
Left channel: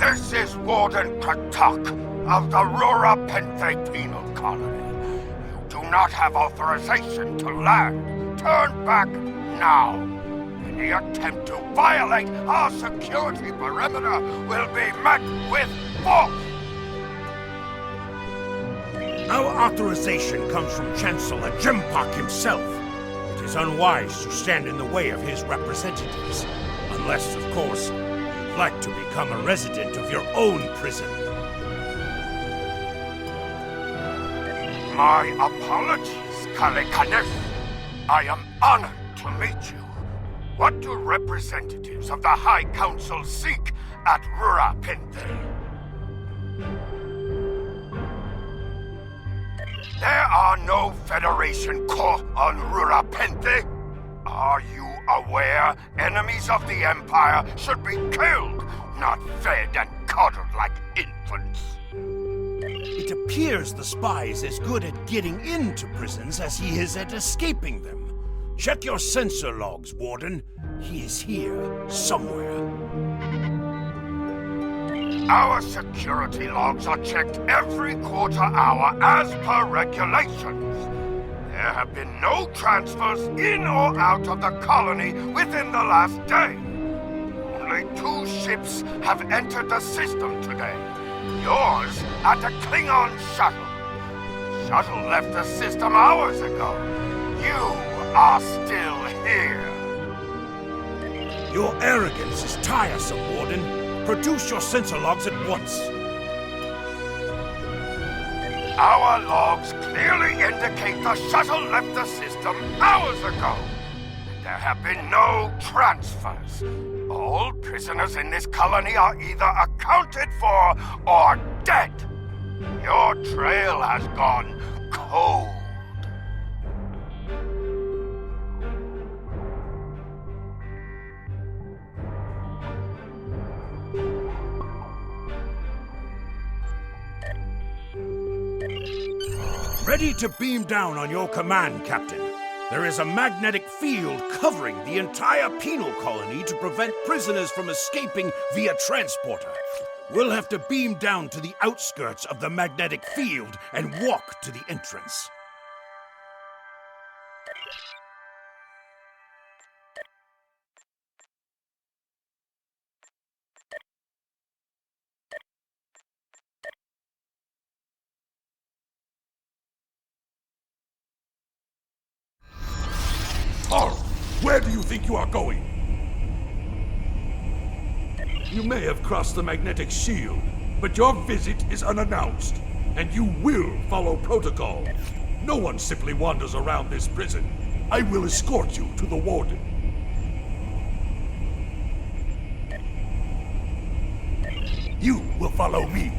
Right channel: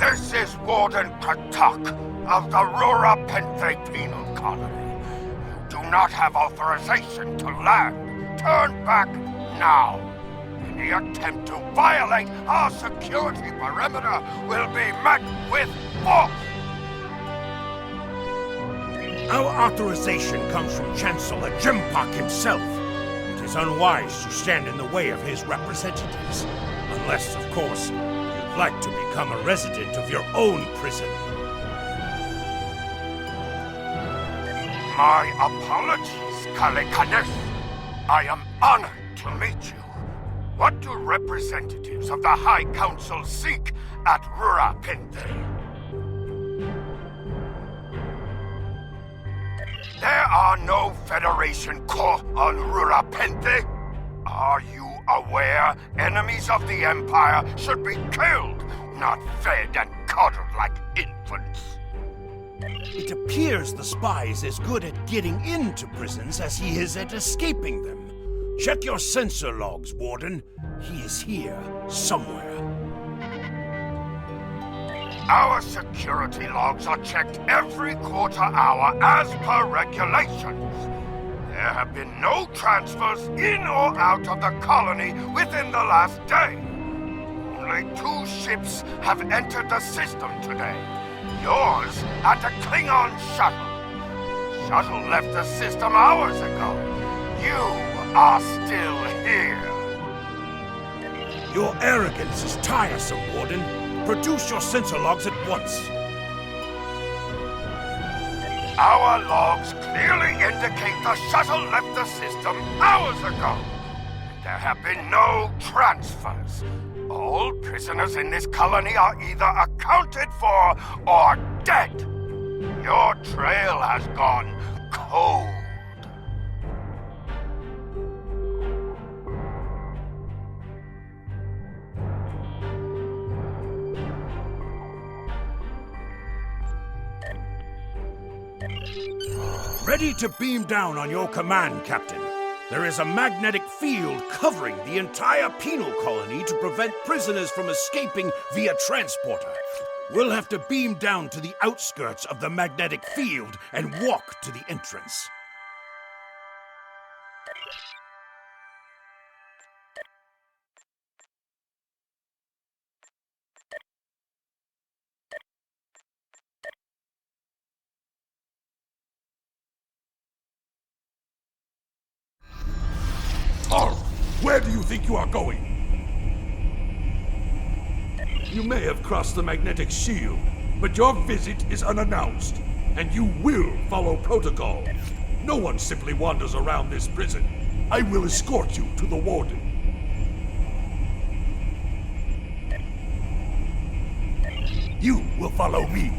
This is Warden Kratok of the Rura Penthe Penal Colony. You do not have authorization to land. Turn back now. Any attempt to violate our security perimeter will be met with force. Our authorization comes from Chancellor Jimpak himself. It is unwise to stand in the way of his representatives. Unless, of course, you'd like to become a resident of your own prison. My apologies, Kalikanes. I am honored to meet you. What do representatives of the High Council seek at Rura Penthe? There are no Federation corps on Rura Penthe. Are you aware enemies of the Empire should be killed, not fed and coddled like infants? It appears the spy is as good at getting into prisons as he is at escaping them. Check your sensor logs, Warden. He is here, somewhere. Our security logs are checked every quarter hour as per regulations. There have been no transfers in or out of the colony within the last day. Only 2 ships have entered the system today. Yours and a Klingon shuttle. The shuttle left the system hours ago. You are still here. Your arrogance is tiresome, Warden. Produce your sensor logs at once. Our logs clearly indicate the shuttle left the system hours ago. There have been no transfers. All prisoners in this colony are either accounted for or dead. Your trail has gone cold. Ready to beam down on your command, Captain. There is a magnetic field covering the entire penal colony to prevent prisoners from escaping via transporter. We'll have to beam down to the outskirts of the magnetic field and walk to the entrance. Oh, where do you think you are going? You may have crossed the magnetic shield, but your visit is unannounced, and you will follow protocol. No one simply wanders around this prison. I will escort you to the warden. You will follow me.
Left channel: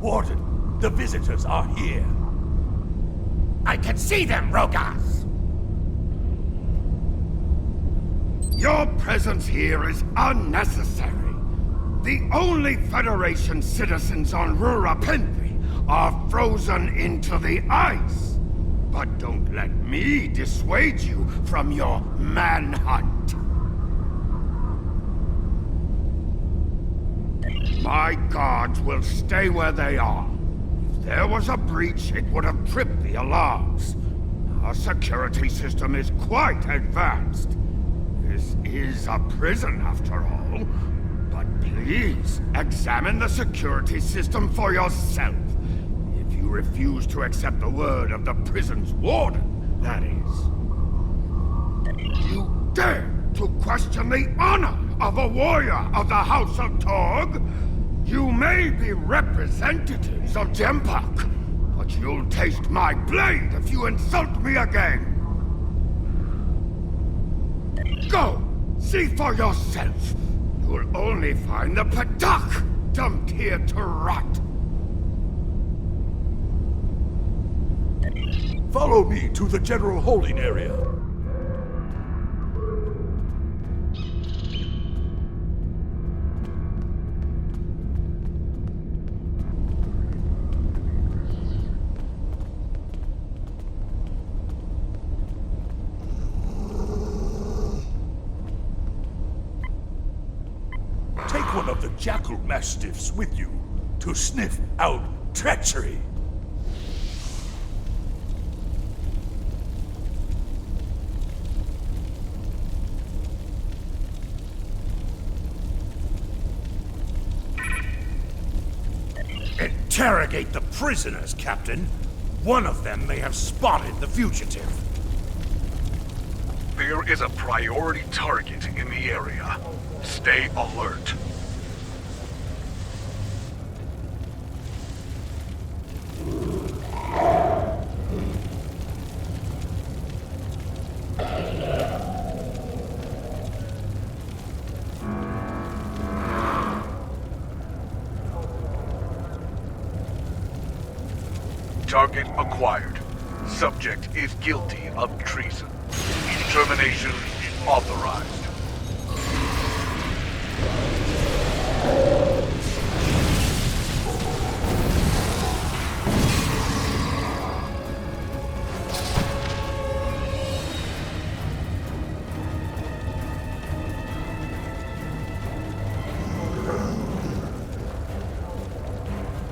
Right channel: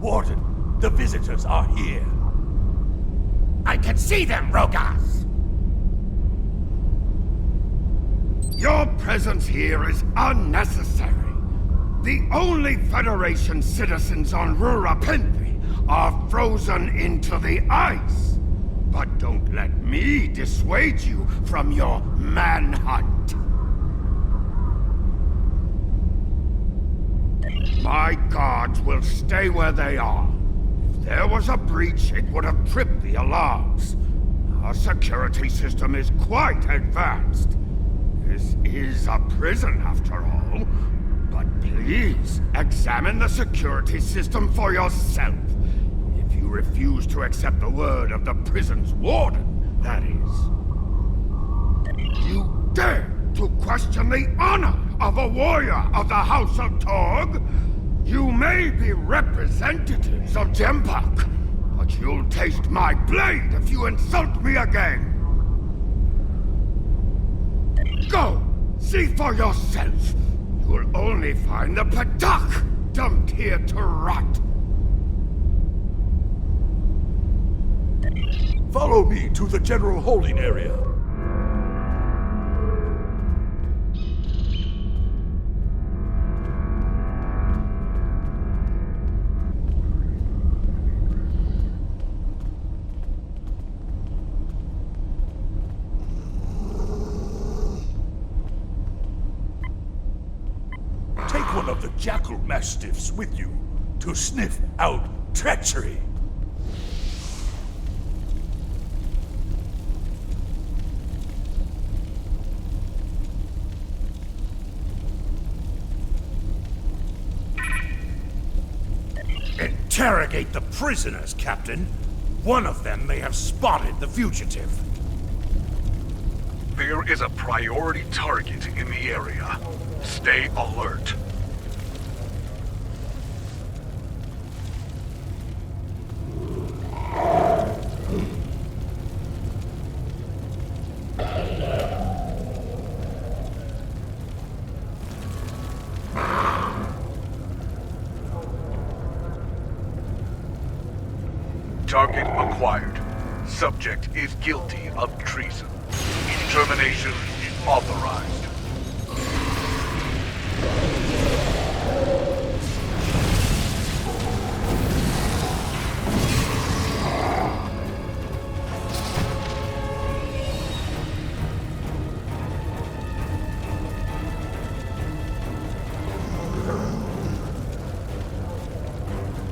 Warden, the visitors are here. I can see them, Rogas! Your presence here is unnecessary. The only Federation citizens on Rura Penthe are frozen into the ice. But don't let me dissuade you from your manhunt. My guards will stay where they are. If there was a breach, it would have tripped the alarms. Our security system is quite advanced. This is a prison, after all. But please, examine the security system for yourself. If you refuse to accept the word of the prison's warden, that is. You dare to question the honor of a warrior of the House of Torg? You may be representatives of Jempak, but you'll taste my blade if you insult me again! Go! See for yourself! You'll only find the Patak dumped here to rot! Follow me to the general holding area. Take one of the jackal mastiffs with you to sniff out treachery. Interrogate the prisoners, Captain. One of them may have spotted the fugitive. There is a priority target in the area. Stay alert. Target acquired. Subject is guilty of treason. Termination authorized.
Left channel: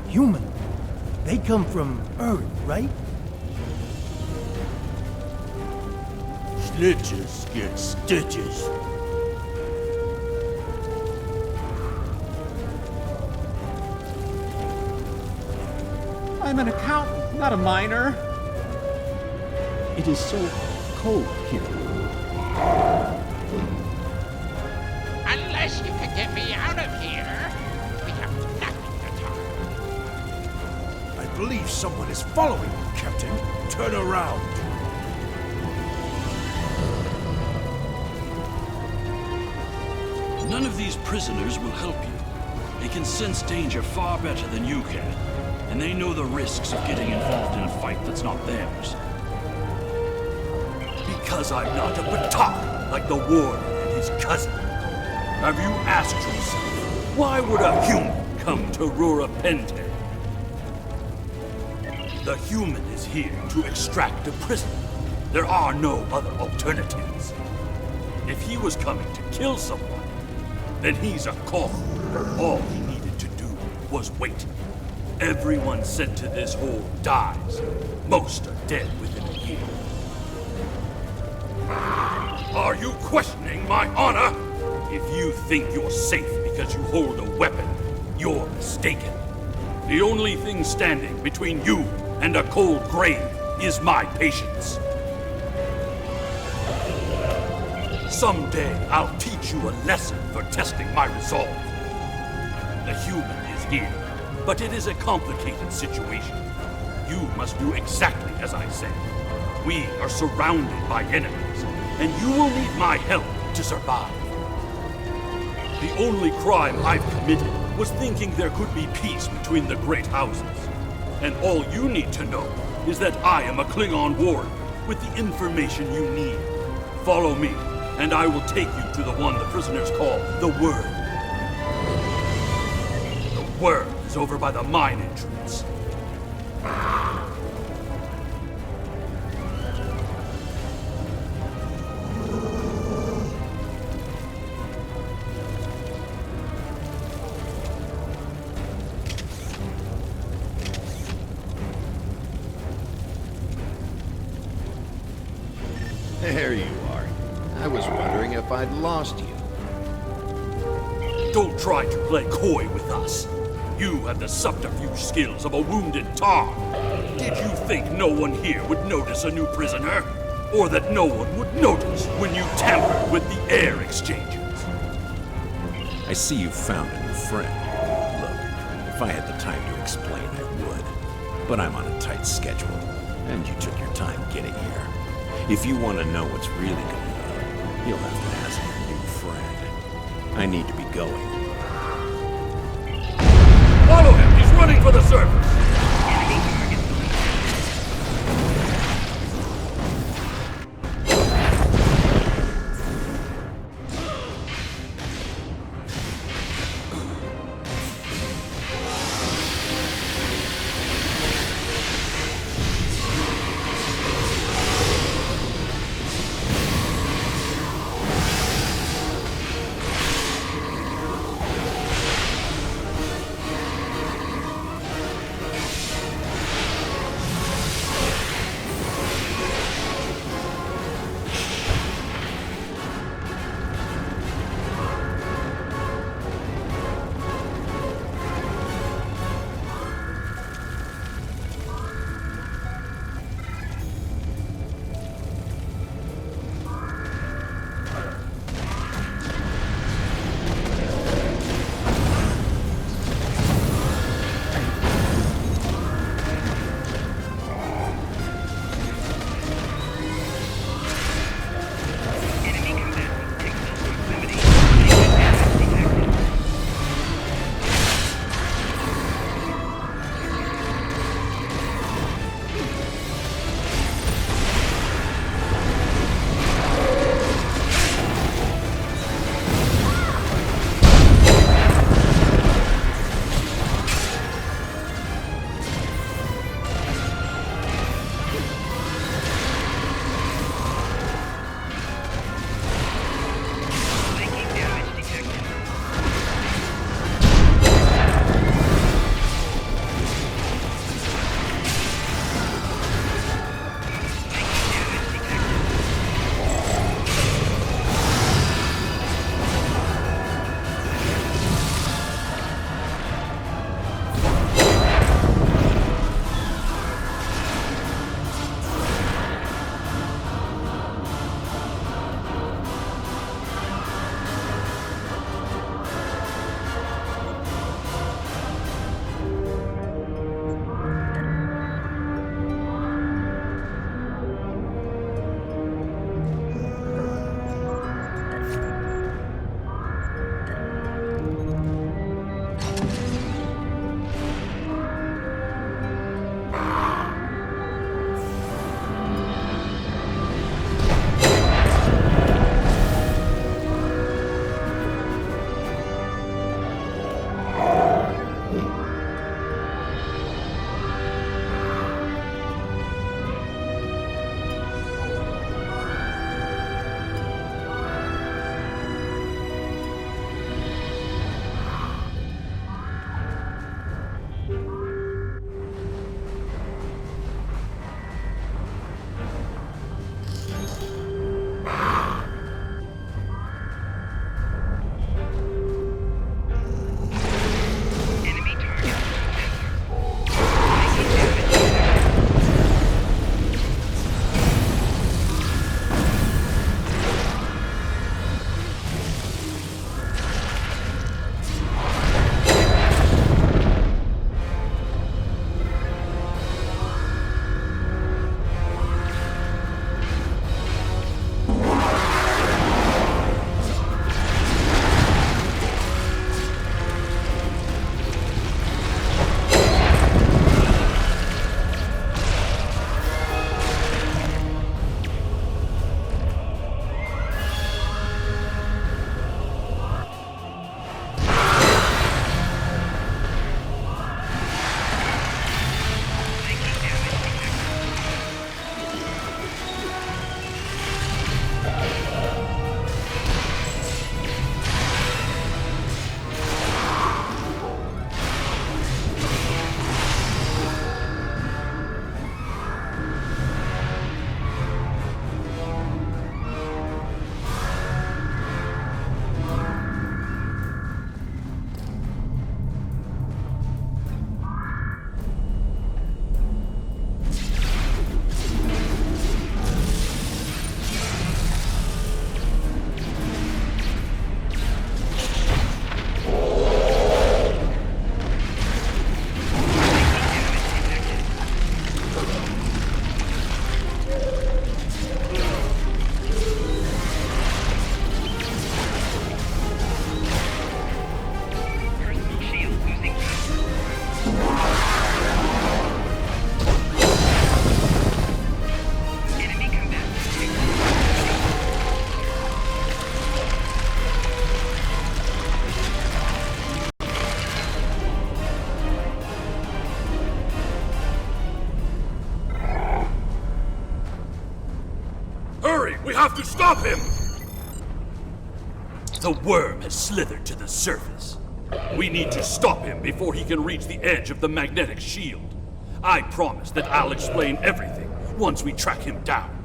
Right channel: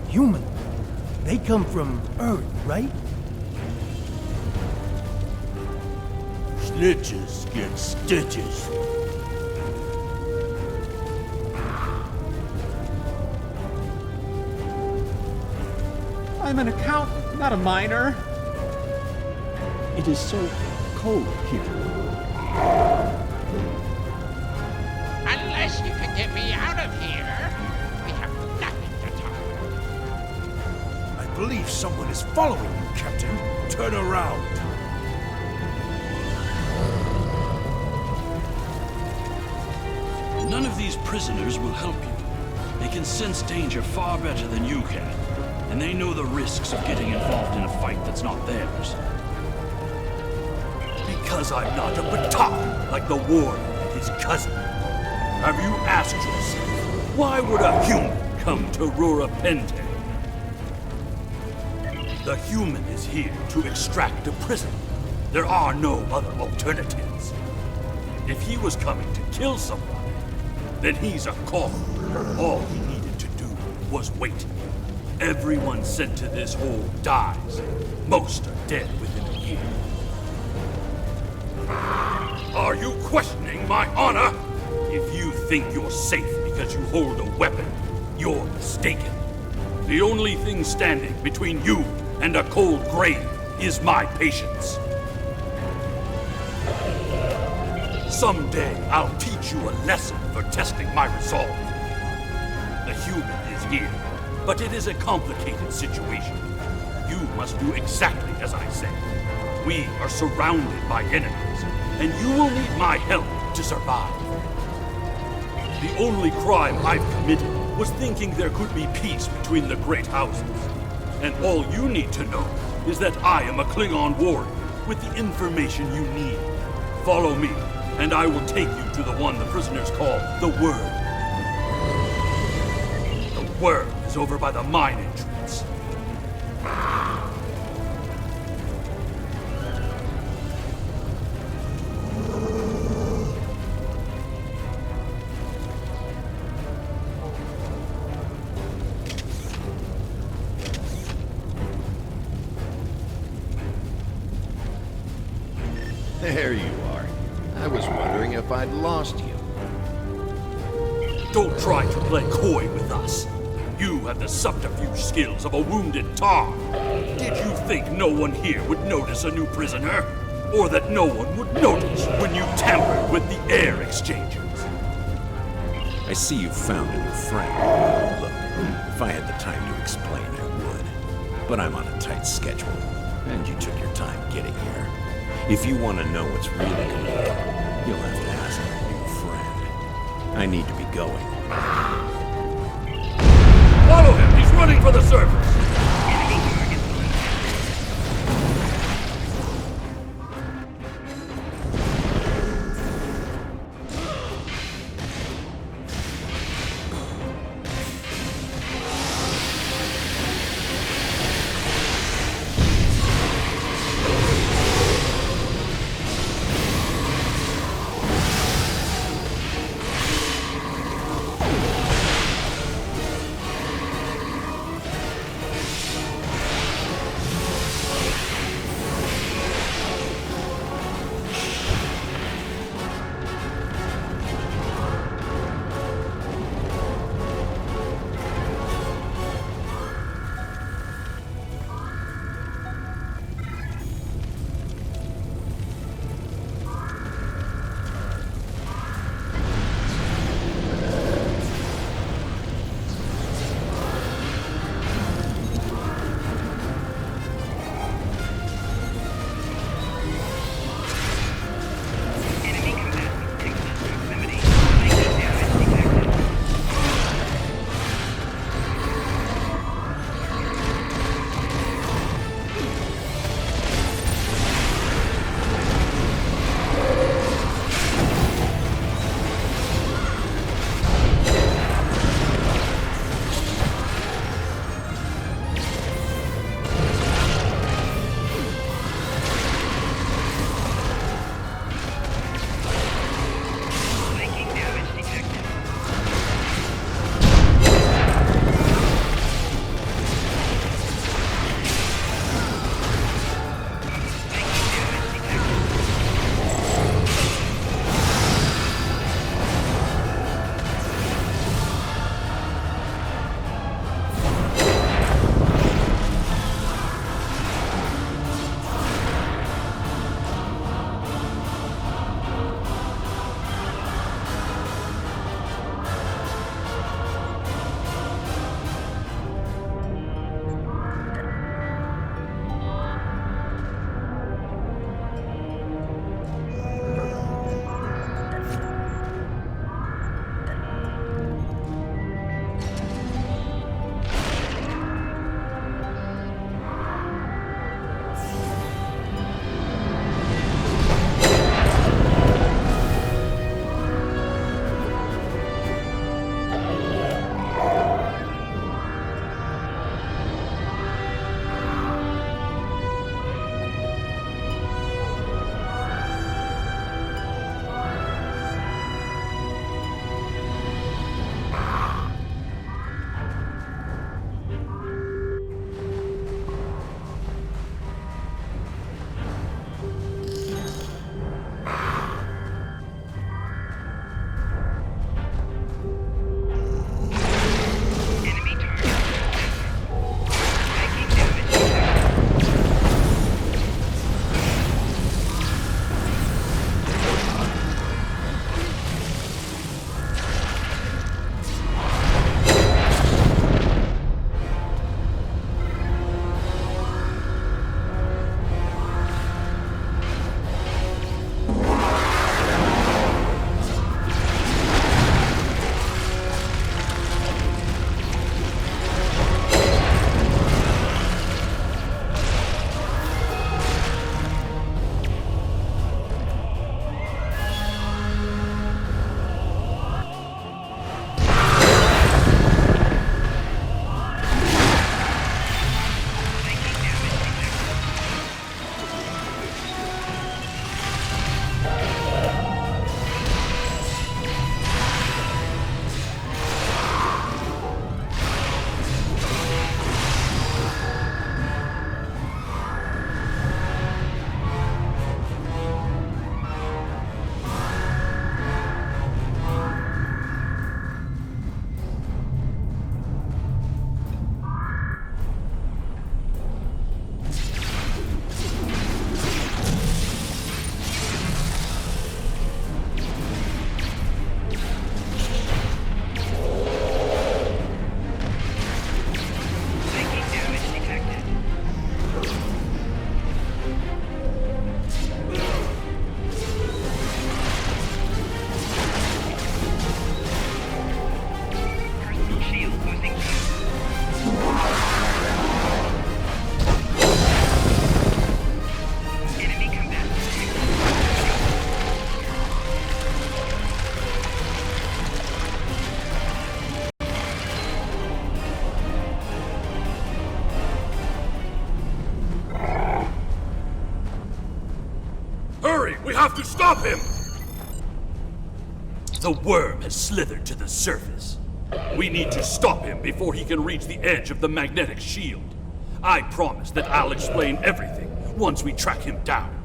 Human. They come from Earth, right? Snitches get stitches. I'm an accountant, not a miner. It is so cold here. Unless you can get me out of here, we have nothing to talk about. I believe someone is following you, Captain. Turn around. None of these prisoners will help you. They can sense danger far better than you can. And they know the risks of getting involved in a fight that's not theirs. Because I'm not a Batak like the warden and his cousin. Have you asked yourself, why would a human come to Rurapente? The human is here to extract a prisoner. There are no other alternatives. If he was coming to kill someone, then he's a call. All he needed to do was wait. Everyone sent to this hole dies. Most are dead within a year. Are you questioning my honor? If you think you're safe because you hold a weapon, you're mistaken. The only thing standing between you and a cold grave is my patience. Someday I'll teach you a lesson for testing my resolve. The human is here, but it is a complicated situation. You must do exactly as I say. We are surrounded by enemies, and you will need my help to survive. The only crime I've committed was thinking there could be peace between the great houses. And all you need to know is that I am a Klingon warrior with the information you need. Follow me, and I will take you to the one the prisoners call the Word. The Word is over by the mine entrance. There you are. I was wondering if I'd lost you. Don't try to play coy with us. You have the subterfuge skills of a wounded tar. Did you think no one here would notice a new prisoner? Or that no one would notice when you tampered with the air exchangers? I see you've found a new friend. Look, if I had the time to explain, I would. But I'm on a tight schedule, and you took your time getting here. If you want to know what's really going on, you'll have to ask your new friend. I need to be going. Follow him! He's running for the surface! have to stop him! The worm has slithered to the surface. We need to stop him before he can reach the edge of the magnetic shield. I promise that I'll explain everything once we track him down.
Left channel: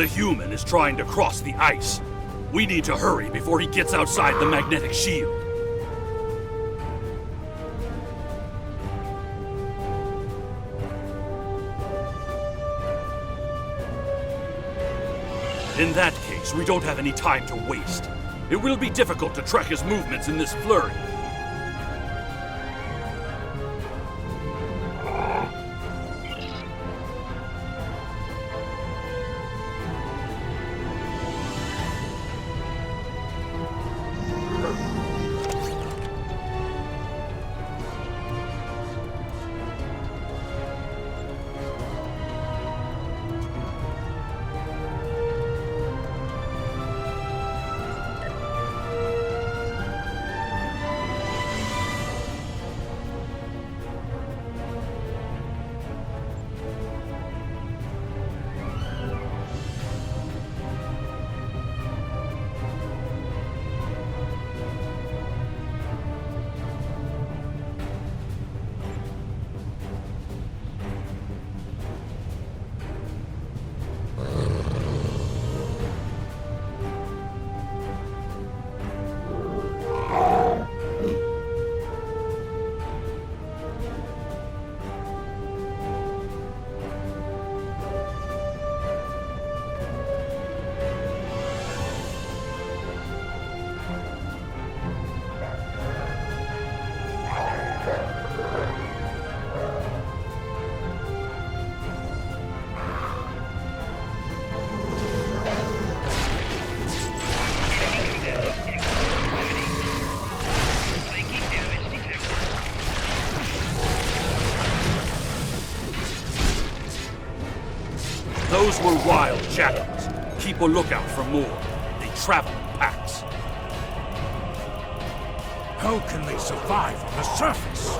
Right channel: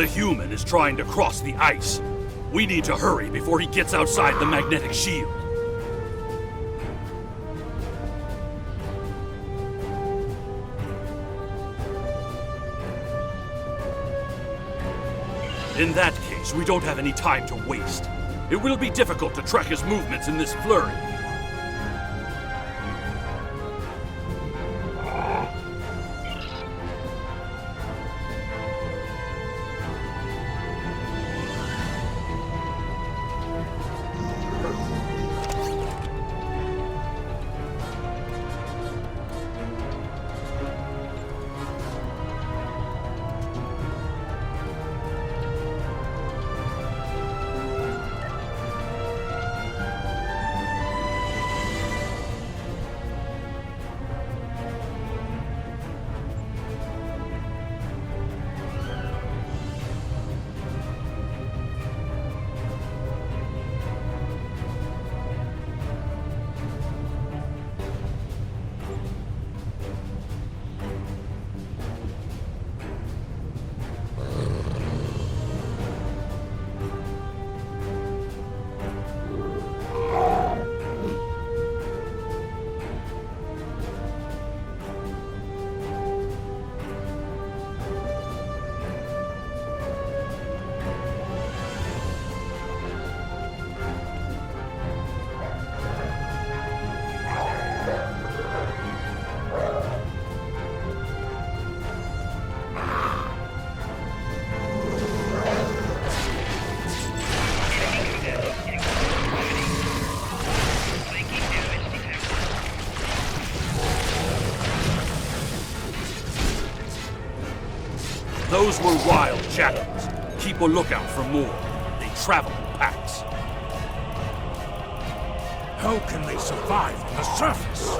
The human is trying to cross the ice. We need to hurry before he gets outside the magnetic shield. In that case, we don't have any time to waste. It will be difficult to track his movements in this flurry. Those were wild jackals. Keep a lookout for more. They travel in packs. How can they survive on the surface?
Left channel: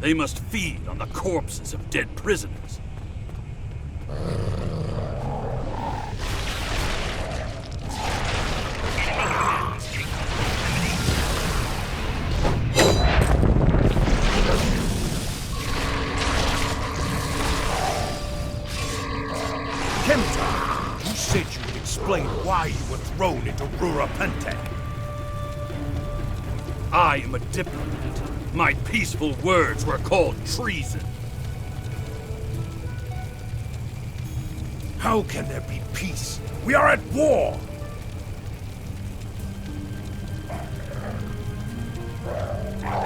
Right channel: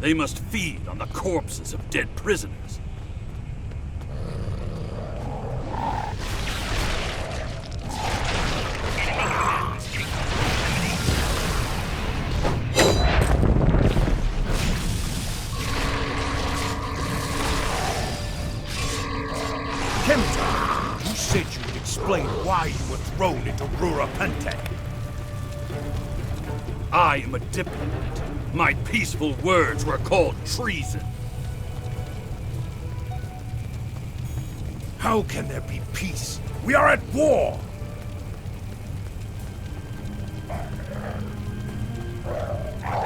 They must feed on the corpses of dead prisoners. You said you would explain why you were thrown into Recruitment. I am a diplomat. My peaceful words were called treason. How can there be peace? We are at war!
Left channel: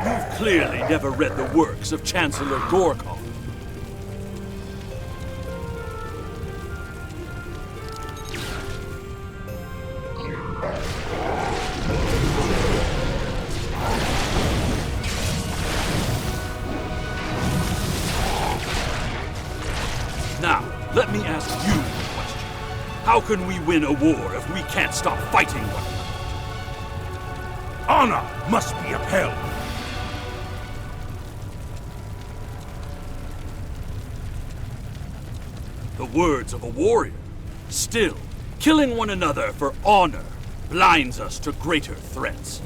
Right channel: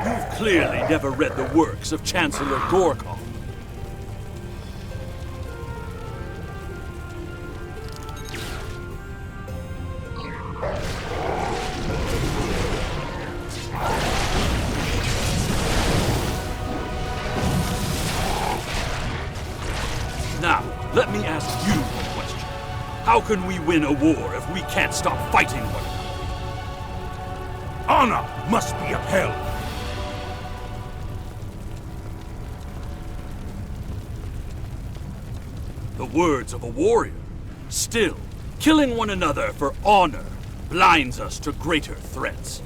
You've clearly never read the works of Chancellor Gorkon. Now, let me ask you a question. How can we win a war if we can't stop fighting one another? Honor must be upheld. The words of a warrior. Still, killing one another for honor blinds us to greater threats.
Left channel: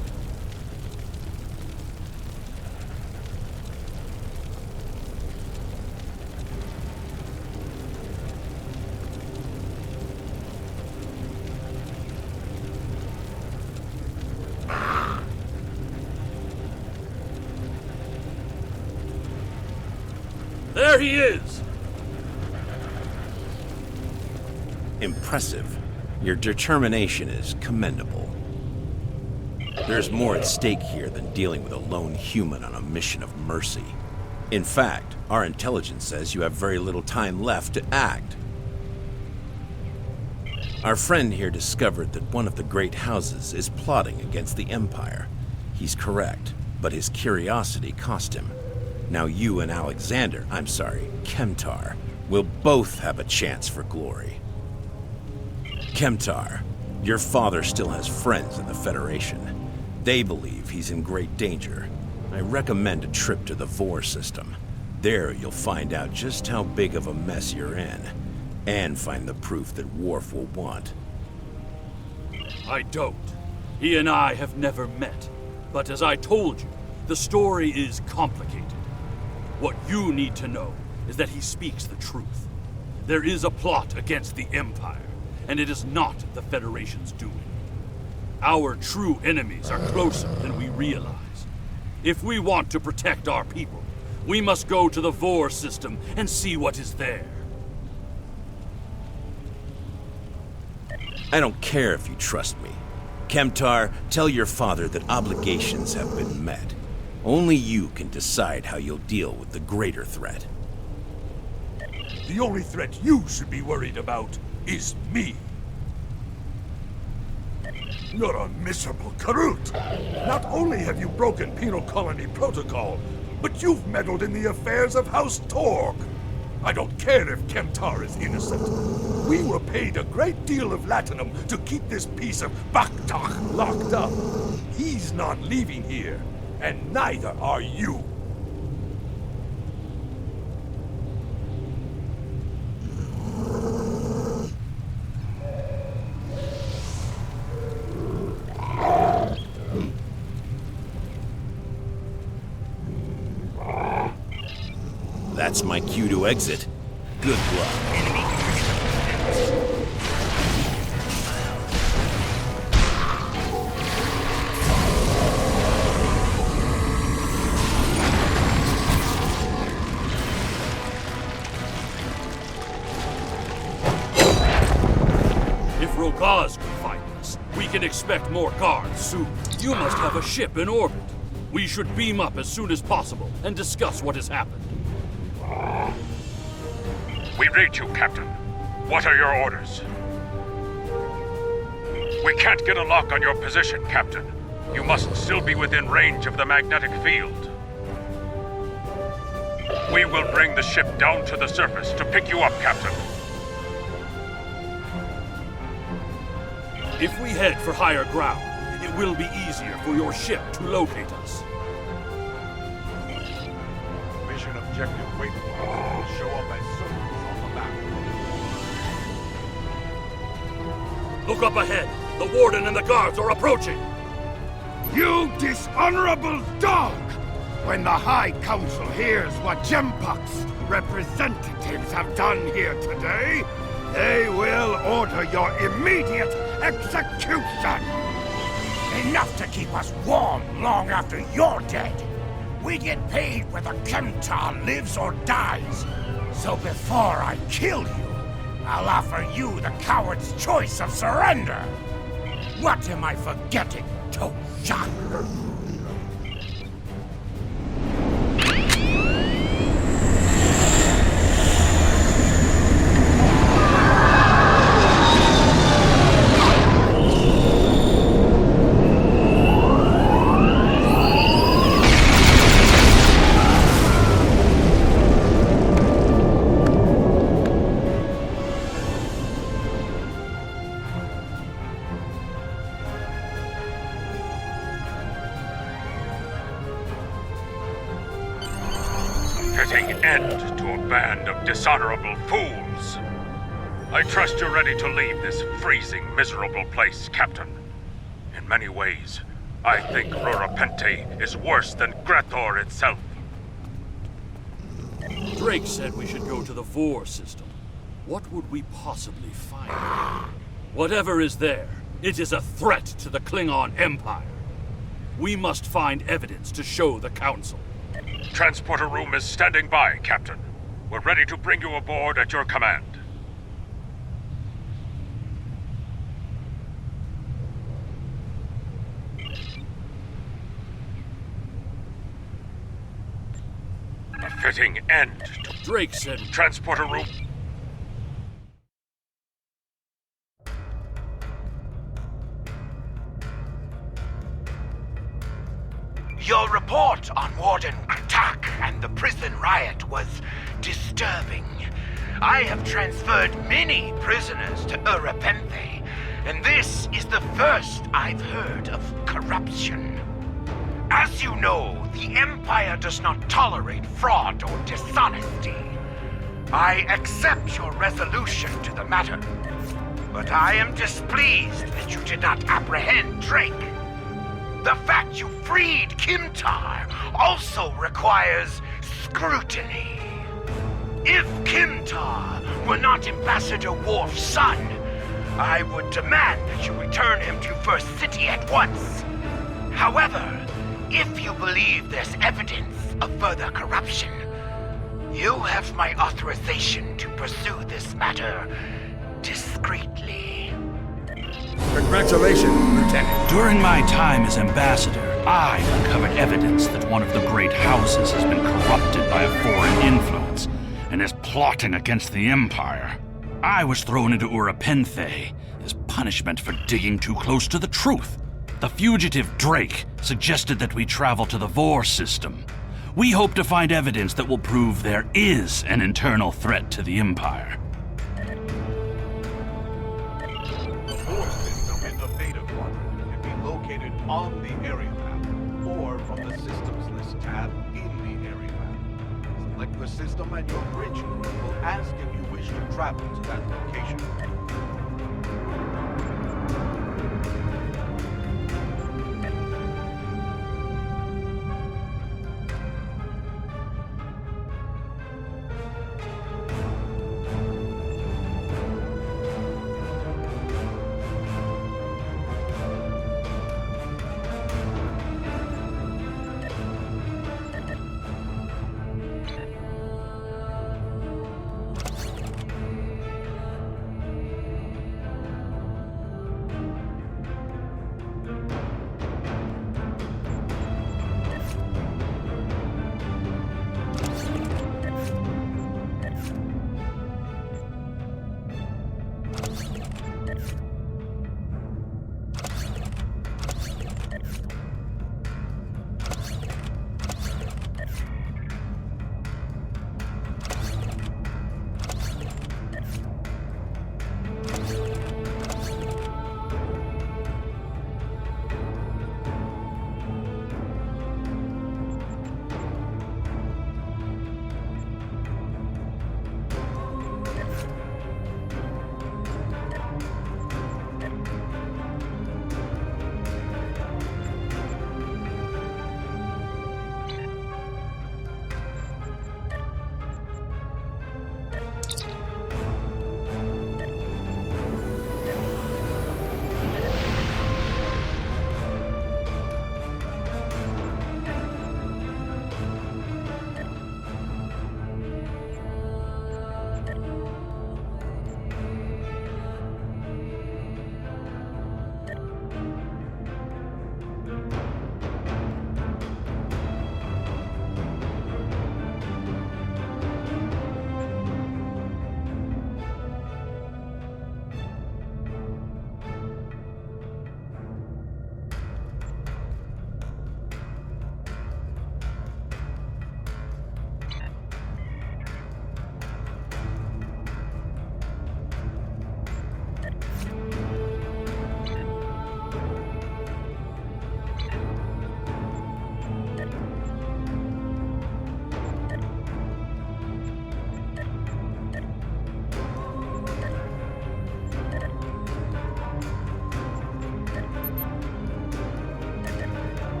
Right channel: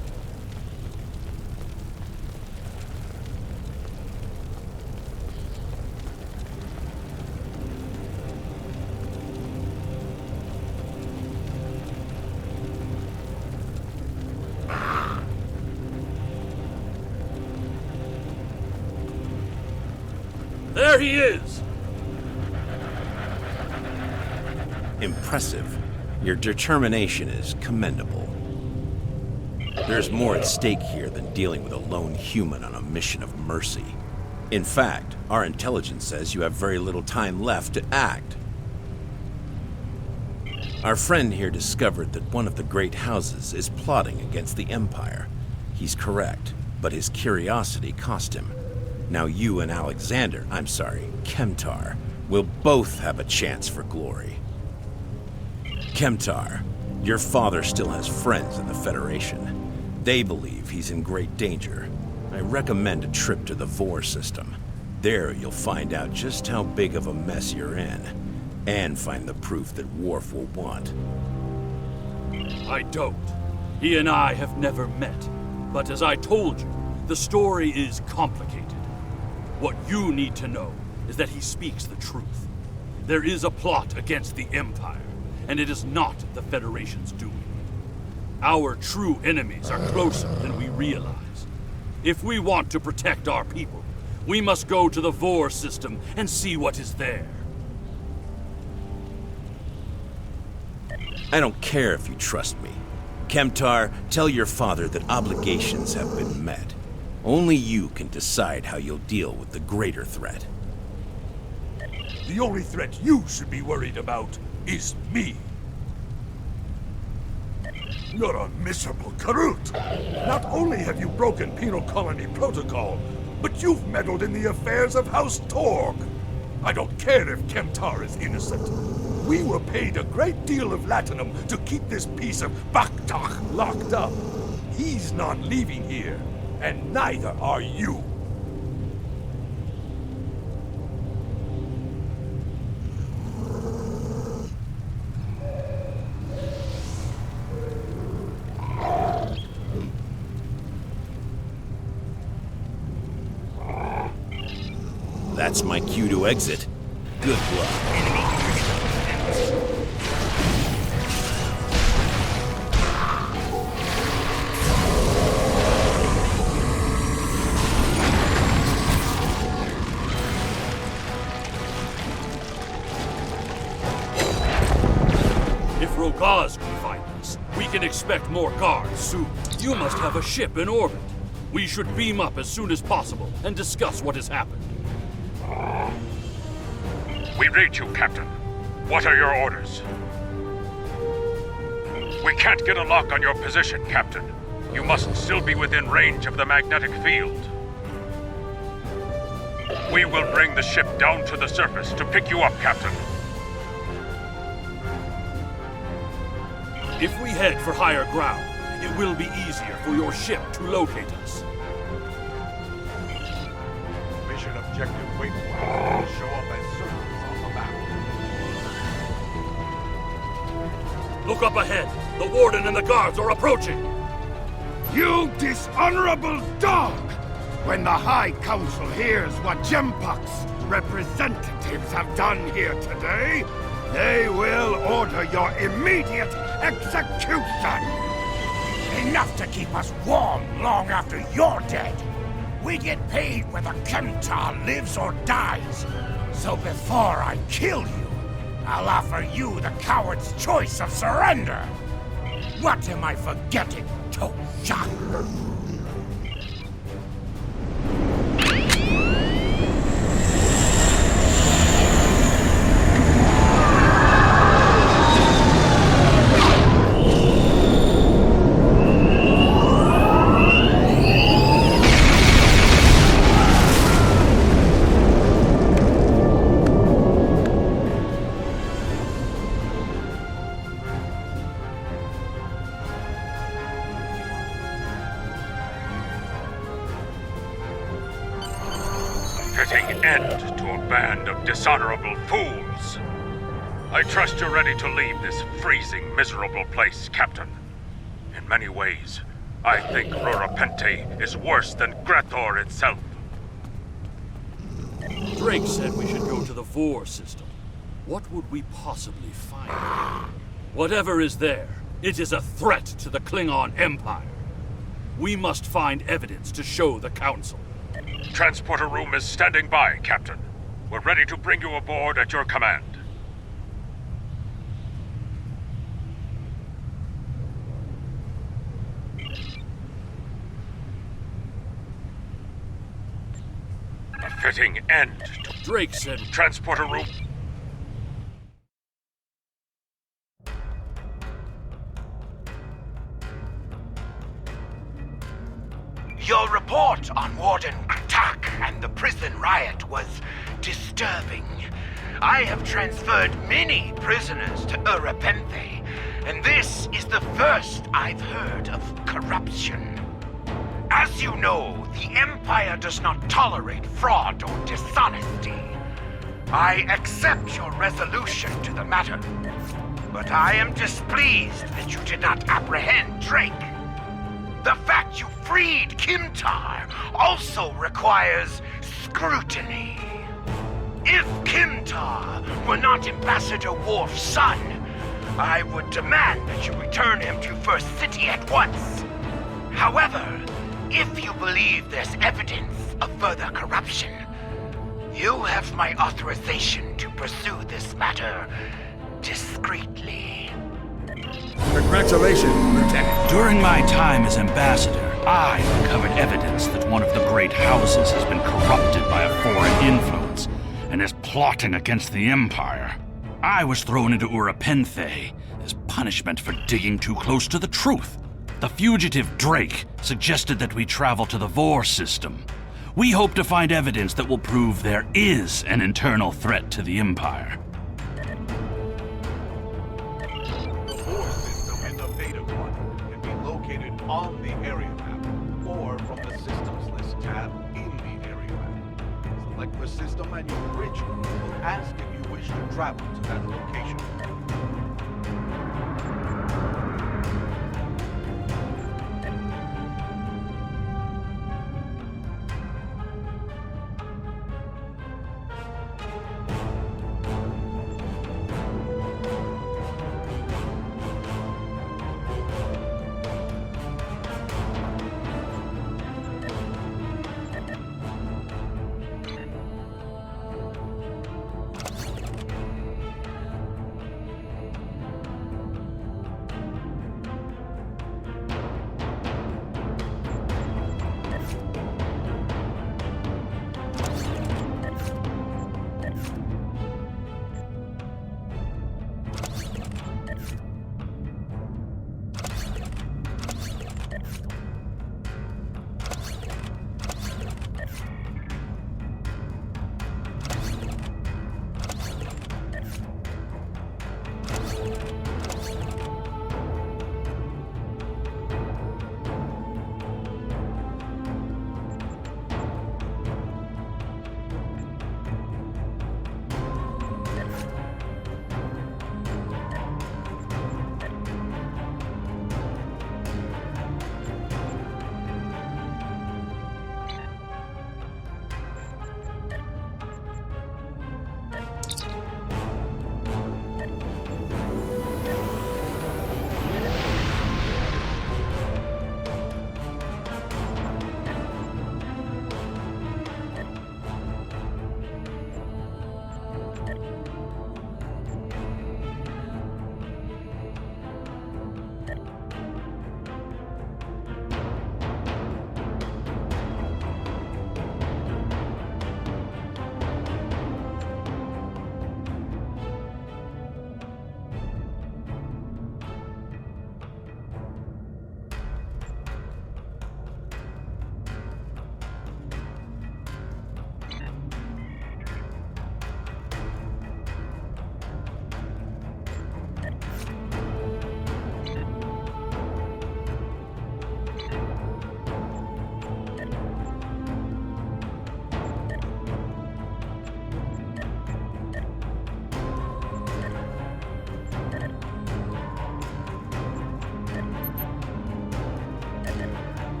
he is! Impressive. Your determination is commendable. There's more at stake here than dealing with a lone human on a mission of mercy. In fact, our intelligence says you have very little time left to act. Our friend here discovered that one of the great houses is plotting against the Empire. He's correct, but his curiosity cost him. Now you and Kemtar, will both have a chance for glory. Kemtar, your father still has friends in the Federation. They believe he's in great danger. I recommend a trip to the Vor system. There you'll find out just how big of a mess you're in, and find the proof that Worf will want. I don't. He and I have never met. But as I told you, the story is complicated. What you need to know is that he speaks the truth. There is a plot against the Empire, and it is not the Federation's doing. Our true enemies are closer than we realize. If we want to protect our people, we must go to the Vor system and see what is there. I don't care if you trust me. Kemtar, tell your father that obligations have been met. Only you can decide how you'll deal with the greater threat. The only threat you should be worried about is me. You're a miserable Karut. Not only have you broken penal colony protocol, but you've meddled in the affairs of House Torg. I don't care if Kemtar is innocent. We were paid a great deal of latinum to keep this piece of Baktak locked up. He's not leaving here, and neither are you. That's my cue to exit. Good luck. If Rogaz can find us, we can expect more guards soon. You must have a ship in orbit. We should beam up as soon as possible and discuss what has happened. We read you, Captain. What are your orders? We can't get a lock on your position, Captain. You must still be within range of the magnetic field. We will bring the ship down to the surface to pick you up, Captain. If we head for higher ground, it will be easier for your ship to locate us. Mission objective waypoints will show up as circles on the map. Look up ahead. The Warden and the guards are approaching. You dishonorable dog! When the High Council hears what Jempak's representatives have done here today, they will order your immediate execution! Enough to keep us warm long after you're dead! We get paid whether Kemtar lives or dies. So before I kill you, I'll offer you the coward's choice of surrender. What am I forgetting, Toshan? Fitting end to a band of dishonorable fools. I trust you're ready to leave this freezing, miserable place, Captain. In many ways, I think Rurapente is worse than Gretor itself. Drake said we should go to the Vor system. What would we possibly find? Whatever is there, it is a threat to the Klingon Empire. We must find evidence to show the Council. Transporter room is standing by, Captain. We're ready to bring you aboard at your command. A fitting end to Drake said transporter room. Your report on Warden Kratak and the prison riot was disturbing. I have transferred many prisoners to Urapenthe, and this is the first I've heard of corruption. As you know, the Empire does not tolerate fraud or dishonesty. I accept your resolution to the matter, but I am displeased that you did not apprehend Drake. The fact you freed Kimtar also requires scrutiny. If Kimtar were not Ambassador Worf's son, I would demand that you return him to First City at once. However, if you believe there's evidence of further corruption, you have my authorization to pursue this matter discreetly. Congratulations, Lieutenant. During my time as ambassador, I uncovered evidence that one of the great houses has been corrupted by a foreign influence and is plotting against the Empire. I was thrown into Urapenthe as punishment for digging too close to the truth. The fugitive Drake suggested that we travel to the Vor system. We hope to find evidence that will prove there is an internal threat to the Empire. The Vor system in the Beta Quadrant can be located on the area map or from the Systems List tab in the area map. Select the system and your bridge group will ask if you wish to travel to that location.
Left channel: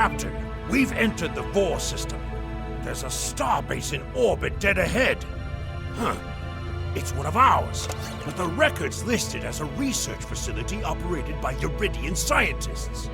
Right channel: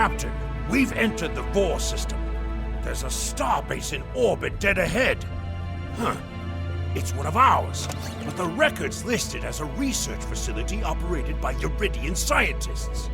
Captain, we've entered the Vor system. There's a starbase in orbit dead ahead. Huh. It's one of ours, but the record's listed as a research facility operated by Uridian scientists.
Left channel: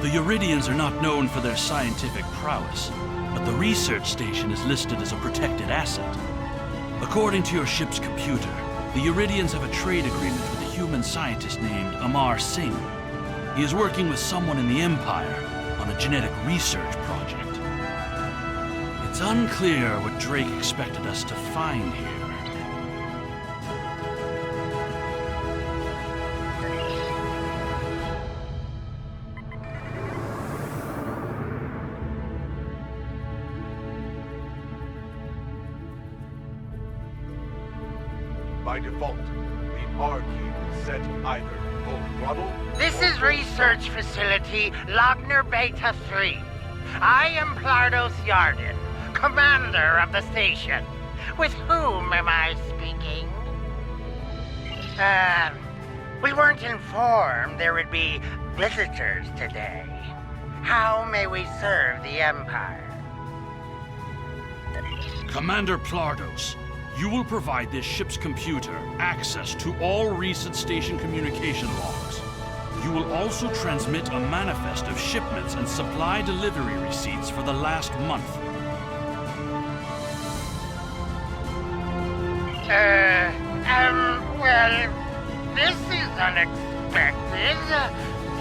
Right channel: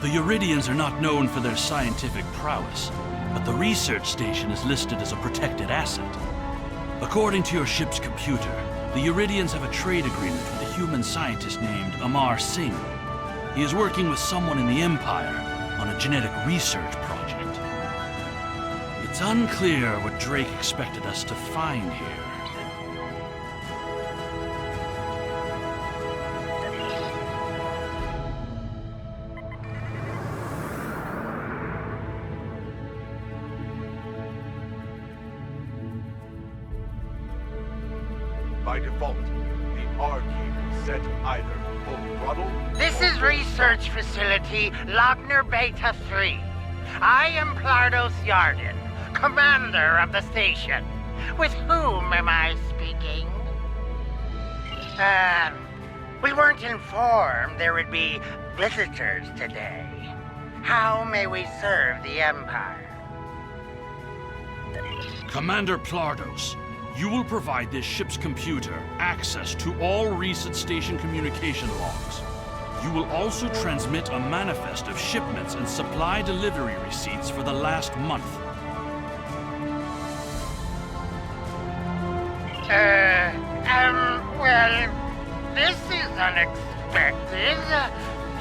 The Uridians are not known for their scientific prowess, but the research station is listed as a protected asset. According to your ship's computer, the Uridians have a trade agreement with a human scientist named Amar Singh. He is working with someone in the Empire on a genetic research project. It's unclear what Drake expected us to find here. By default, the R key is set either full throttle. This is Research Facility Logner Beta 3. I am Plardos Yarden, commander of the station. With whom am I speaking? We weren't informed there would be visitors today. How may we serve the Empire? Commander Plardos, you will provide this ship's computer access to all recent station communication logs. You will also transmit a manifest of shipments and supply delivery receipts for the last month. Well, this is unexpected.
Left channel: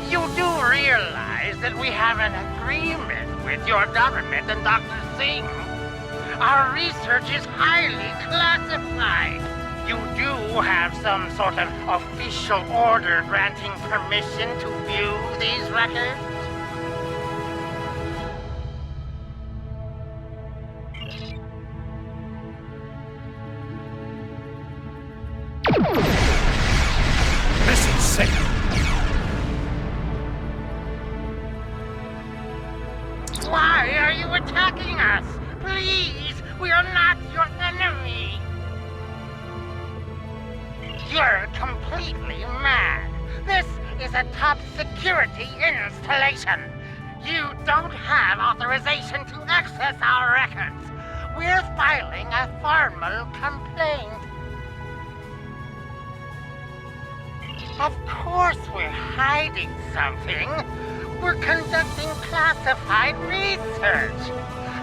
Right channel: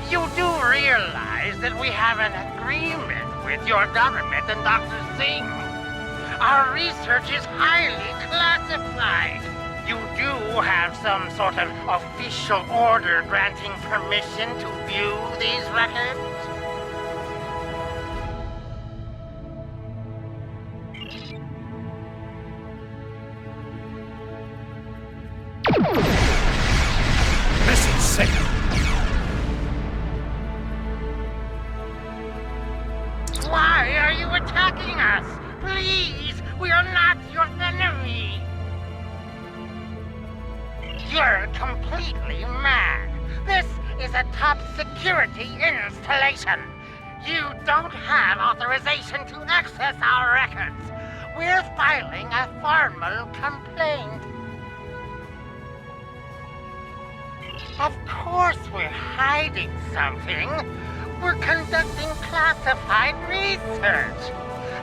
You do realize that we have an agreement with your government and Dr. Singh. Our research is highly classified. You do have some sort of official order granting permission to view these records? Mission signal. Why are you attacking us? Please, we are not your enemy. You're completely mad. This is a top security installation. You don't have authorization to access our records. We're filing a formal complaint. Of course we're hiding something. We're conducting classified research.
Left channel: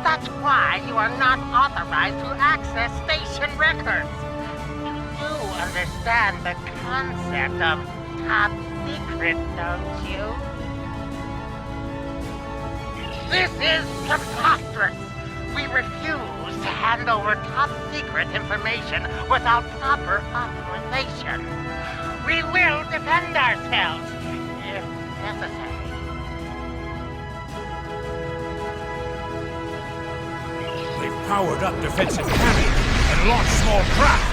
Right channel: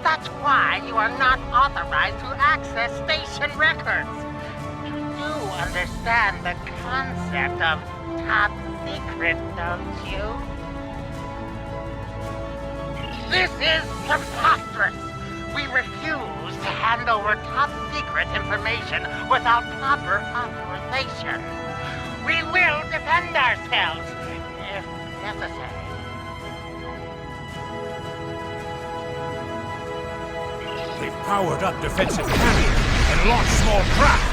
That's why you are not authorized to access station records. You do understand the concept of top secret, don't you? This is preposterous. We refuse to hand over top secret information without proper authorization. We will defend ourselves, if necessary. They've powered up defensive cannons and launched small craft.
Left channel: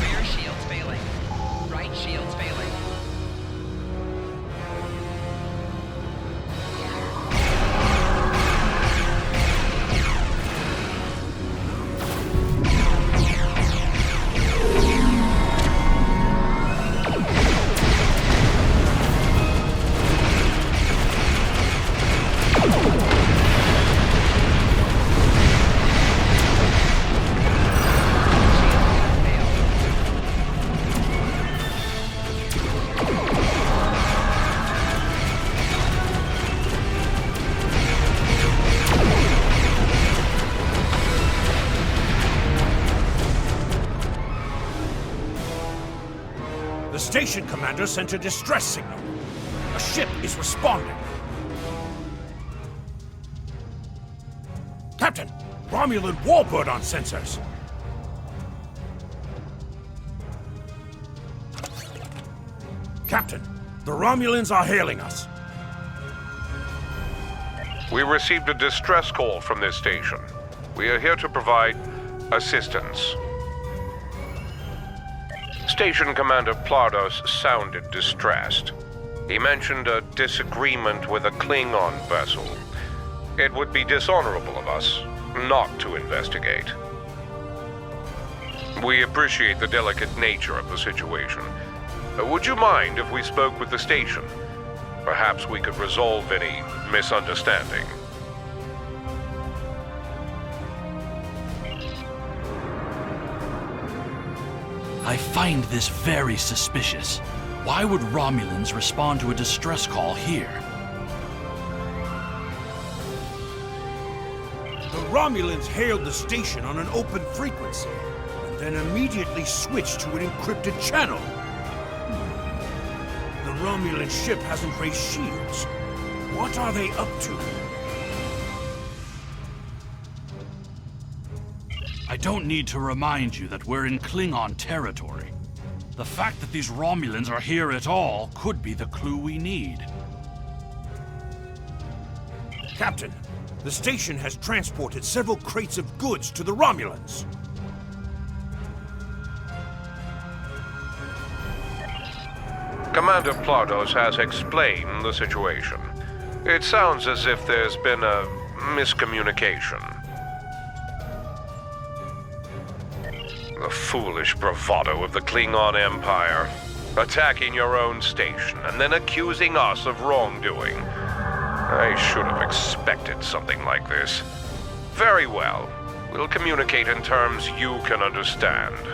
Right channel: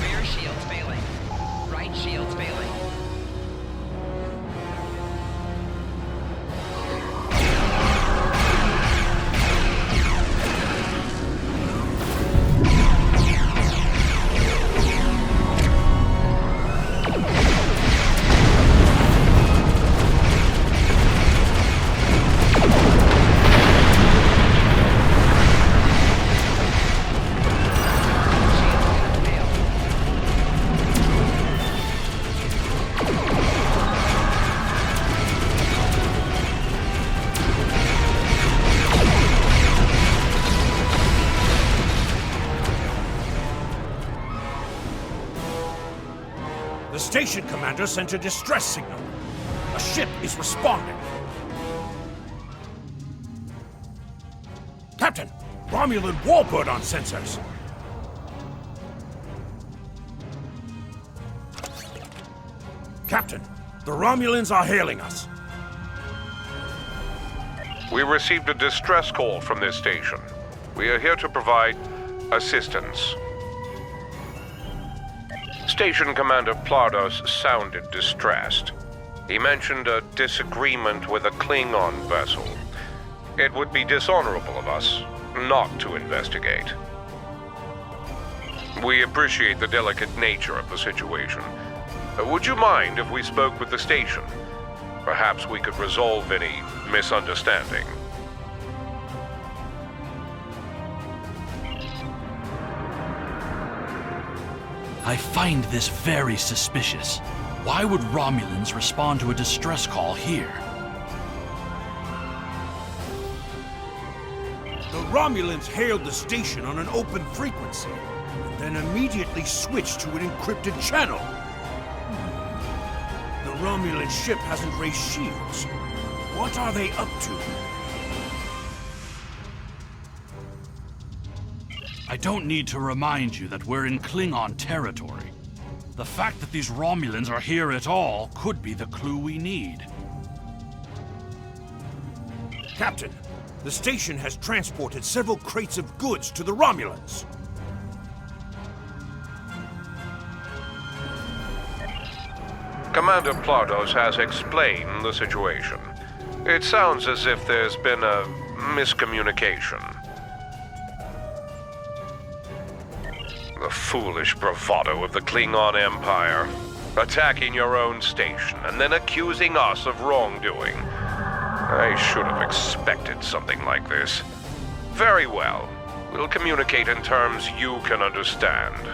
Rear shields failing. Right shields failing. The station commander sent a distress signal. A ship is responding. Captain, Romulan warbird on sensors. Captain, the Romulans are hailing us. We received a distress call from this station. We are here to provide assistance. Station Commander Plardos sounded distressed. He mentioned a disagreement with a Klingon vessel. It would be dishonorable of us not to investigate. We appreciate the delicate nature of the situation. Would you mind if we spoke with the station? Perhaps we could resolve any misunderstanding. I find this very suspicious. Why would Romulans respond to a distress call here? The Romulans hailed the station on an open frequency, and then immediately switched to an encrypted channel. The Romulan ship hasn't raised shields. What are they up to? I don't need to remind you that we're in Klingon territory. The fact that these Romulans are here at all could be the clue we need. Captain, the station has transported several crates of goods to the Romulans. Commander Plardos has explained the situation. It sounds as if there's been a miscommunication. The foolish bravado of the Klingon Empire. Attacking your own station and then accusing us of wrongdoing. I should have expected something like this. Very well. We'll communicate in terms you can understand.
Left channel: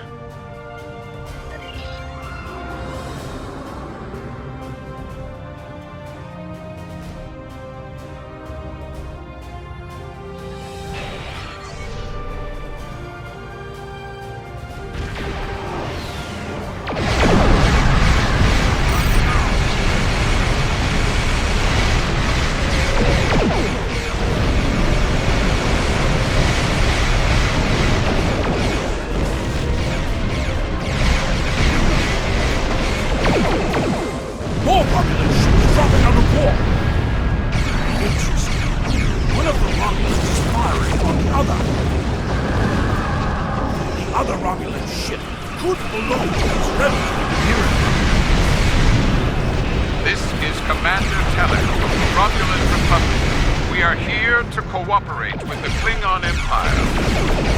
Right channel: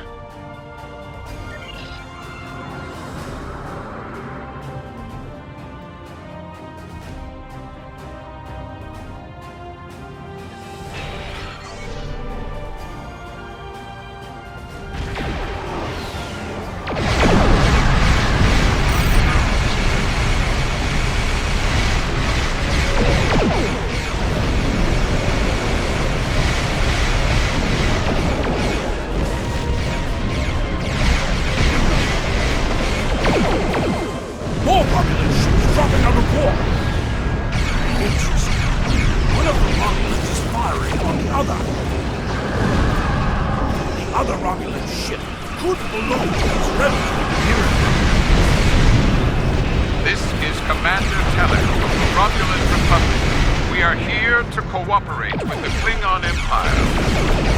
Cooperate with the Klingon Empire.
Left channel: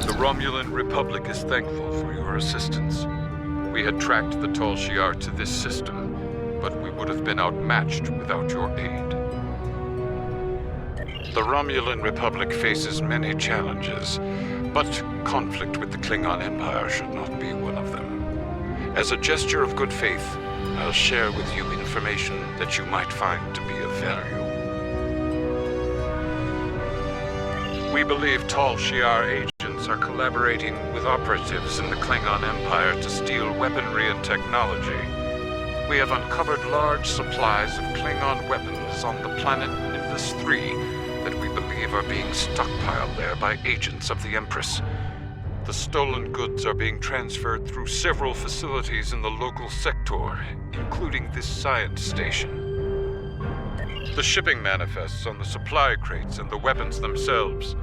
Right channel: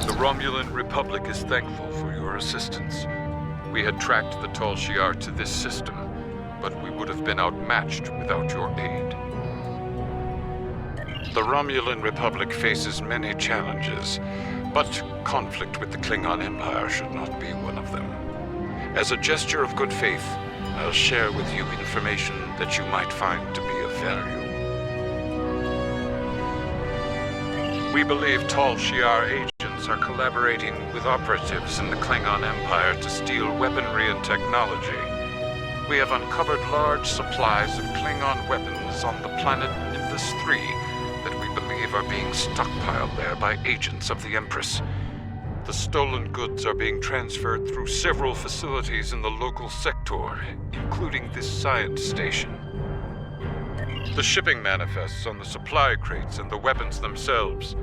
The Romulan Republic is thankful for your assistance. We had tracked the Tal Shiar to this system, but we would have been outmatched without your aid. The Romulan Republic faces many challenges, but conflict with the Klingon Empire should not be one of them. As a gesture of good faith, I'll share with you information that you might find to be of value. We believe Tal Shiar agents are collaborating with operatives in the Klingon Empire to steal weaponry and technology. We have uncovered large supplies of Klingon weapons on the planet Nimbus 3 that we believe are being stockpiled there by agents of the Empress. The stolen goods are being transferred through several facilities in the local sector, including this science station. The shipping manifests on the supply crates and the weapons themselves.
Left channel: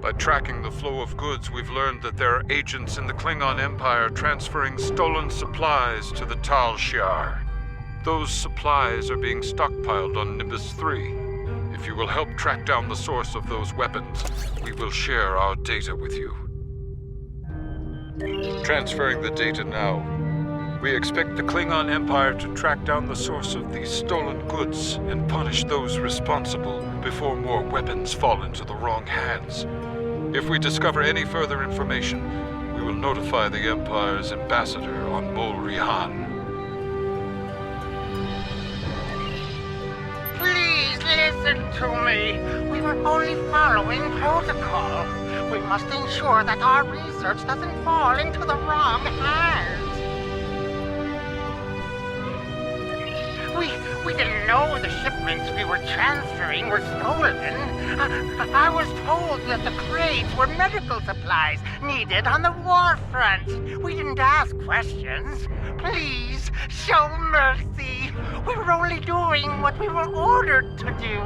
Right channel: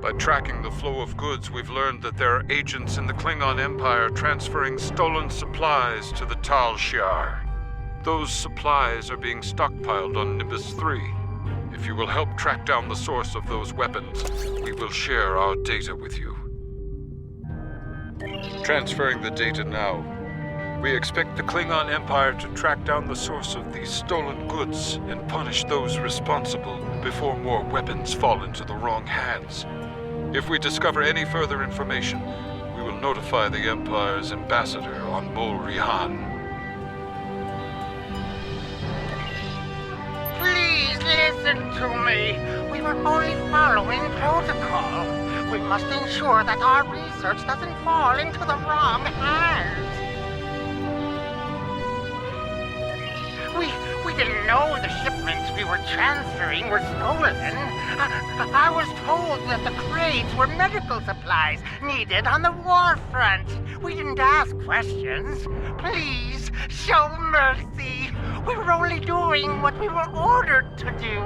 By tracking the flow of goods, we've learned that there are agents in the Klingon Empire transferring stolen supplies to the Tal Shiar. Those supplies are being stockpiled on Nimbus 3. If you will help track down the source of those weapons, we will share our data with you. Transferring the data now. We expect the Klingon Empire to track down the source of these stolen goods and punish those responsible before more weapons fall into the wrong hands. If we discover any further information, we will notify the Empire's ambassador on Mol Rihan. Please listen. Listen to me. We were only following protocol. We must ensure that our research doesn't fall into the wrong hands. We didn't know the shipments we were transferring were stolen. I was told that the crates were medical supplies needed on the war front. We didn't ask questions. Please, show mercy. We were only doing what we were ordered to do.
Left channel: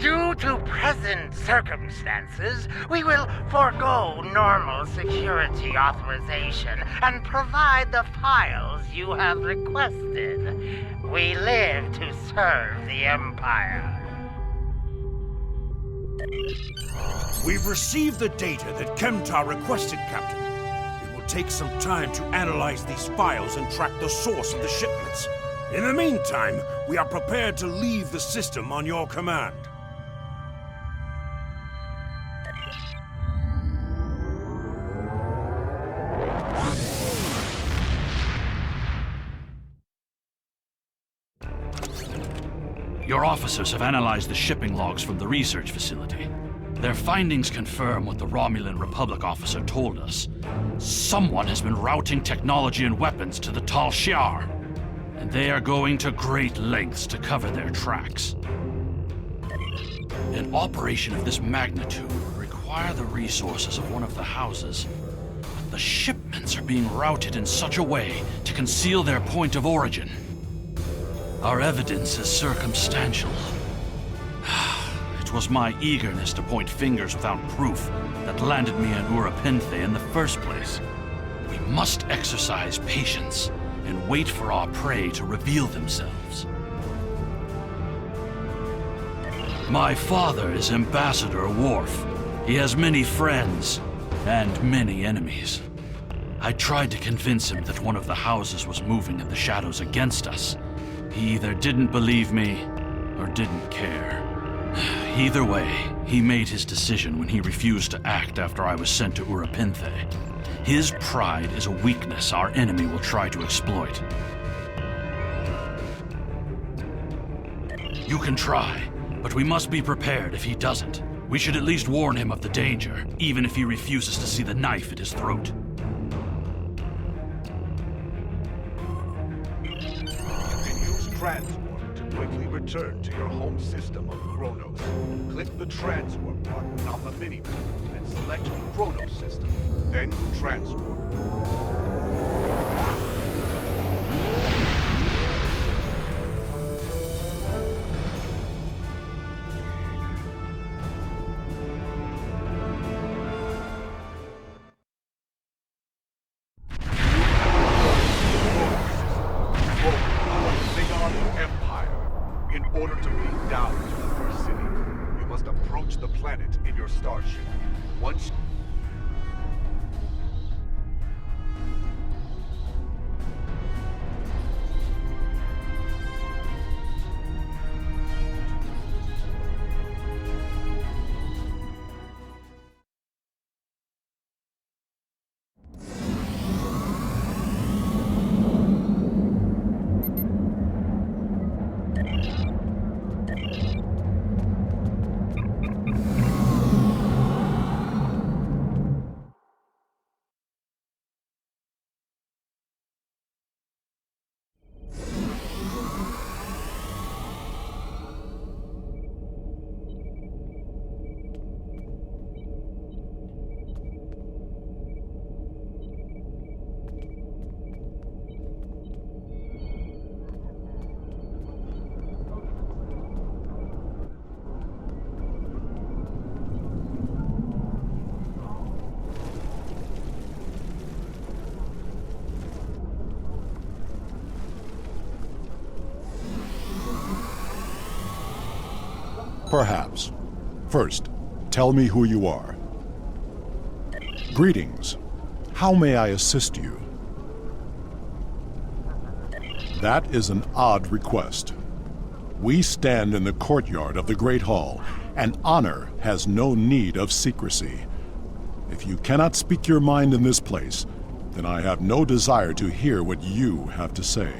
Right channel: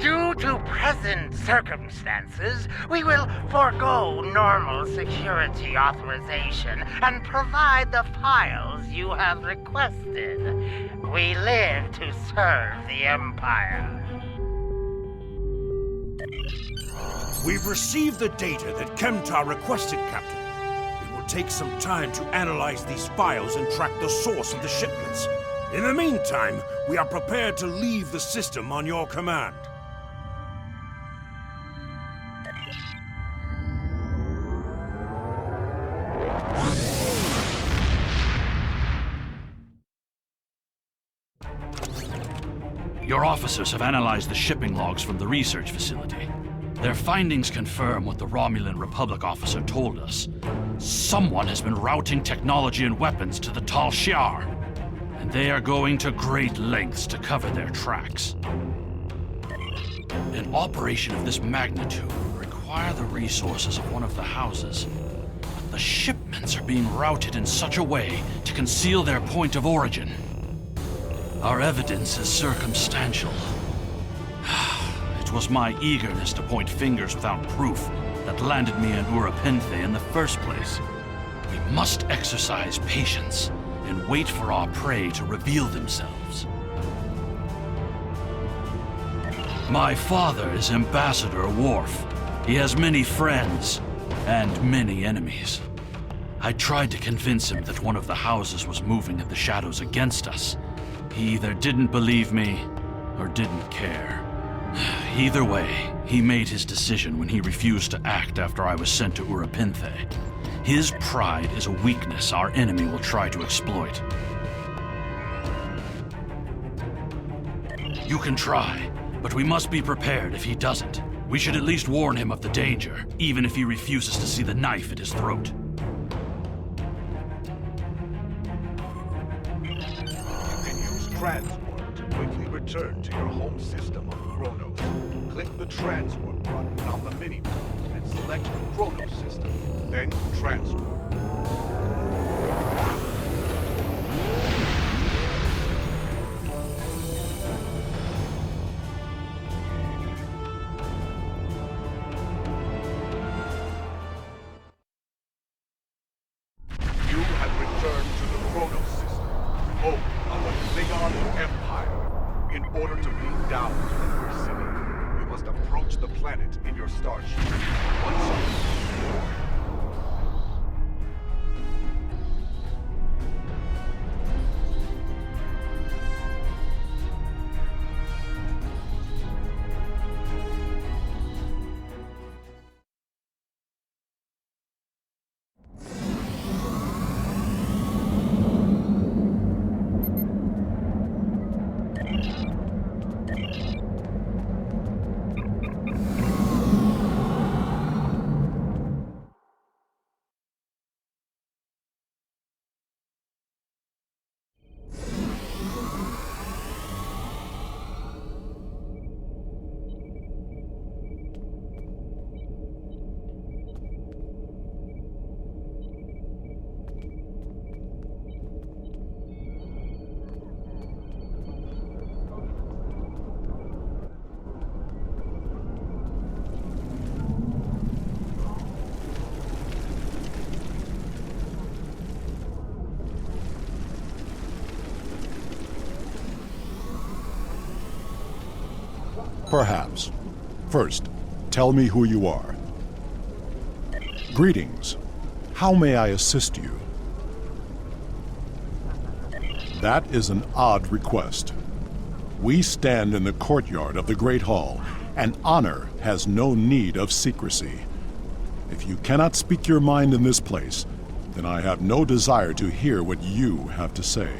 Due to present circumstances, we will forego normal security authorization and provide the files you have requested. We live to serve the Empire. We've received the data that Kemtar requested, Captain. It will take some time to analyze these files and track the source of the shipments. In the meantime, we are prepared to leave the system on your command. Your officers have analyzed the shipping logs from the research facility. Their findings confirm what the Romulan Republic officer told us. Someone has been routing technology and weapons to the Tal Shiar, and they are going to great lengths to cover their tracks. An operation of this magnitude would require the resources of one of the houses. But the shipments are being routed in such a way to conceal their point of origin. Our evidence is circumstantial. It was my eagerness to point fingers without proof that landed me in Urapenthe in the first place. We must exercise patience and wait for our prey to reveal themselves. My father is Ambassador Worf. He has many friends and many enemies. I tried to convince him that one of the houses was moving in the shadows against us. He either didn't believe me or didn't care. Either way, he made his decision when he refused to act after I was sent to Urapenthe. His pride is a weakness our enemy will try to exploit. You can try, but we must be prepared if he doesn't. We should at least warn him of the danger, even if he refuses to see the knife at his throat. Transwarp to quickly return to your home system of Kronos. Click the Transwarp button on the minimap and select Kronos system, then Transwarp. In order to beam down to the first city, you must approach the planet in your starship. Once you... Perhaps. First, tell me who you are. Greetings. How may I assist you? That is an odd request. We stand in the courtyard of the Great Hall, and honor has no need of secrecy. If you cannot speak your mind in this place, then I have no desire to hear what you have to say.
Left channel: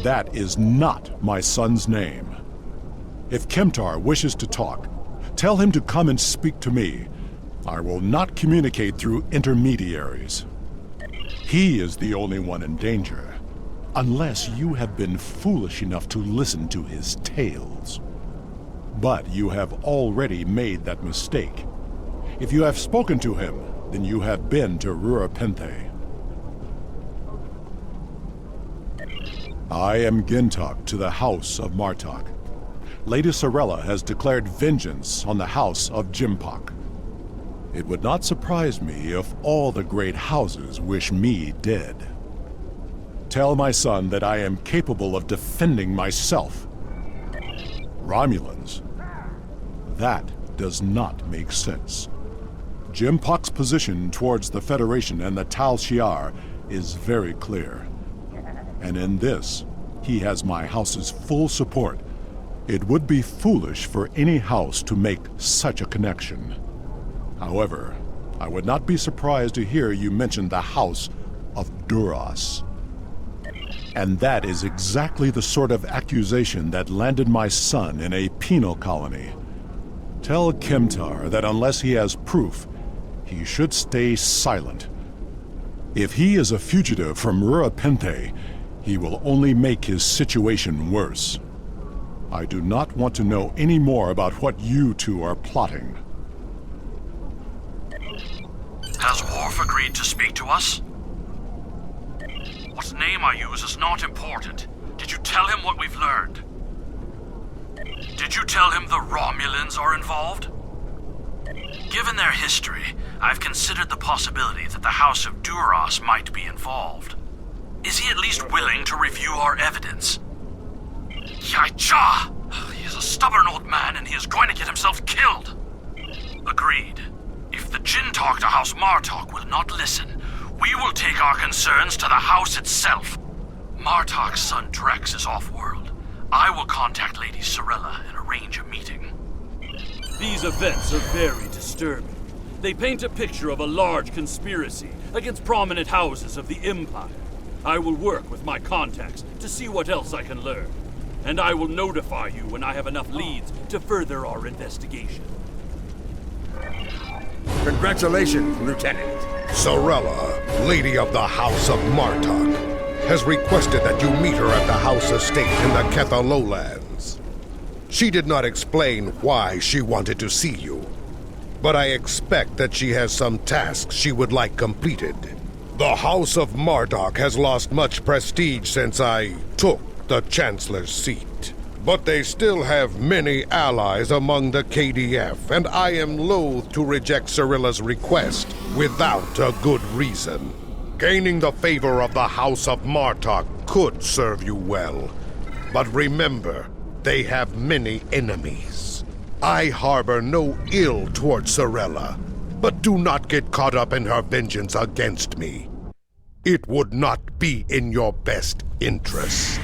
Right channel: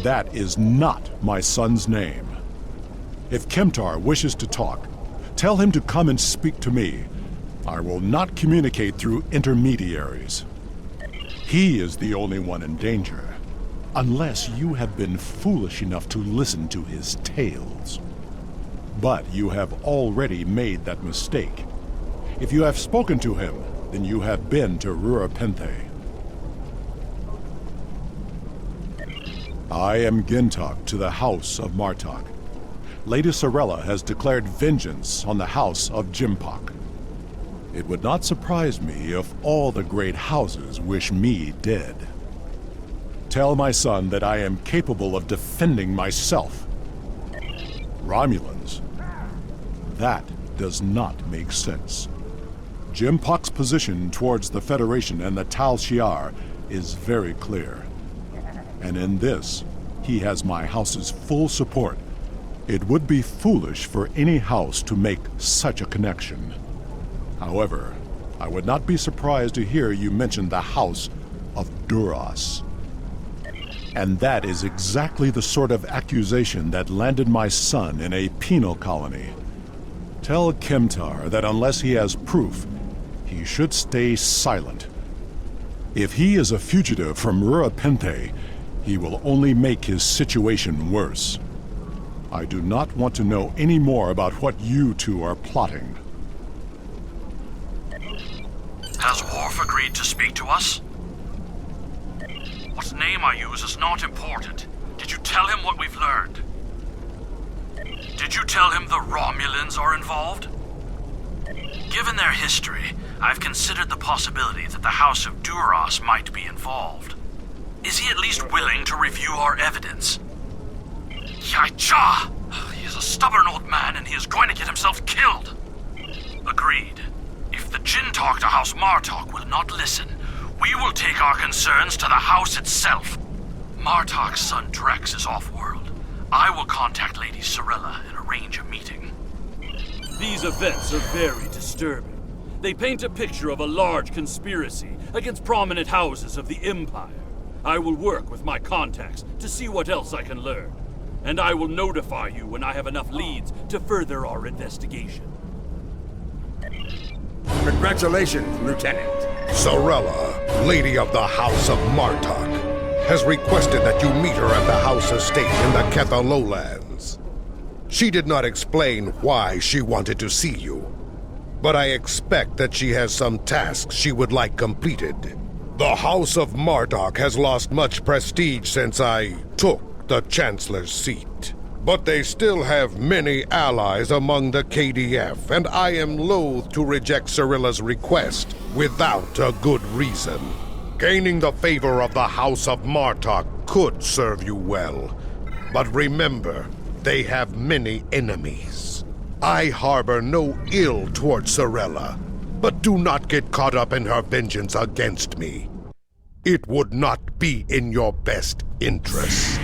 That is not my son's name. If Kemtar wishes to talk, tell him to come and speak to me. I will not communicate through intermediaries. He is the only one in danger, unless you have been foolish enough to listen to his tales. But you have already made that mistake. If you have spoken to him, then you have been to Rurapenthe. I am Gintok to the House of Martok. Lady Sorella has declared vengeance on the House of Jimpok. It would not surprise me if all the great houses wish me dead. Tell my son that I am capable of defending myself. Romulans? That does not make sense. Jimpok's position towards the Federation and the Tal Shiar is very clear. And in this, he has my house's full support. It would be foolish for any house to make such a connection. However, I would not be surprised to hear you mention the House of Duras. And that is exactly the sort of accusation that landed my son in a penal colony. Tell Kemtar that unless he has proof, he should stay silent. If he is a fugitive from Rurapenthe, he will only make his situation worse. I do not want to know any more about what you two are plotting. Has Worf agreed to speak to us? What name I use is not important. Did you tell him what we've learned? Did you tell him the Romulans are involved? Given their history, I've considered the possibility that the House of Duras might be involved. Is he at least willing to review our evidence? Yaicha! He is a stubborn old man and he is going to get himself killed. Agreed. If the Jinn talk to House Martok will not listen, we will take our concerns to the house itself. Martok's son Drex is off-world. I will contact Lady Sorella and arrange a meeting. These events are very disturbing. They paint a picture of a large conspiracy against prominent houses of the Empire. I will work with my contacts to see what else I can learn. And I will notify you when I have enough leads to further our investigation. Congratulations, Lieutenant. Sorella, Lady of the House of Martok, has requested that you meet her at the house estate in the Ketha Lowlands. She did not explain why she wanted to see you, but I expect that she has some tasks she would like completed. The House of Martok has lost much prestige since I took the Chancellor's seat. But they still have many allies among the KDF, and I am loath to reject Sorella's request without a good reason. Gaining the favor of the House of Martok could serve you well. But remember, they have many enemies. I harbor no ill towards Sorella, but do not get caught up in her vengeance against me. It would not be in your best interest.